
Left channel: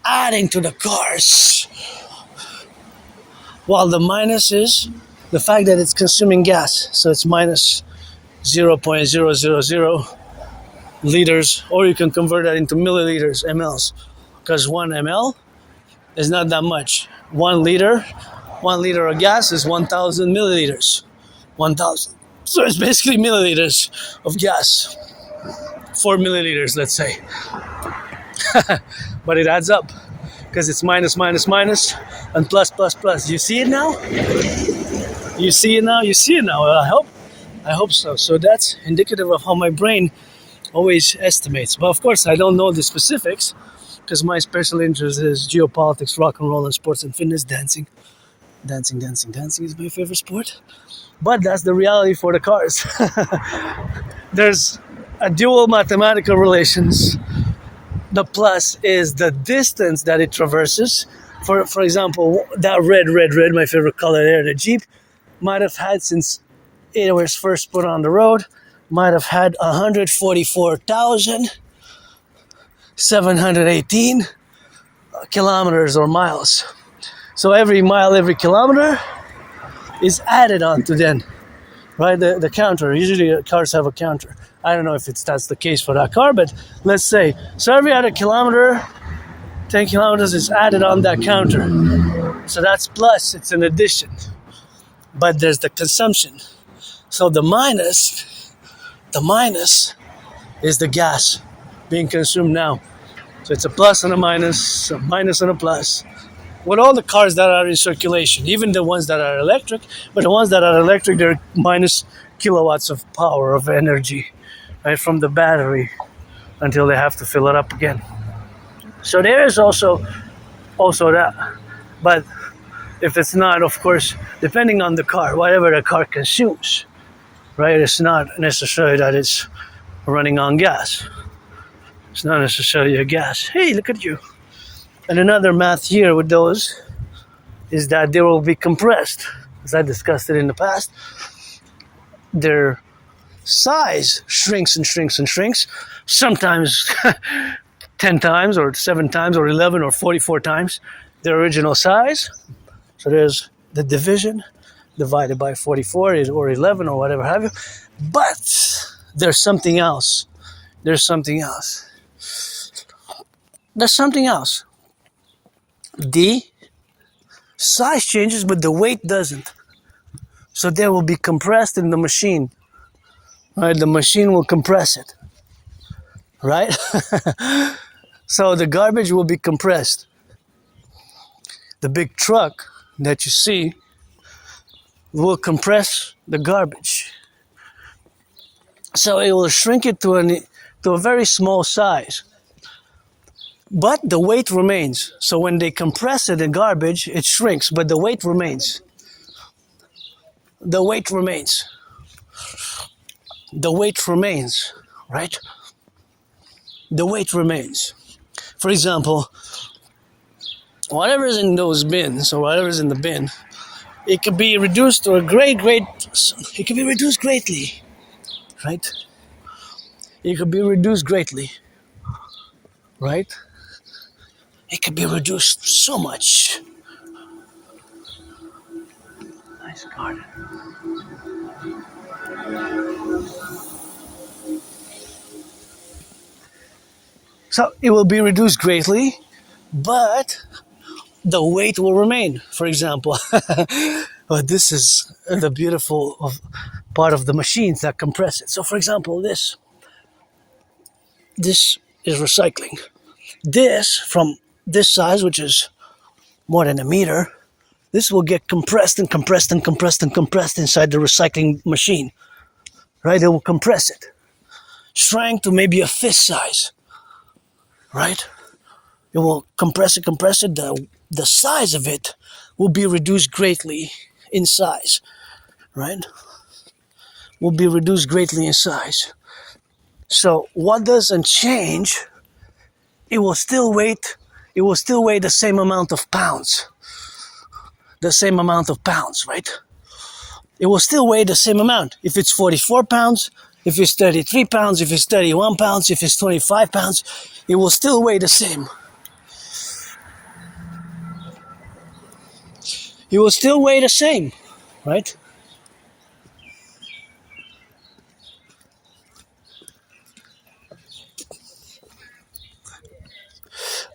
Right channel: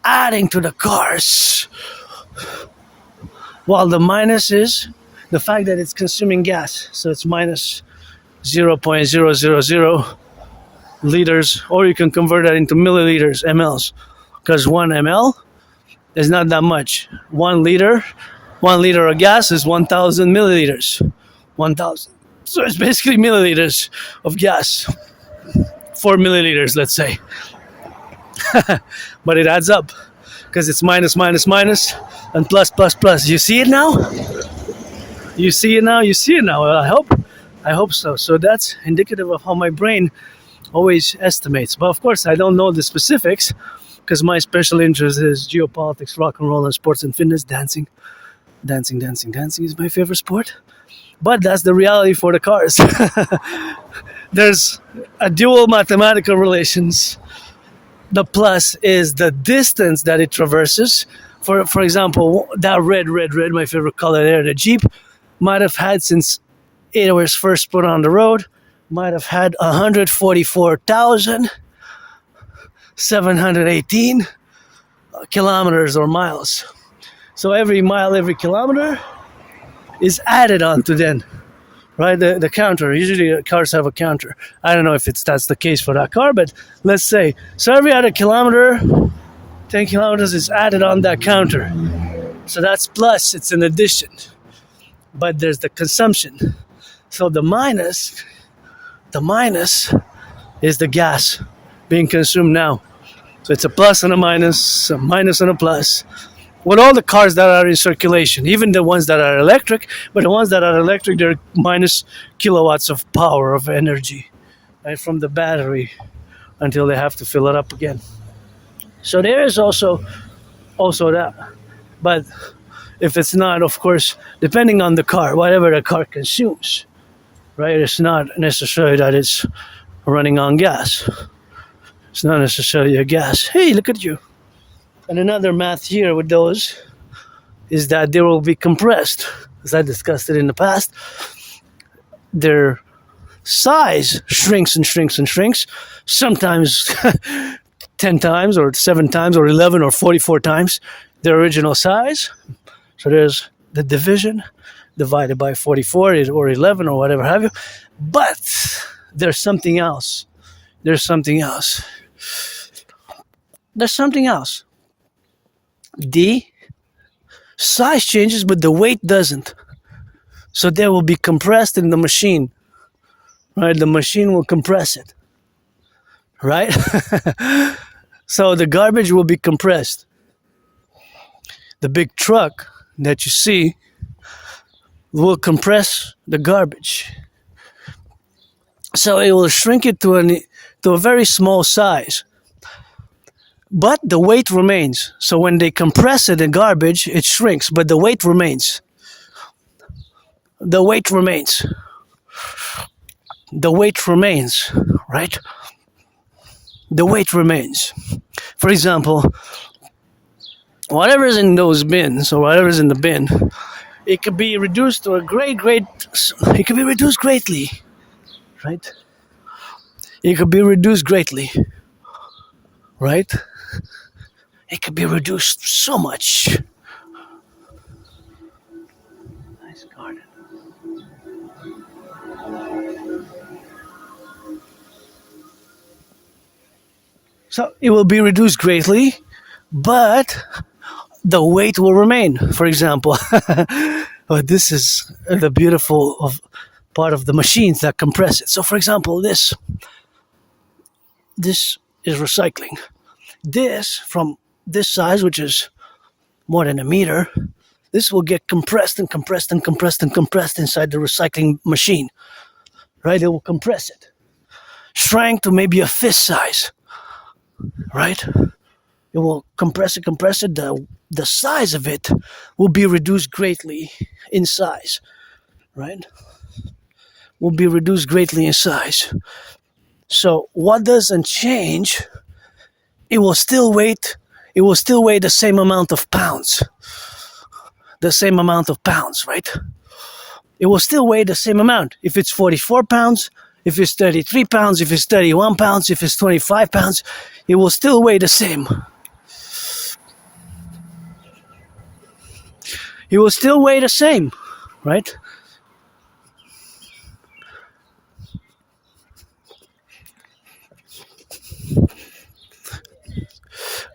adding to the cars, while the minus is the fact that it's consuming gas. So it's minus 0.000 liters, or you can convert that into milliliters, mLs, because 1 ml is not that much. 1 liter of gas is 1,000 milliliters. 1,000. So it's basically milliliters of gas. 4 milliliters, let's say. But it adds up because it's minus and plus. You see it now? Well, I hope so. So that's indicative of how my brain always estimates. But of course, I don't know the specifics because my special interest is geopolitics, rock and roll, and sports and fitness, dancing. Dancing is my favorite sport. But that's the reality for the cars. There's a dual mathematical relations. The plus is the distance that it traverses. For example, that red, my favorite color there, the Jeep, might have had, since it was first put on the road, might have had 144,718 kilometers or miles. So every mile, every kilometer is added on to then right? The counter. Usually cars have a counter. I don't know if that's the case for that car, but let's say, so every other kilometer, 10 kilometers is added on that counter. So that's plus, it's an addition. But there's the consumption. So the minus is the gas being consumed now. So it's a plus and a minus and a plus. With all the cars that are in circulation, even the ones that are electric, but the ones that are electric, they're minus kilowatts of power, of energy, right, from the battery until they have to fill it up again. So there is also that. But if it's not, of course, depending on the car, whatever the car consumes, right, it's not necessarily that it's running on gas. It's not necessarily a gas. Hey, look at you. And another math here with those is that they will be compressed. As I discussed it in the past, their size shrinks and shrinks and shrinks, sometimes 10 times or 7 times or 11 or 44 times their original size. So there's the division divided by 44 or 11 or whatever have you. But there's something else. There's something else. The size changes, but the weight doesn't. So they will be compressed in the machine. Right? The machine will compress it. Right? So the garbage will be compressed. The big truck that you see will compress the garbage. So it will shrink it to a very small size. But the weight remains. So when they compress it in garbage, it shrinks, but the weight remains. The weight remains. The weight remains, right? The weight remains. For example, whatever's in those bins or whatever's in the bin, it could be reduced to it could be reduced greatly, right? It could be reduced greatly, right? It could be reduced so much. Nice garden. So it will be reduced greatly, but the weight will remain. For example, this is the beautiful part of the machines that compress it. So for example, this is recycling. This, from this size, which is more than a meter, this will get compressed and compressed and compressed and compressed inside the recycling machine. Right? It will compress it. Shrink to maybe a fist size. Right? It will compress it. The size of it will be reduced greatly in size. Right? Will be reduced greatly in size. So what doesn't change, it will still weigh the same amount of pounds. The same amount of pounds, right? It will still weigh the same amount. If it's 44 pounds, if it's 33 pounds, if it's 31 pounds, if it's 25 pounds, it will still weigh the same. It will still weigh the same, right?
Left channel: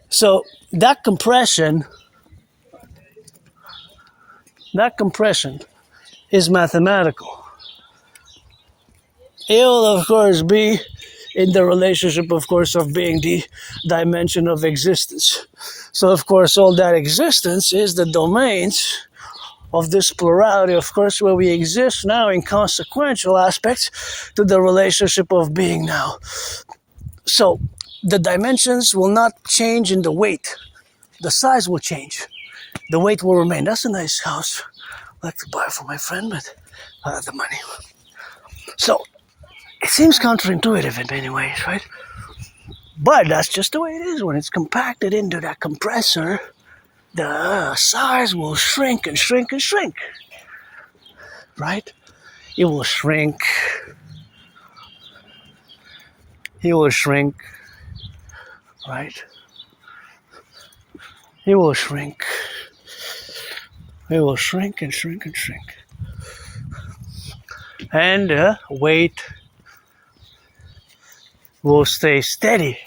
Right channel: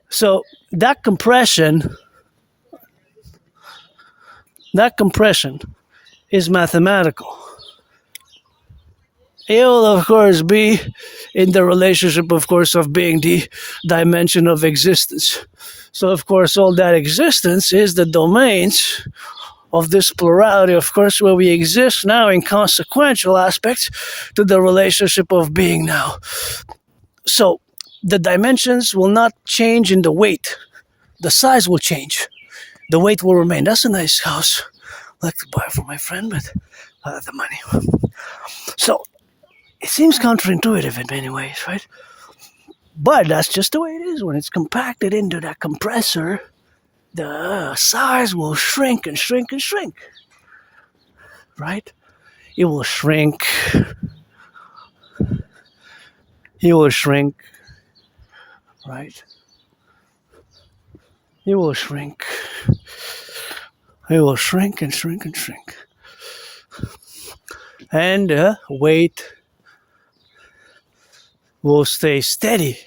So that compression is mathematical. It will, of course, be in the relationship, of course, of being the dimension of existence. So, of course, all that existence is the domains of this plurality, of course, where we exist now in consequential aspects to the relationship of being now. So, the dimensions will not change in the weight. The size will change. The weight will remain. That's a nice house. I'd like to buy it for my friend, but I have the money. So, it seems counterintuitive in many ways, right? But that's just the way it is. When it's compacted into that compressor, the size will shrink and shrink and shrink. Right? It will shrink. It will shrink. Right? It will shrink. It will shrink and shrink and shrink. and weight will stay steady.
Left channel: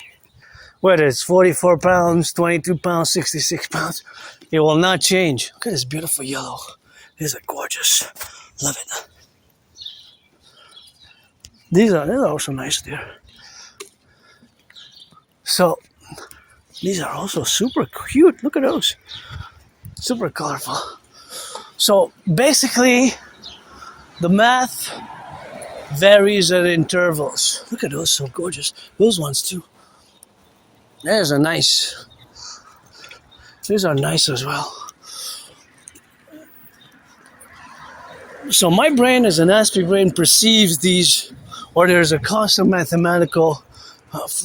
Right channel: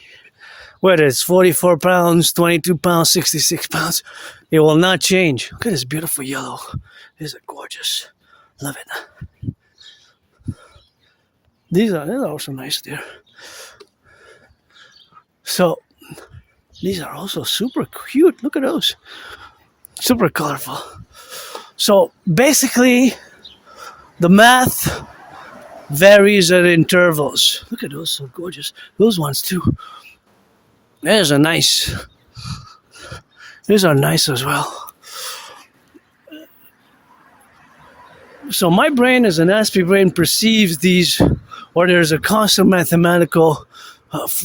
Whether it's 44 pounds, 22 pounds, 66 pounds, it will not change. Look at this beautiful yellow. These are gorgeous. Love it. These are also nice there. So these are also super cute. Look at those. Super colorful. So basically, the math varies at intervals. Look at those, so gorgeous. Those ones too. These are nice. These are nice as well. So my brain, as an Aspie brain, perceives these, or there's a constant mathematical,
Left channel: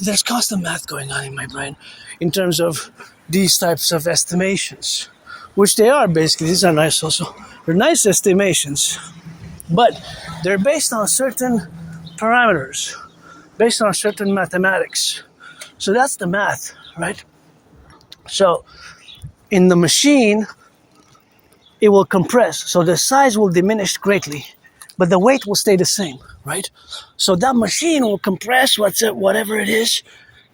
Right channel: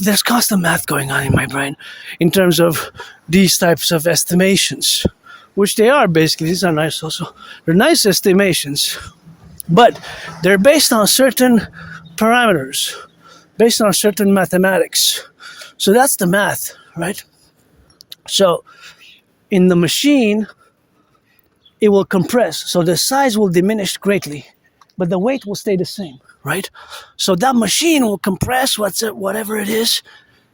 there's constant math going on in my brain in terms of these types of estimations, which they are basically. These are nice also. They're nice estimations, but they're based on certain parameters, based on certain mathematics. So that's the math, right? So in the machine, it will compress. So the size will diminish greatly, but the weight will stay the same, right? So that machine will compress whatever it is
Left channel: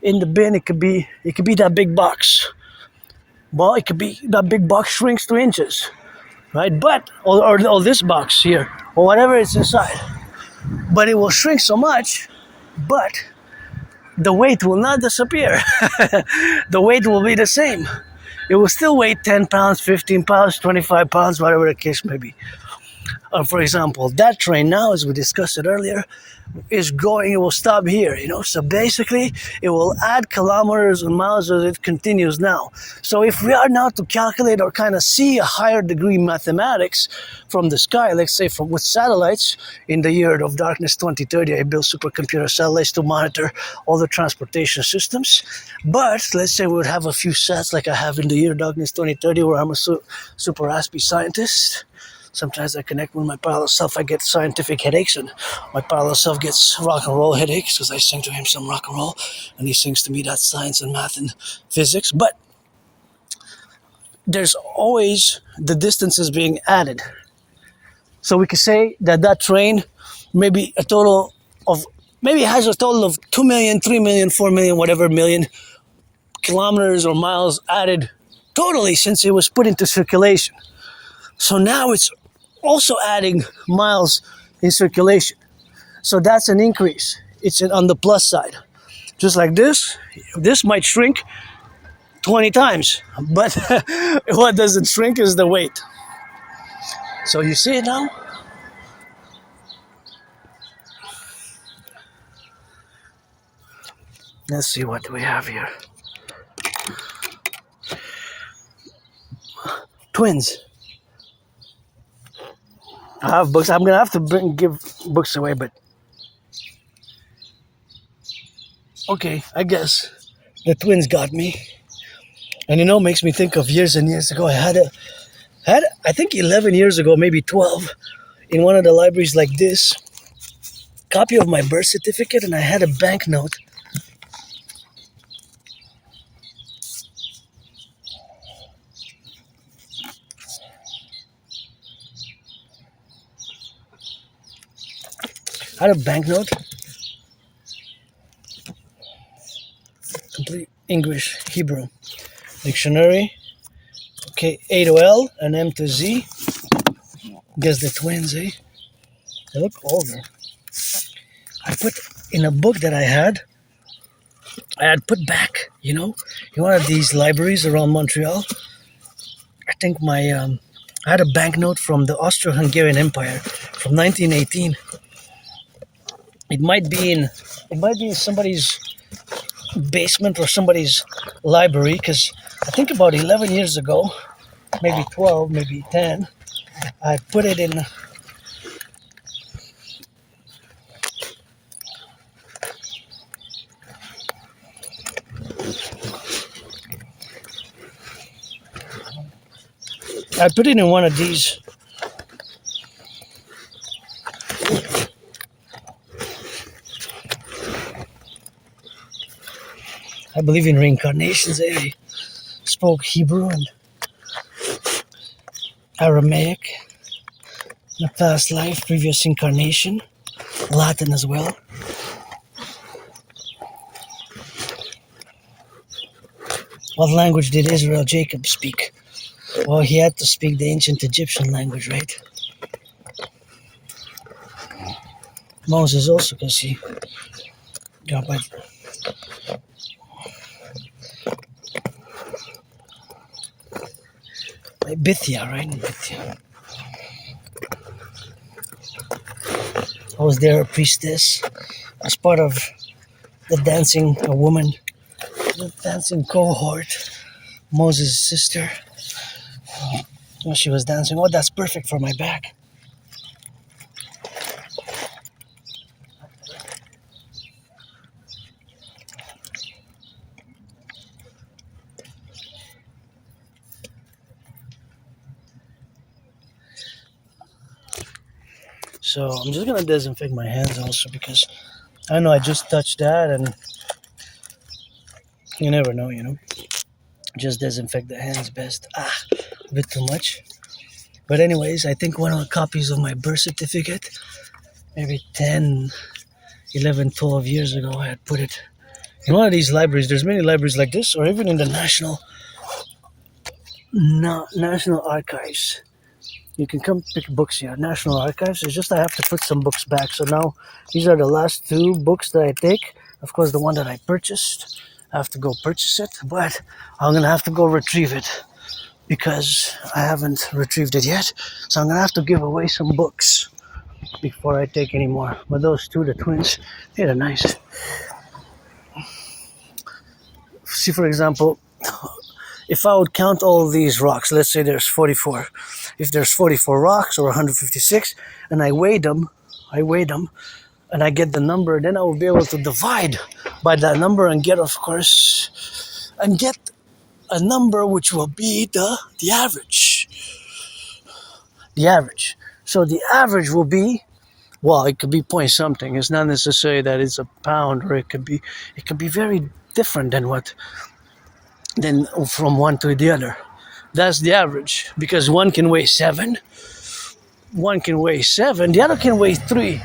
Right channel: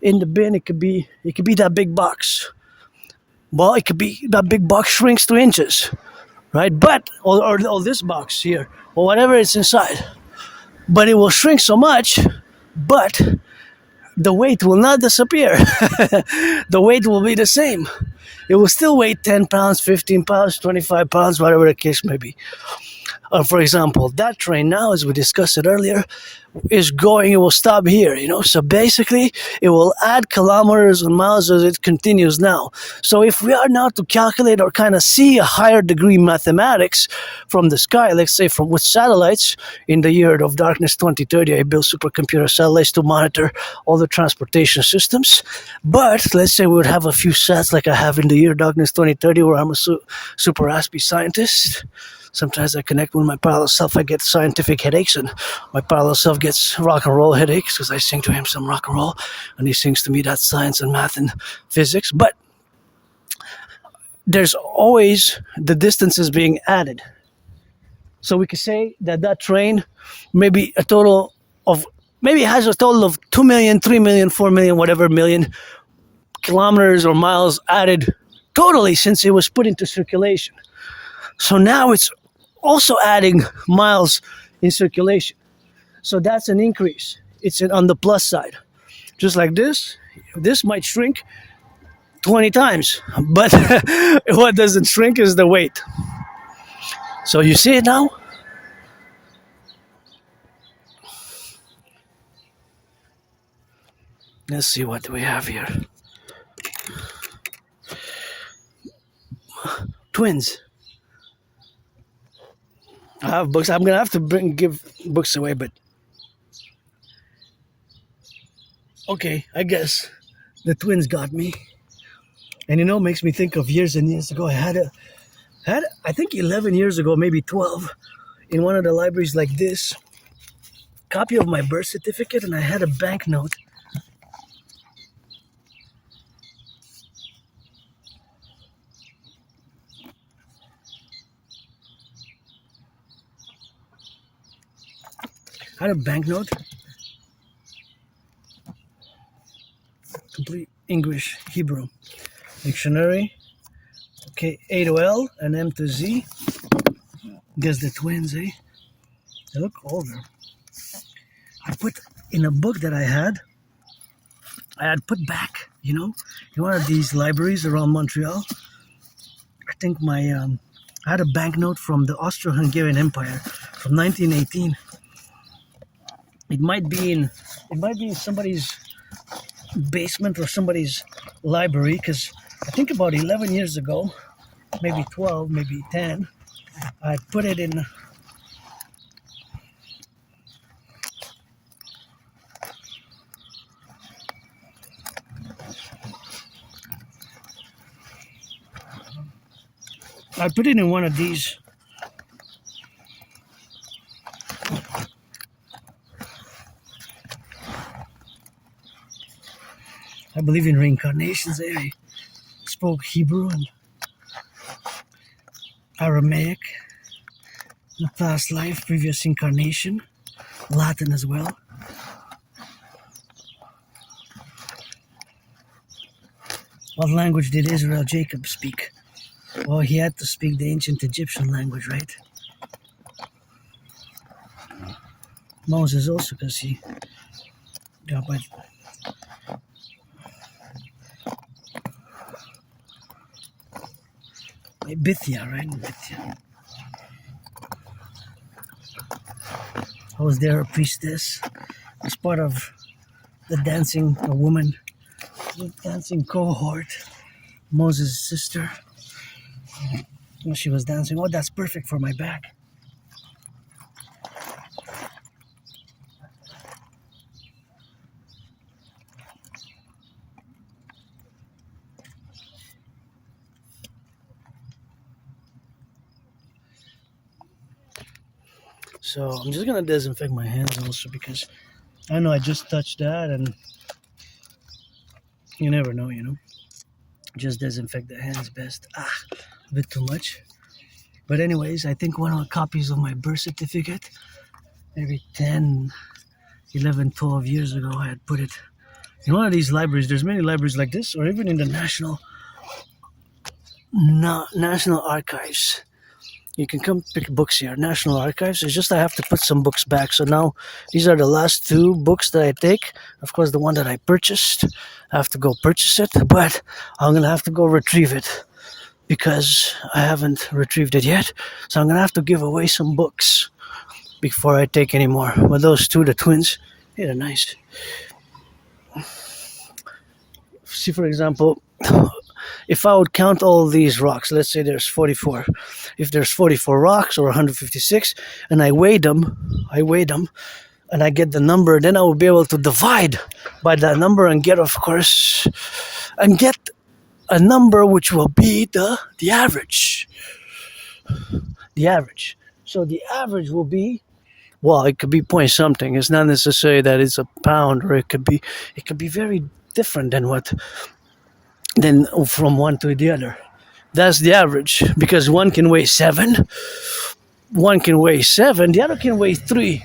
in the bin. It could be that big box. Well, it could be that big box shrinks to inches, right? But or this box here, or whatever it's inside. But it will shrink so much, but the weight will not disappear. The weight will be the same. It will still weigh 10 pounds, 15 pounds, 25 pounds, whatever the case may be. For example, that train now, as we discussed it earlier, is going, it will stop here, So basically, it will add kilometers and miles as it continues now. So if we are now to calculate or kind of see a higher degree mathematics from the sky, let's say with satellites, in the year of darkness 2030, I built supercomputer satellites to monitor all the transportation systems. But let's say we would have a few sats like I have in the year darkness 2030, where I'm a super Aspie scientist. Sometimes I connect with my parallel self, I get scientific headaches, and my parallel self gets rock and roll headaches because I sing to him some rock and roll, and he sings to me that science and math and physics. But there's always the distances being added. So we could say that train maybe has a total of 2 million, 3 million, 4 million, whatever million kilometers or miles added totally since it was put into circulation. So now it's also adding miles in circulation. So that's an increase. It's on the plus side. Just like this might shrink 20 times, but what doesn't shrink is the weight. So you see it now? Let's see what we have here. Twins. I have books. I'm gonna have to give books away, but okay, I guess the twins got me. And makes me think of years and years ago. I had I think 11 years ago, maybe 12, in one of the libraries like this, copy of my birth certificate, and I had a banknote. I had a banknote, complete English, Hebrew, dictionary, okay, A to L and M to Z. Guess the twins, eh? They look older. I put in a book that I had put back, in one of these libraries around Montreal. I think I had a banknote from the Austro-Hungarian Empire from 1918. It might be in somebody's basement or somebody's library, because I think about 11 years ago, maybe 12, maybe 10, I put it in. I put it in one of these. I believe in reincarnations. I spoke Hebrew and Aramaic. The past life, previous incarnation, Latin as well. What language did Israel Jacob speak? Well, he had to speak the ancient Egyptian language, right? Moses also, because he got by Bithia, right? Bithia. I was there, a priestess, as part of the dancing, a woman, the dancing cohort, Moses' sister. When she was dancing, oh, that's perfect for my back. So I'm just gonna disinfect my hands also because I know I just touched that and you never know, Just disinfect the hands best. A bit too much. But anyways, I think one of the copies of my birth certificate, maybe 10, 11, 12 years ago, I had put it in one of these libraries. There's many libraries like this, or even in the National Archives. You can come pick books here. National Archives. It's just I have to put some books back. So now these are the last two books that I take. Of course, the one that I purchased, I have to go purchase it, but I'm gonna have to go retrieve it because I haven't retrieved it yet. So I'm gonna have to give away some books before I take any more. But those two, the twins, they're nice. See, for example, if I would count all these rocks, let's say there's 44. If there's 44 rocks or 156, and I weigh them, and I get the number, then I will be able to divide by that number and get, of course, a number which will be the average. The average. So the average will be, well, it could be point something. It's not necessary that it's a pound, or it could be very different than from one to the other. That's the average, because one can weigh 7, the other can weigh 3.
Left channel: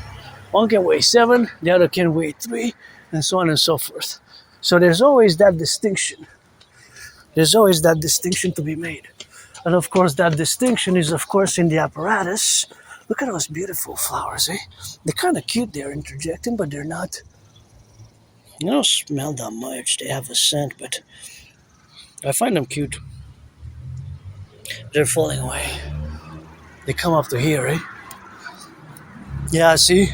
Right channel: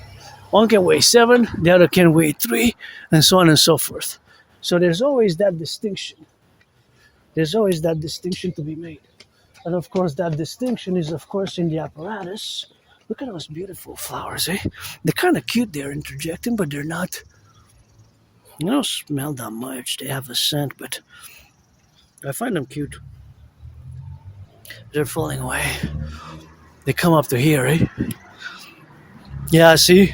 One can weigh 7, the other can weigh 3, and so on and so forth. So there's always that distinction. There's always that distinction to be made. And of course, that distinction is, of course, in the apparatus. Look at those beautiful flowers, eh? They're kind of cute, they're interjecting, but they're not. You don't smell that much. They have a scent, but I find them cute. They're falling away. They come up to here, eh? Yeah, see?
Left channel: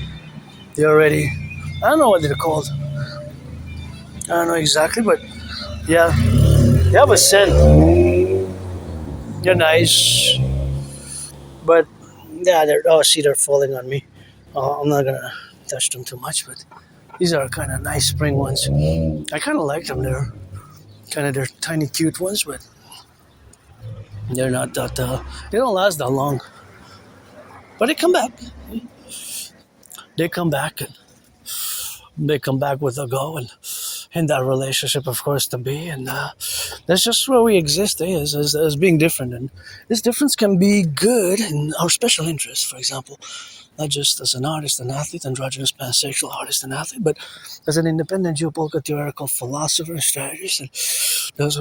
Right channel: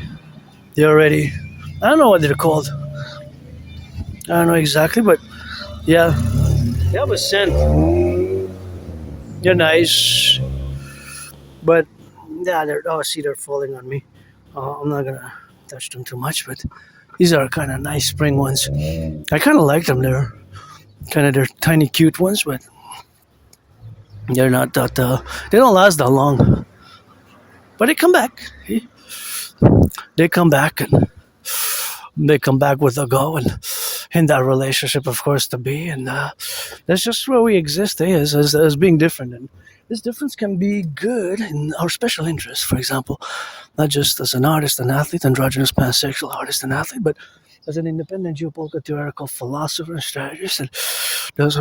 They're already... I don't know what they're called. I don't know exactly, but yeah. They have a scent. They're nice. But, yeah, they're falling on me. I'm not gonna touch them too much, but these are kind of nice spring ones. I kind of like them. They're tiny, cute ones, but they're not that, they don't last that long. But they come back. They come back, and they come back with a go, and in that relationship, of course, to be. And that's just where we exist, as being different. And this difference can be good in our special interests, for example, not just as an artist and athlete, androgynous pansexual artist and athlete, but as an independent geopolitical theoretical philosopher and strategist. And those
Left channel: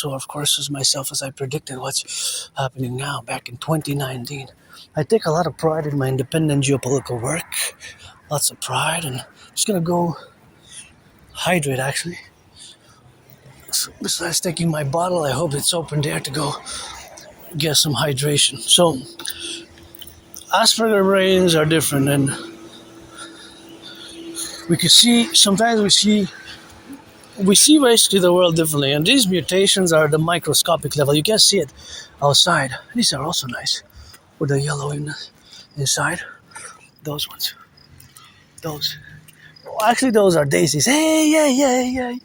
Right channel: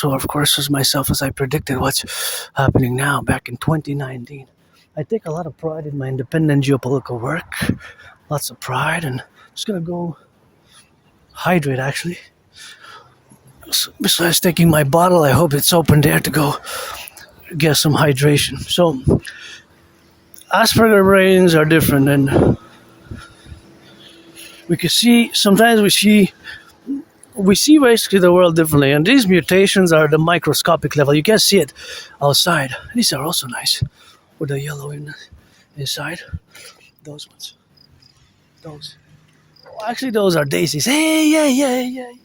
who, of course, as myself, as I predicted what's happening now back in 2019. I take a lot of pride in my independent geopolitical work. Lots of pride, and I'm just gonna go hydrate, actually. So besides taking my bottle, I hope it's open there to go get some hydration. So, Asperger brains are different, and sometimes we see basically the world differently, and these mutations are the microscopic level. You can't see it outside. These are also nice, with the yellow inside. Those ones. Those. Actually, those are daisies. Hey.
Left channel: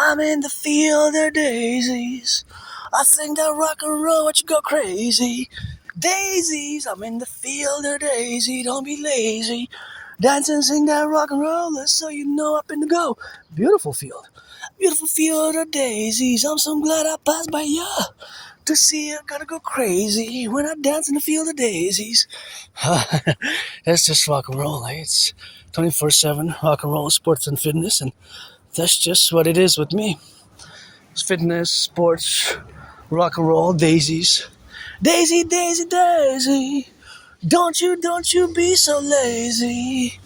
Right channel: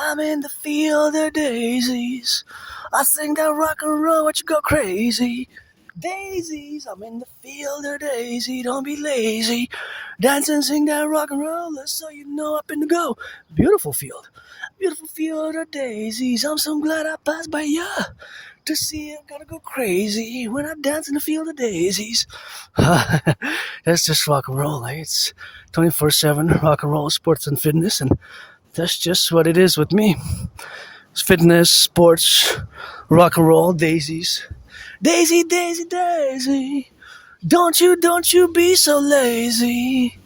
I'm in the field of daisies. I sing that rock and roll, what you go crazy. Daisies, I'm in the field of daisy. Don't be lazy. Dance and sing that rock and roll, so you know up in the go. Beautiful field of daisies. I'm so glad I passed by ya. to see you, gotta go crazy when I dance in the field of daisies. That's just rock and roll, eh? It's 24/7 rock and roll, sports and fitness, and that's just what it is with me. It's fitness, sports, rock and roll, daisies. Daisy, daisy, daisy. Don't you be so lazy.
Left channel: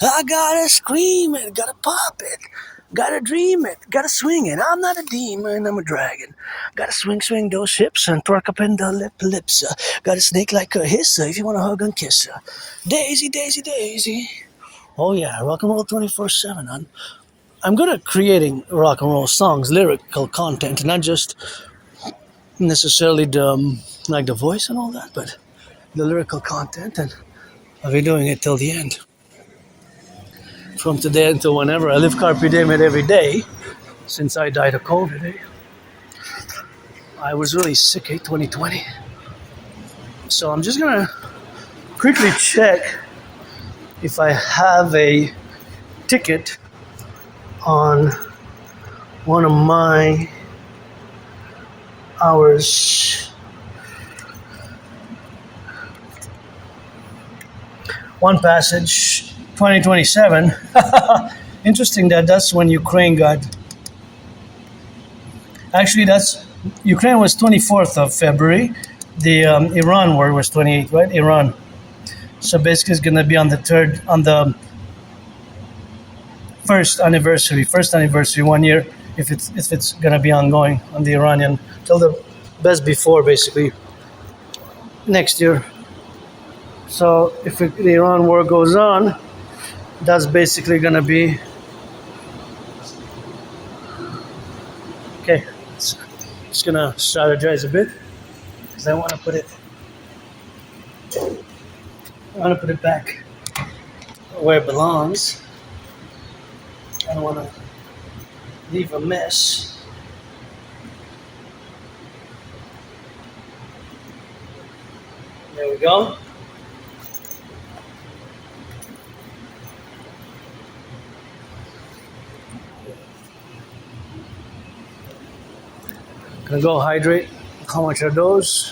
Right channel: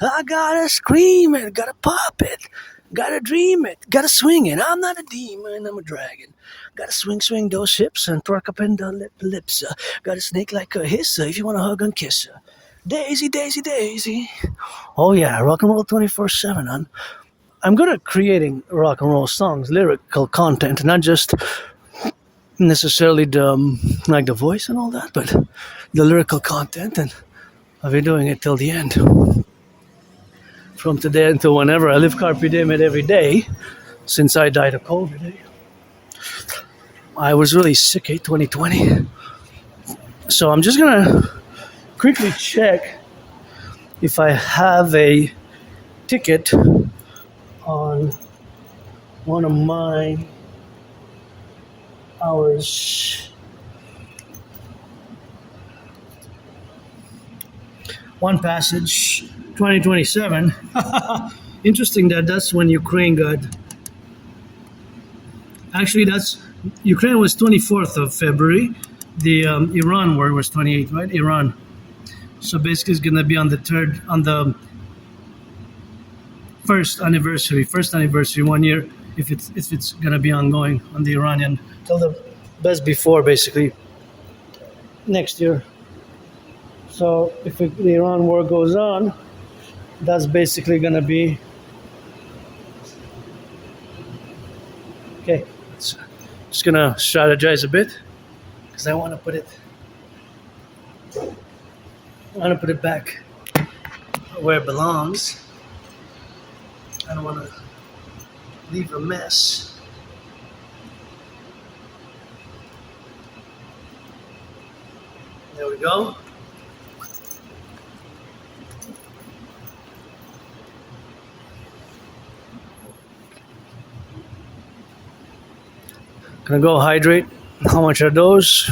I gotta scream it, gotta pop it, gotta dream it, gotta swing it. I'm not a demon, I'm a dragon. Gotta swing those hips and twerk up in the lips. Gotta snake like a hiss if you wanna hug and kiss. Daisy, daisy, daisy. Oh yeah, rock and roll 24/7. I'm good at creating rock and roll songs, lyrical content, not just necessarily the voice and all that, but the lyrical content, and I'll be doing it till the end. From today until whenever. I live carpe diem every day since I died of COVID. I was really sick, 2020. So I'm just gonna quickly check if I have a ticket on one of my hours. One Passage 2027. Interesting that's when Ukraine got. Actually, that's Ukraine was 24th of February. The Iran war was 28th, right? Iran. So basically, it's gonna be on the first anniversary, 1 year. If it's gonna be ongoing on the Iranian till the best before, basically next year. So if the Iran war goes on, that's basically gonna be okay. Just gonna strategize a bit because I want to put it back where it belongs. I don't want to leave a mess. There we go. Gonna go hydrate. How much are those?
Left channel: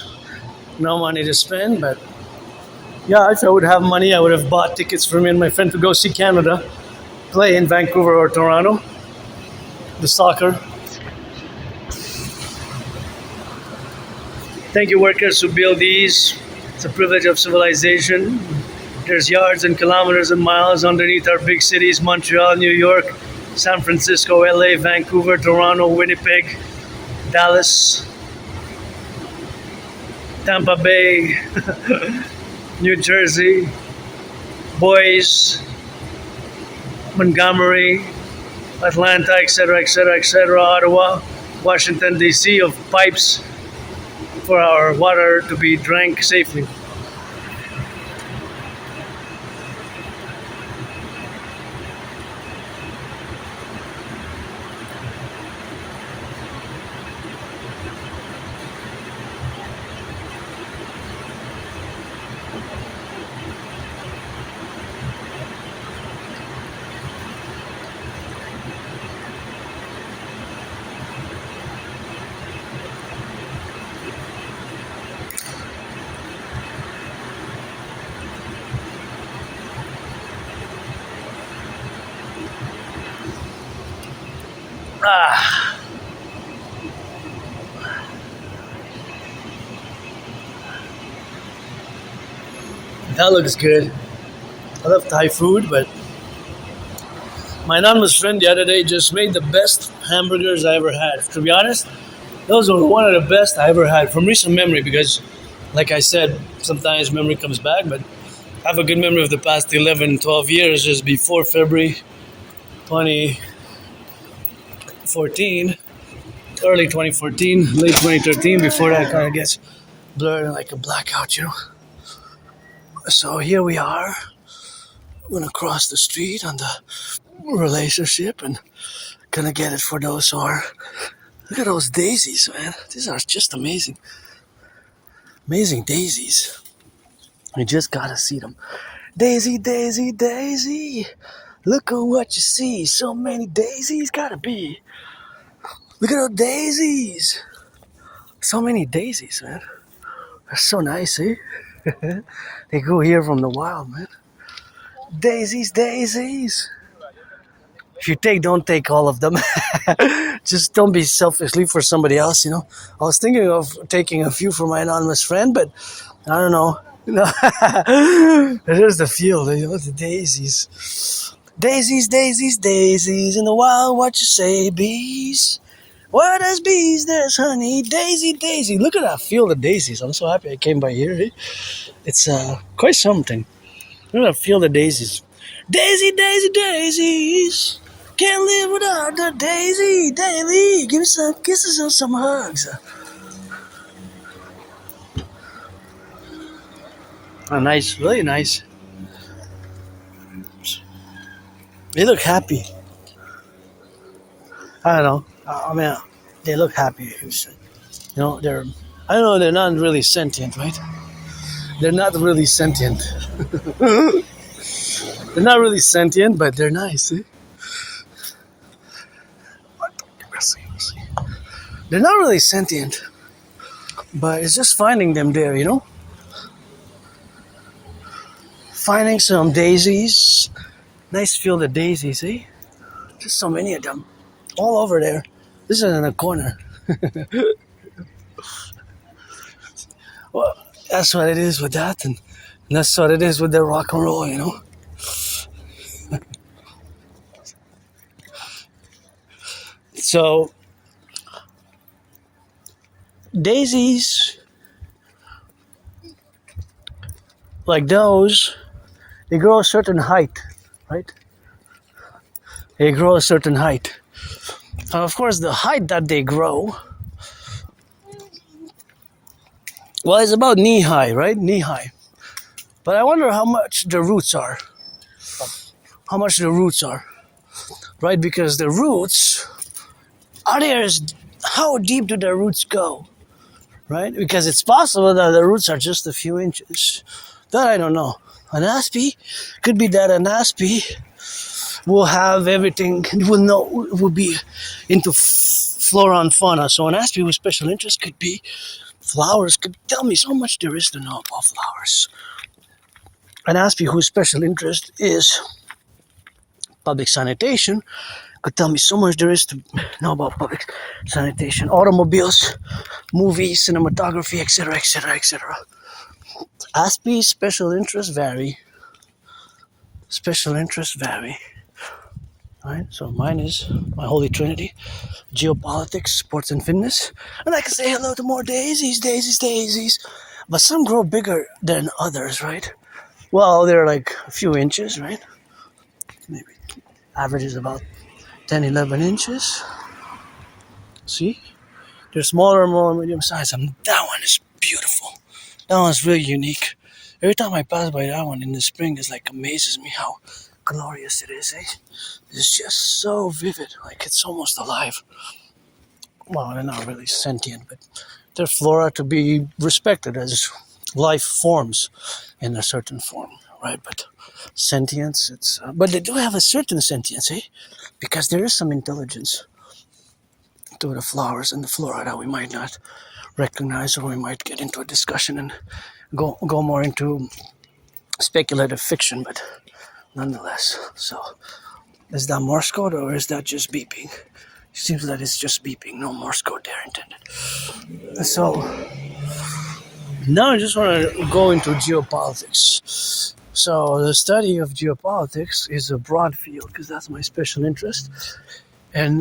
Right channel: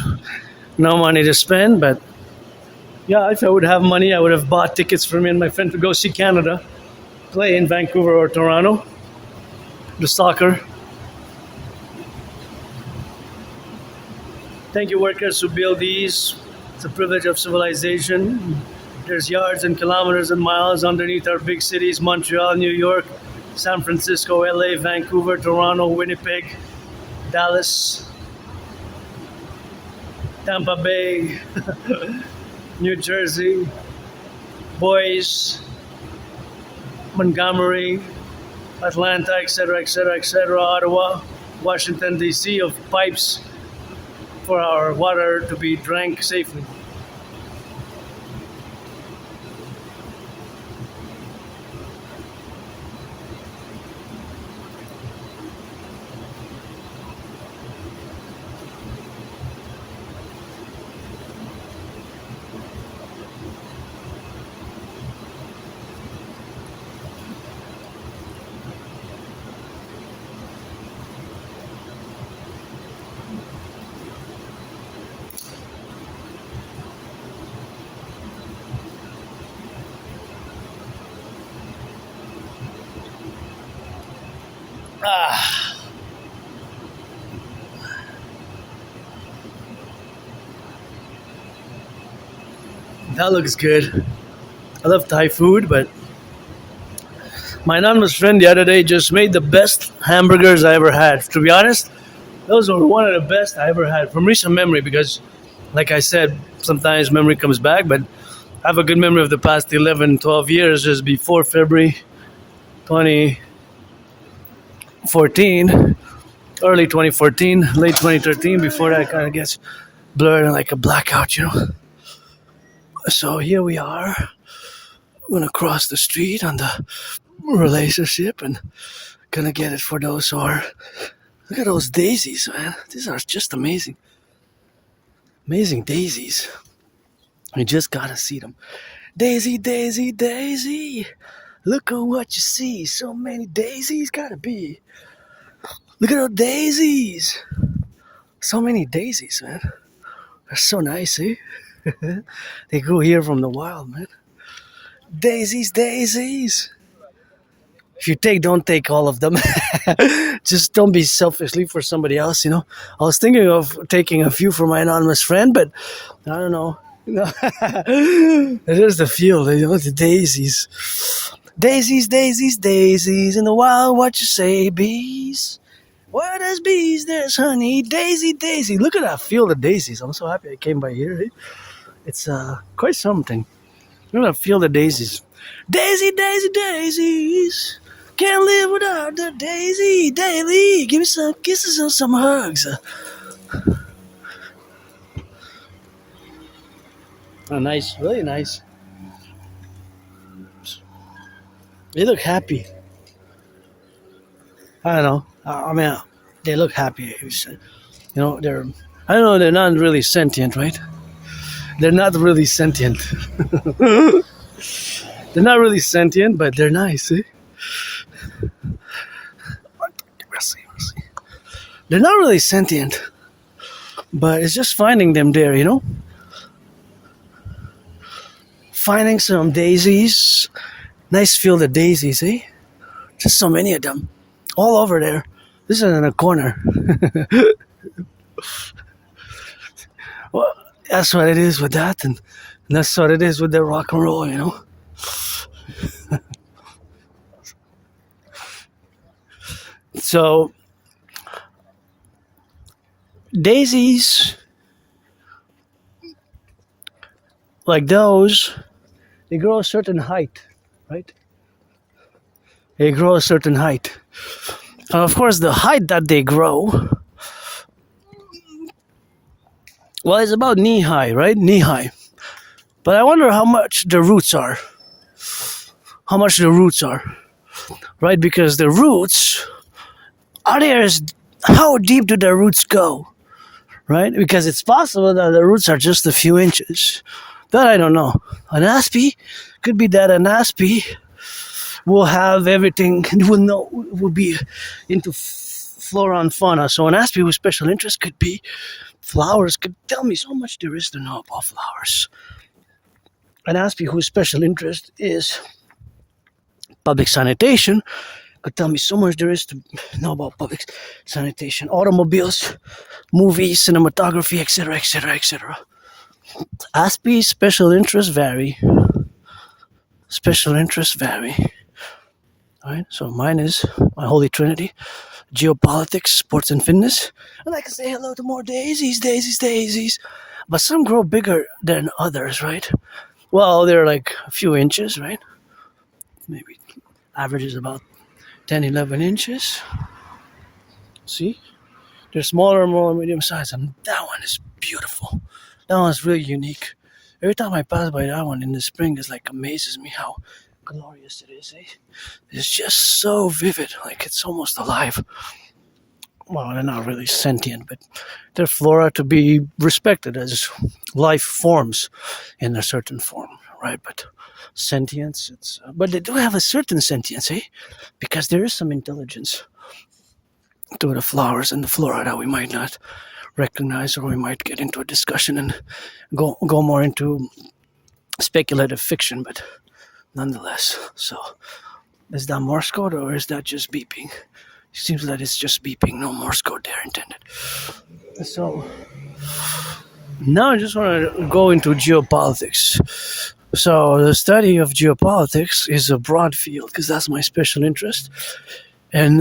No money to spend, but yeah, if I would have money, I would have bought tickets for me and my friend to go see Canada play in Vancouver or Toronto. The soccer. Thank you, workers who build these. It's a privilege of civilization. There's yards and kilometers and miles underneath our big cities: Montreal, New York, San Francisco, LA, Vancouver, Toronto, Winnipeg, Dallas, Tampa Bay, New Jersey, Boise, Montgomery, Atlanta, etc., etc., etc., Ottawa, Washington, D.C., of pipes for our water to be drank safely. Ah. That looks good. I love Thai food, but my anonymous friend the other day just made the best hamburgers I ever had. To be honest, those were one of the best I ever had from recent memory because, like I said, sometimes memory comes back, but I have a good memory of the past 11, 12 years, just before February 2014, early 2014, late 2013. Before that, it kind of gets blurred and like a blackout, you know. So here we are. I'm gonna cross the street on the relationship and gonna get it for those who are. Look at those daisies, man. These are just amazing. Amazing daisies. You just gotta see them. Daisy, daisy, daisy. Look at what you see. So many daisies gotta be. Look at those daisies. So many daisies, man. They're so nice, eh? They grew here from the wild, man. Daisies, daisies. If you don't take all of them. Just don't be selfishly for somebody else, you know. I was thinking of taking a few for my anonymous friend, but I don't know. There's the field, you know, the daisies. Daisies, daisies, daisies, in the wild, what you say, bees? What does bees? There's honey, daisy, daisy. Look at that field of daisies. I'm so happy I came by here. Eh? It's quite something. Look at that field of daisies. Daisy, daisy, daisies. Can't live without the daisy daily. Give me some kisses and some hugs. Nice, really nice. They look happy. I don't know. I mean, they look happy. You know, I don't know, they're not really sentient, right? They're not really sentient. They're not really sentient, but they're nice, eh? They're not really sentient, but it's just finding them there, you know? Finding some daisies. Nice field of daisies, eh? Just so many of them. All over there. This is in a corner. Well, that's what it is with that, and that's what it is with the rock and roll, you know? So, daisies, like those, they grow a certain height, right? They grow a certain height. And of course, the height that they grow, well, it's about knee high, right? Knee high. But I wonder how much the roots are. How much the roots are, right? Because the roots, how deep do the roots go, right? Because it's possible that the roots are just a few inches. That I don't know. An Aspie, could be that an Aspie will have everything, will be into flora and fauna. So an Aspie with special interest could be flowers, could tell me so much there is to know about flowers. An Aspie whose special interest is public sanitation could tell me so much there is to know about public sanitation, automobiles, movies, cinematography, etc., etc., etc. Aspie's special interests vary. Special interests vary. Alright, so mine is my holy trinity: geopolitics, sports and fitness. And I can say hello to more daisies, daisies, daisies. But some grow bigger than others, right? Well, they're like a few inches, right? Maybe average is about 10, 11 inches. See? They're smaller, more medium size. And that one is beautiful. That one's really unique. Every time I pass by that one in the spring, it like amazes me how glorious it is, eh? It's just so vivid, like it's almost alive. Well, they're not really sentient, but they're flora to be respected as life forms in a certain form, right? But sentience, but they do have a certain sentience, eh? Because there is some intelligence to the flowers and the flora that we might not recognize, or we might get into a discussion and go more into speculative fiction, but nonetheless. So, is that Morse code or is that just beeping? It seems that it's just beeping, no Morse code there intended. So, now I just want to go into geopolitics. So, the study of geopolitics is a broad field because that's my special interest. And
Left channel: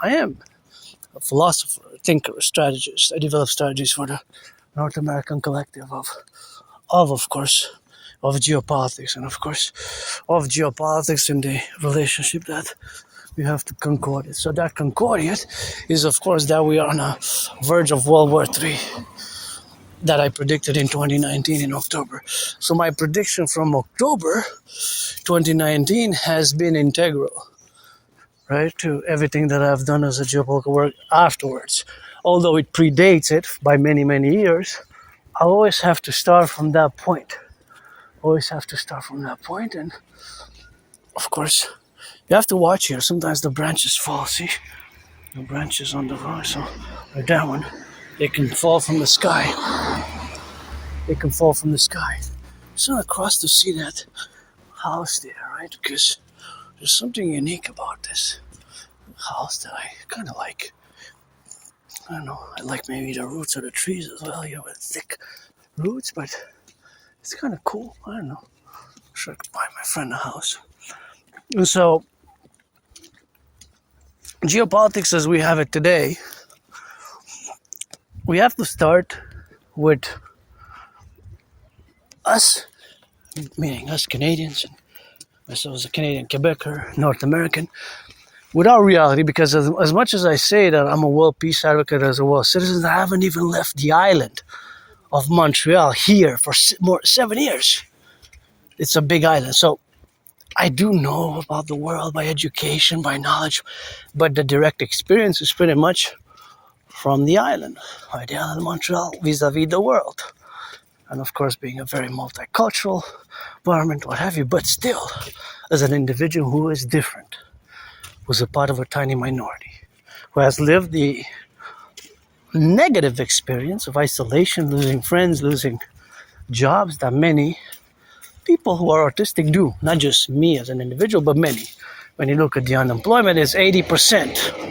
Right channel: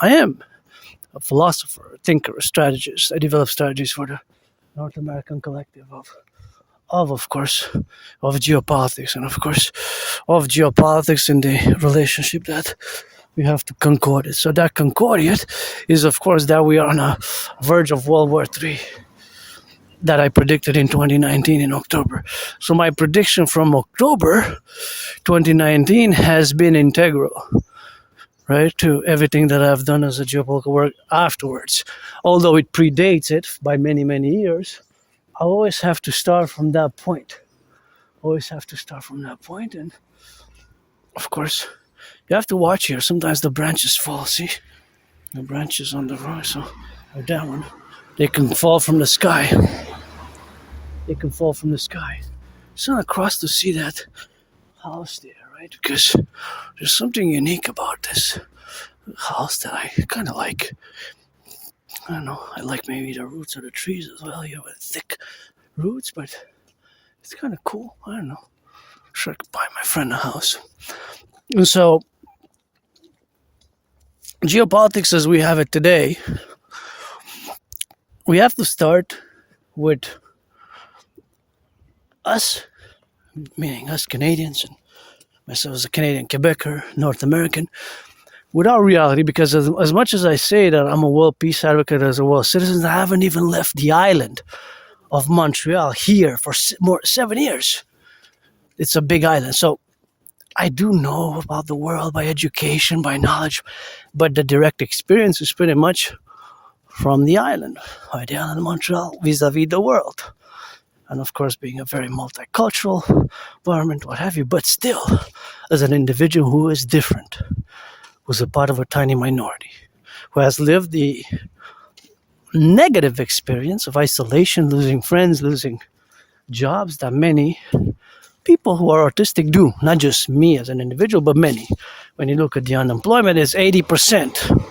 I am a philosopher, a thinker, a strategist. I develop strategies for the North American Collective of course, of geopolitics, and of course, of geopolitics and the relationship that we have to concord it. So that concordiate is, of course, that we are on the verge of World War III that I predicted in 2019 in October. So my prediction from October 2019 has been integral, right, to everything that I've done as a geopolitical work afterwards. Although it predates it by many, many years, I always have to start from that point. And of course, you have to watch here. Sometimes the branches fall, see? The branches on the rock, so like that one. It can fall from the sky. It can fall from the sky. So I'm across to see that house there, right? Because there's something unique about this house that I kind of like. I don't know. I like maybe the roots of the trees as well. You know, with thick roots, but it's kind of cool. I don't know. Sure, I could buy my friend a house. And so, geopolitics as we have it today, we have to start with us, meaning us Canadians, and myself as a Canadian Quebecer, North American, with our reality, because as much as I say that I'm a world peace advocate as a world citizen, I haven't even left the island of Montreal here for 7 years. It's a big island, so I do know about the world by education, by knowledge, but the direct experience is pretty much from the island, right? The island of Montreal vis-a-vis the world. And of course, being a very multicultural environment, what have you, but still, as an individual who is different, was a part of a tiny minority, who has lived the negative experience of isolation, losing friends, losing jobs that many people who are autistic do. Not just me as an individual, but many. When you look at the unemployment, it's 80%.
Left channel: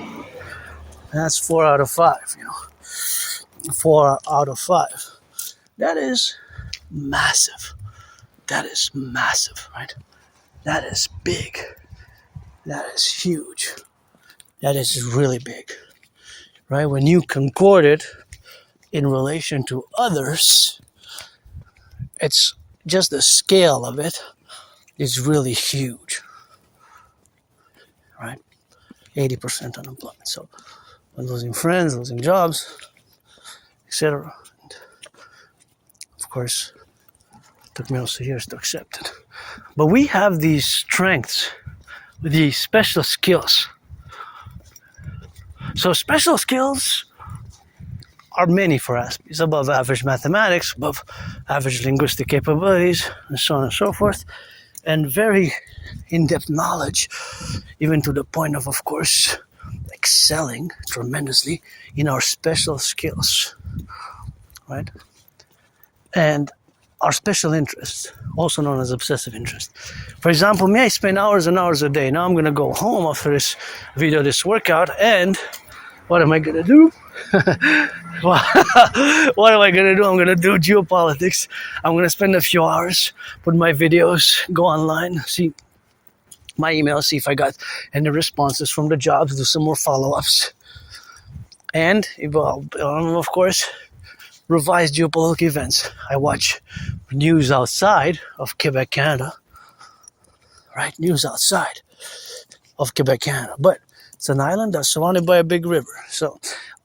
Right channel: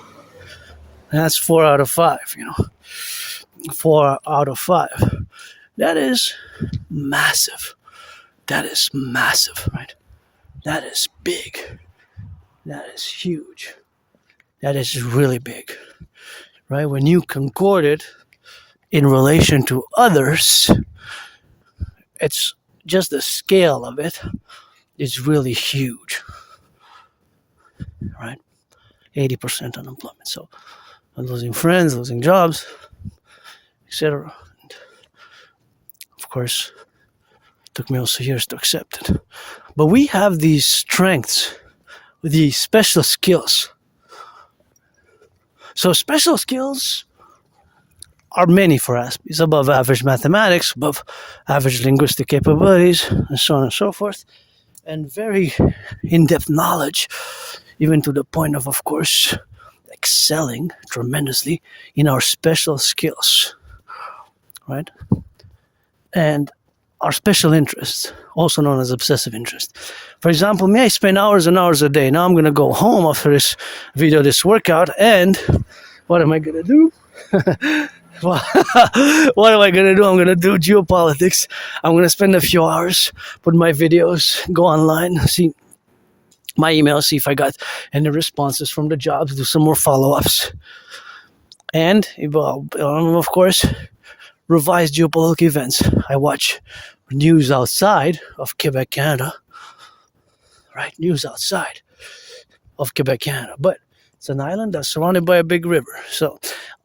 And that's 4 out of 5, 4 out of 5. That is massive. That is massive, right? That is big. That is huge. That is really big, right? When you concord it in relation to others, it's just the scale of it is really huge, right? 80% unemployment. So I'm losing friends, losing jobs, etc. Of course, it took me also years to accept it. But we have these strengths, these special skills. So special skills are many for Aspies, above average mathematics, above average linguistic capabilities, and so on and so forth, and very in-depth knowledge, even to the point of course, excelling tremendously in our special skills, right? And our special interests, also known as obsessive interest. For example, me, I spend hours and hours a day. Now I'm going to go home after this video, this workout, and what am I going to do? What am I going to do? I'm going to do geopolitics. I'm going to spend a few hours, put my videos, go online, see my email, see if I got any responses from the jobs, do some more follow-ups. And, of course, revise geopolitical events. I watch news outside of Quebec, Canada. Right? News outside of Quebec, Canada. But it's an island that's surrounded by a big river. So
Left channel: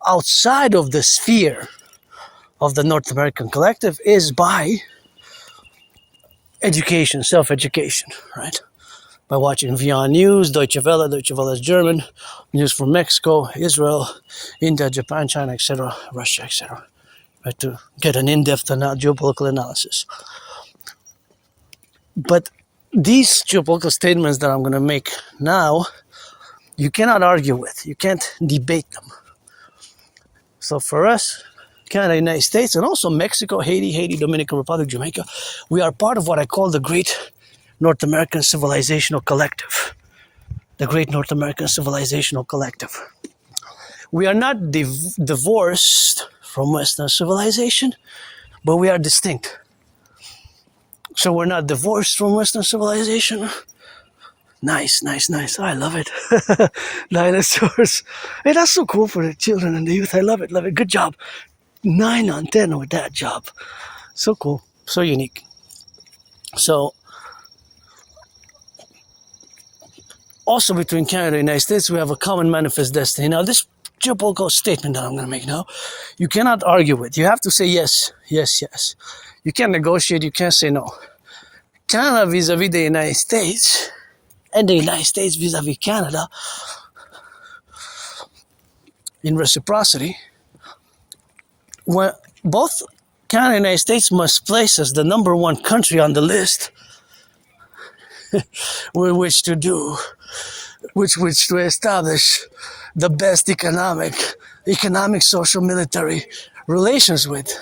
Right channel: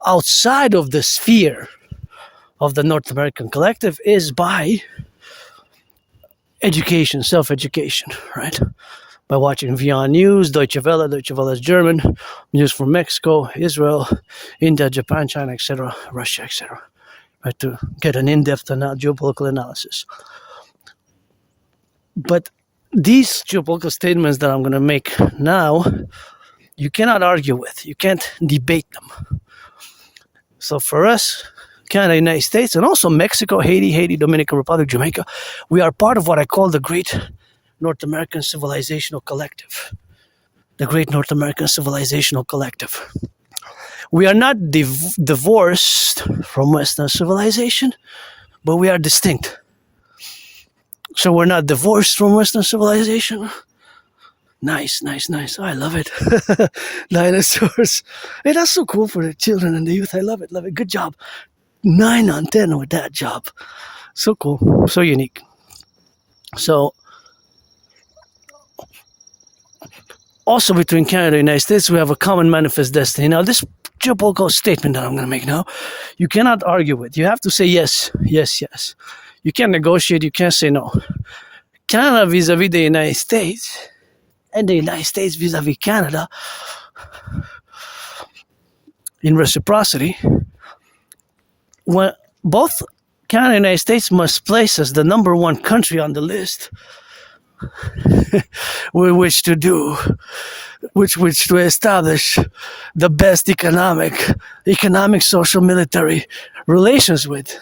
outside of the sphere of the North American Collective is by education, self-education, right? By watching VR News, Deutsche Welle is German, news from Mexico, Israel, India, Japan, China, etc., Russia, etc., right, to get an in-depth geopolitical analysis. But these geopolitical statements that I'm going to make now, you cannot argue with. You can't debate them. So for us, Canada, United States, and also Mexico, Haiti, Dominican Republic, Jamaica, we are part of what I call the Great North American Civilizational Collective. The Great North American Civilizational Collective. We are not divorced from Western civilization, but we are distinct. So we're not divorced from Western civilization. Nice. I love it. Dinosaurs. Hey, that's so cool for the children and the youth. I love it. Good job. 9 on 10 with that job. So cool. So unique. So, also between Canada and the United States, we have a common manifest destiny. Now, this geopolitical statement that I'm going to make now, you cannot argue with. You have to say yes. You can't negotiate. You can't say no. Canada vis-a-vis the United States, and the United States vis-a-vis Canada, in reciprocity, when both Canada and the United States must place as the number one country on the list with which to establish the best economic, social, military relations with,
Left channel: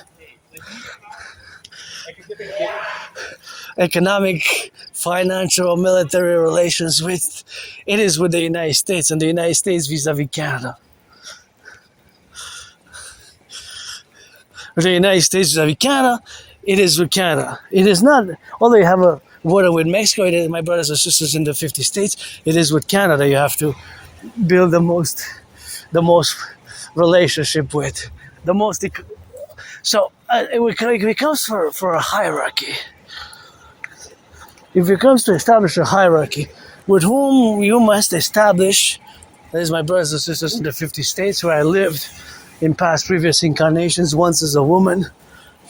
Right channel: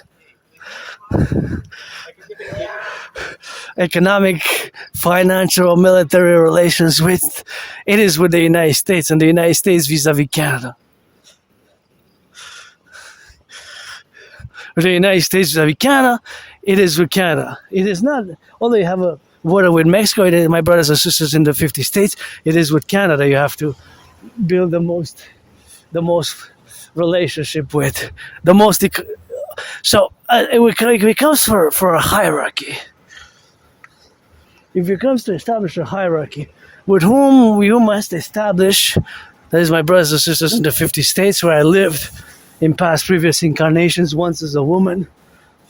economic, financial, military relations with, it is with the United States, and the United States vis-a-vis Canada. With the United States vis-a-vis Canada, it is with Canada. It is not, although you have a border with Mexico, it is, my brothers and sisters in the 50 states, it is with Canada you have to build the most relationship with, the most. So it becomes for a hierarchy. If it comes to establish a hierarchy, with whom you must establish, that is my brothers and sisters in the 50 states where I lived in past previous incarnations, once as a woman,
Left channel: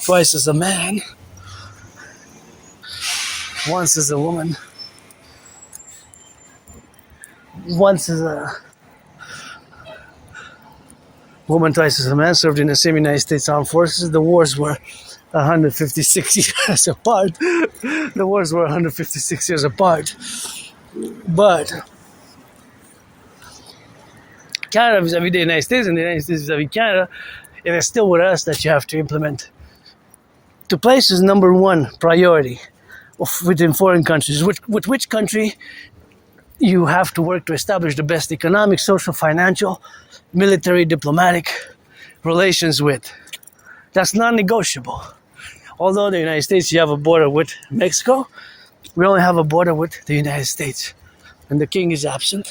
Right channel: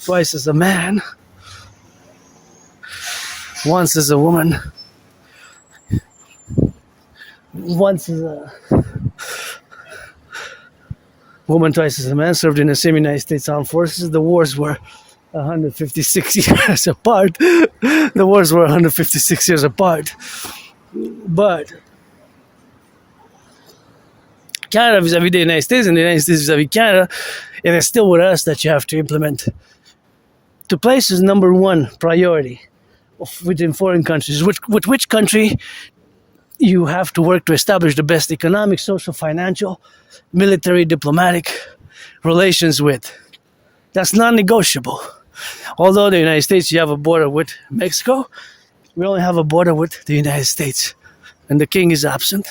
twice as a man, once as a woman, once as a woman, twice as a man, served in the same United States Armed Forces. The wars were 156 years apart. The wars were 156 years apart. But Canada vis-a-vis the United States and the United States vis-a-vis Canada, it is still with us that you have to implement. To place is number one priority within foreign countries. With which country you have to work to establish the best economic, social, financial, military, diplomatic relations with. That's non-negotiable. Although the United States, you have a border with Mexico, we only have a border with the United States. And the king is absent.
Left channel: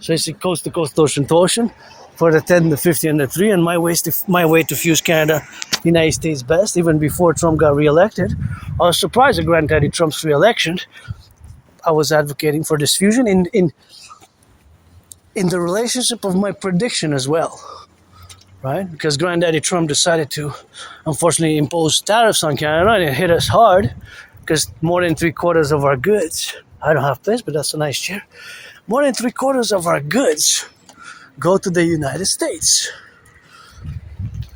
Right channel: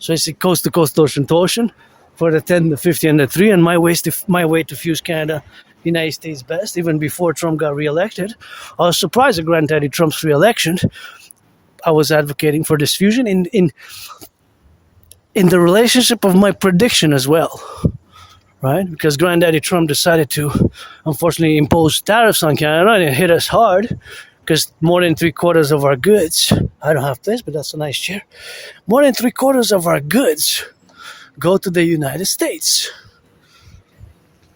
So it's coast to coast, ocean to ocean for the 10, the 50, and the 3. And my way to fuse Canada, United States best, even before Trump got reelected. I was surprised at Granddaddy Trump's reelection. I was advocating for this fusion in the relationship of my prediction as well, right? Because Granddaddy Trump decided to, unfortunately, impose tariffs on Canada, and it hit us hard because more than 3/4 of our goods, I don't have place, but that's a nice chair, more than 3/4 of our goods go to the United States.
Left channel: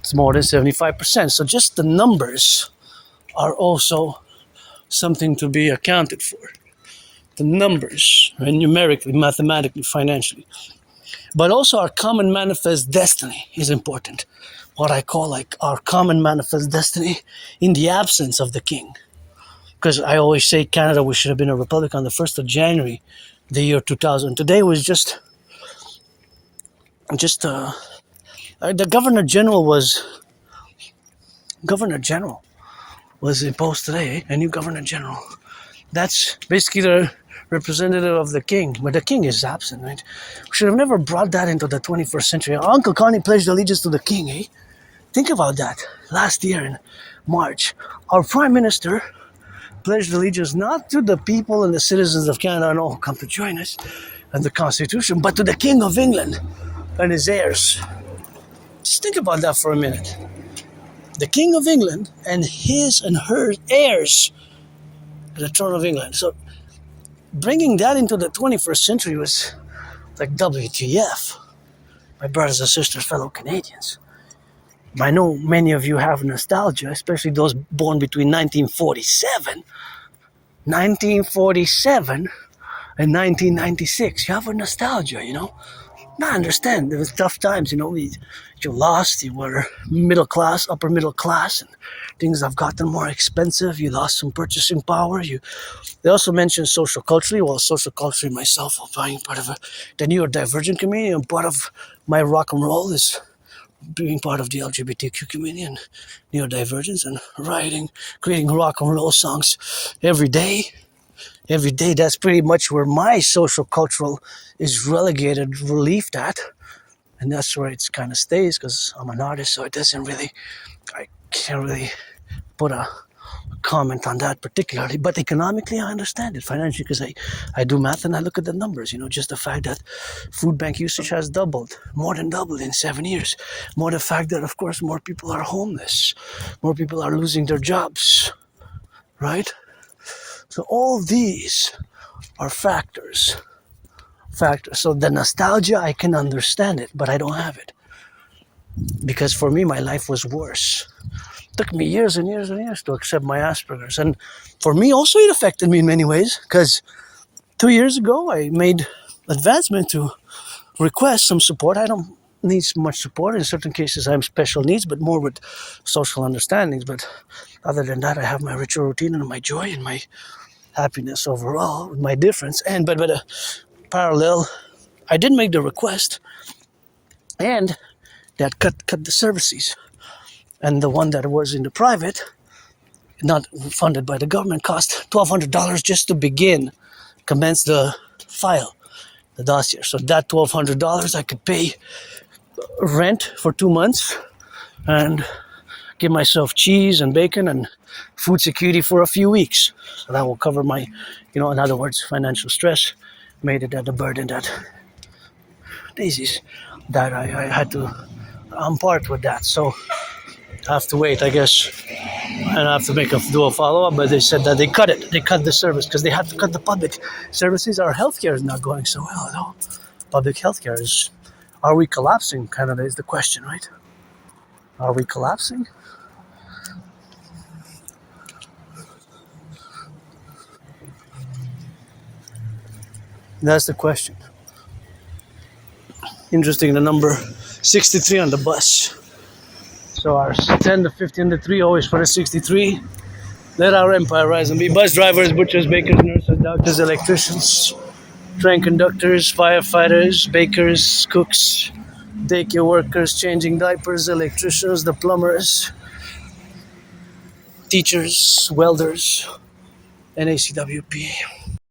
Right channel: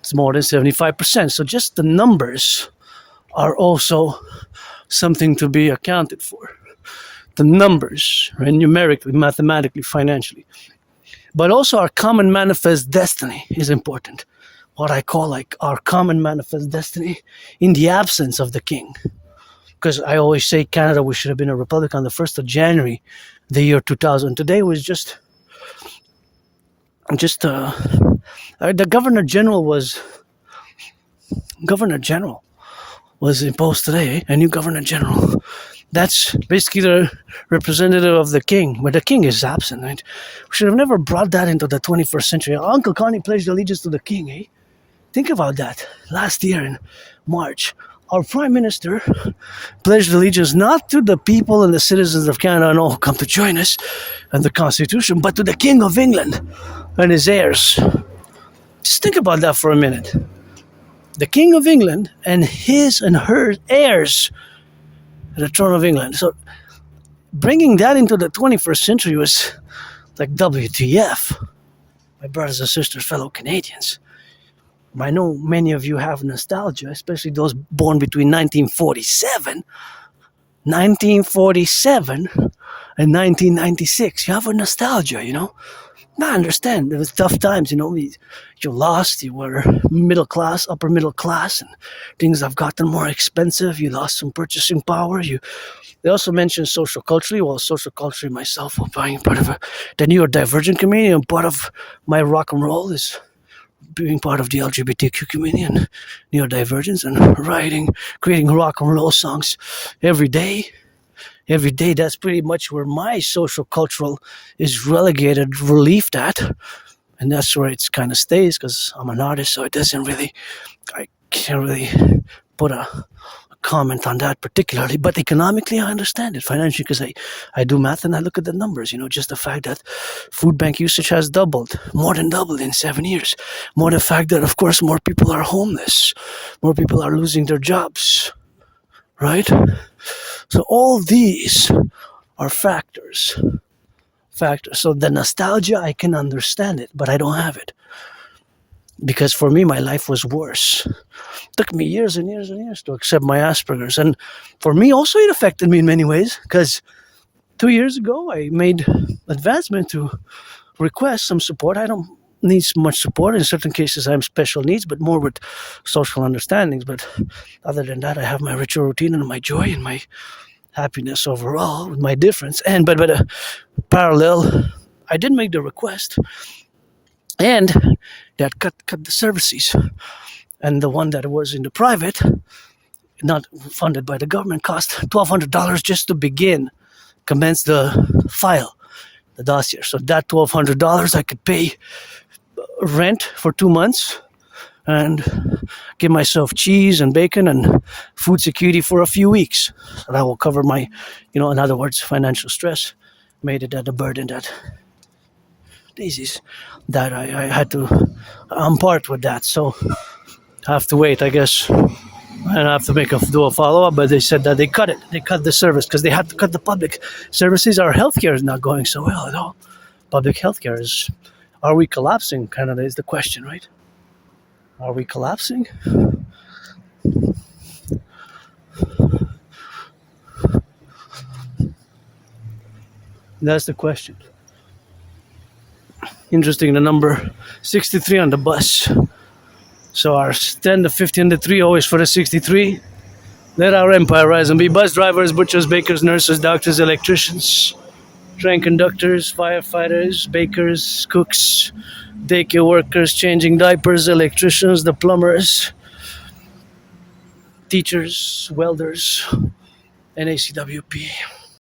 It's more than 75%. So just the numbers are also something to be accounted for. The numbers, right? Numerically, mathematically, financially. But also our common manifest destiny is important. What I call like our common manifest destiny in the absence of the king. Because I always say Canada, we should have been a republic on the 1st of January, the year 2000. Today was just the Governor General was imposed today, a new Governor General. That's basically the representative of the king, but the king is absent, right? We should have never brought that into the 21st century. Uncle Connie pledged allegiance to the king, eh? Think about that. Last year in March, our Prime Minister pledged allegiance not to the people and the citizens of Canada and all who come to join us and the Constitution, but to the King of England and his heirs. Just think about that for a minute. The King of England and his and her heirs to the throne of England. So bringing that into the 21st century was like WTF. My brothers and sisters, fellow Canadians. I know many of you have nostalgia, especially those born between 1947 and 1996. You have a nostalgia, you know. I understand. It was tough times, you know. You lost. You were middle class, upper middle class, and things have gotten more expensive. You lost some purchasing power. They also mentioned social culturally. Well, social culturally myself, being part of the New York Divergent community, and part of my Rock&Roll is being part of the LGBTQ community and neurodivergence and writing, creating Rock&Roll songs every day. Every day, that's pretty much where my social cultural is relegated, relieved at. And that's where it kind of stays because I'm an artist, so I can't really put a comment on that particularly. But economically, I understand it. Financially, because I do math and I look at the numbers. You know, just the fact that food bank usage has doubled, more than doubled in 7 years. More the fact that, of course, more people are homeless. More people are losing their jobs. Right? So all these are factors. So the nostalgia, I can understand it, but I don't have it. Because for me, my life was worse. It took me years and years and years to accept my Asperger's. And for me, also, it affected me in many ways. Because 2 years ago, I made advancement to request some support. I don't needs much support. In certain cases, I have special needs, but more with social understandings. But other than that, I have my ritual routine and my joy and my happiness overall with my difference. And but parallel, I did make the request, and that cut the services, and the one that was in the private, not funded by the government, cost $1,200 just to begin, commence the file, the dossier. So that $1,200 I could pay rent for 2 months and give myself cheese and bacon and food security for a few weeks. So that will cover my, in other words, financial stress. Made it at the burden that daisies that I had to part with that. So I have to wait, I guess. And I have to do a follow-up, but they said that they cut it. They cut the service because they had to cut the public services. Our healthcare is not going so well at all. Public healthcare is... Are we collapsing? Canada is the question, right? Are we collapsing? That's the question. Interesting, the number 63 on the bus. So our 10 to 15 to 3 always for the 63. Let our empire rise and be bus drivers, butchers, bakers, nurses, doctors, electricians, train conductors, firefighters, bakers, cooks, daycare workers, changing diapers, electricians, the plumbers, teachers, welders, NACWP.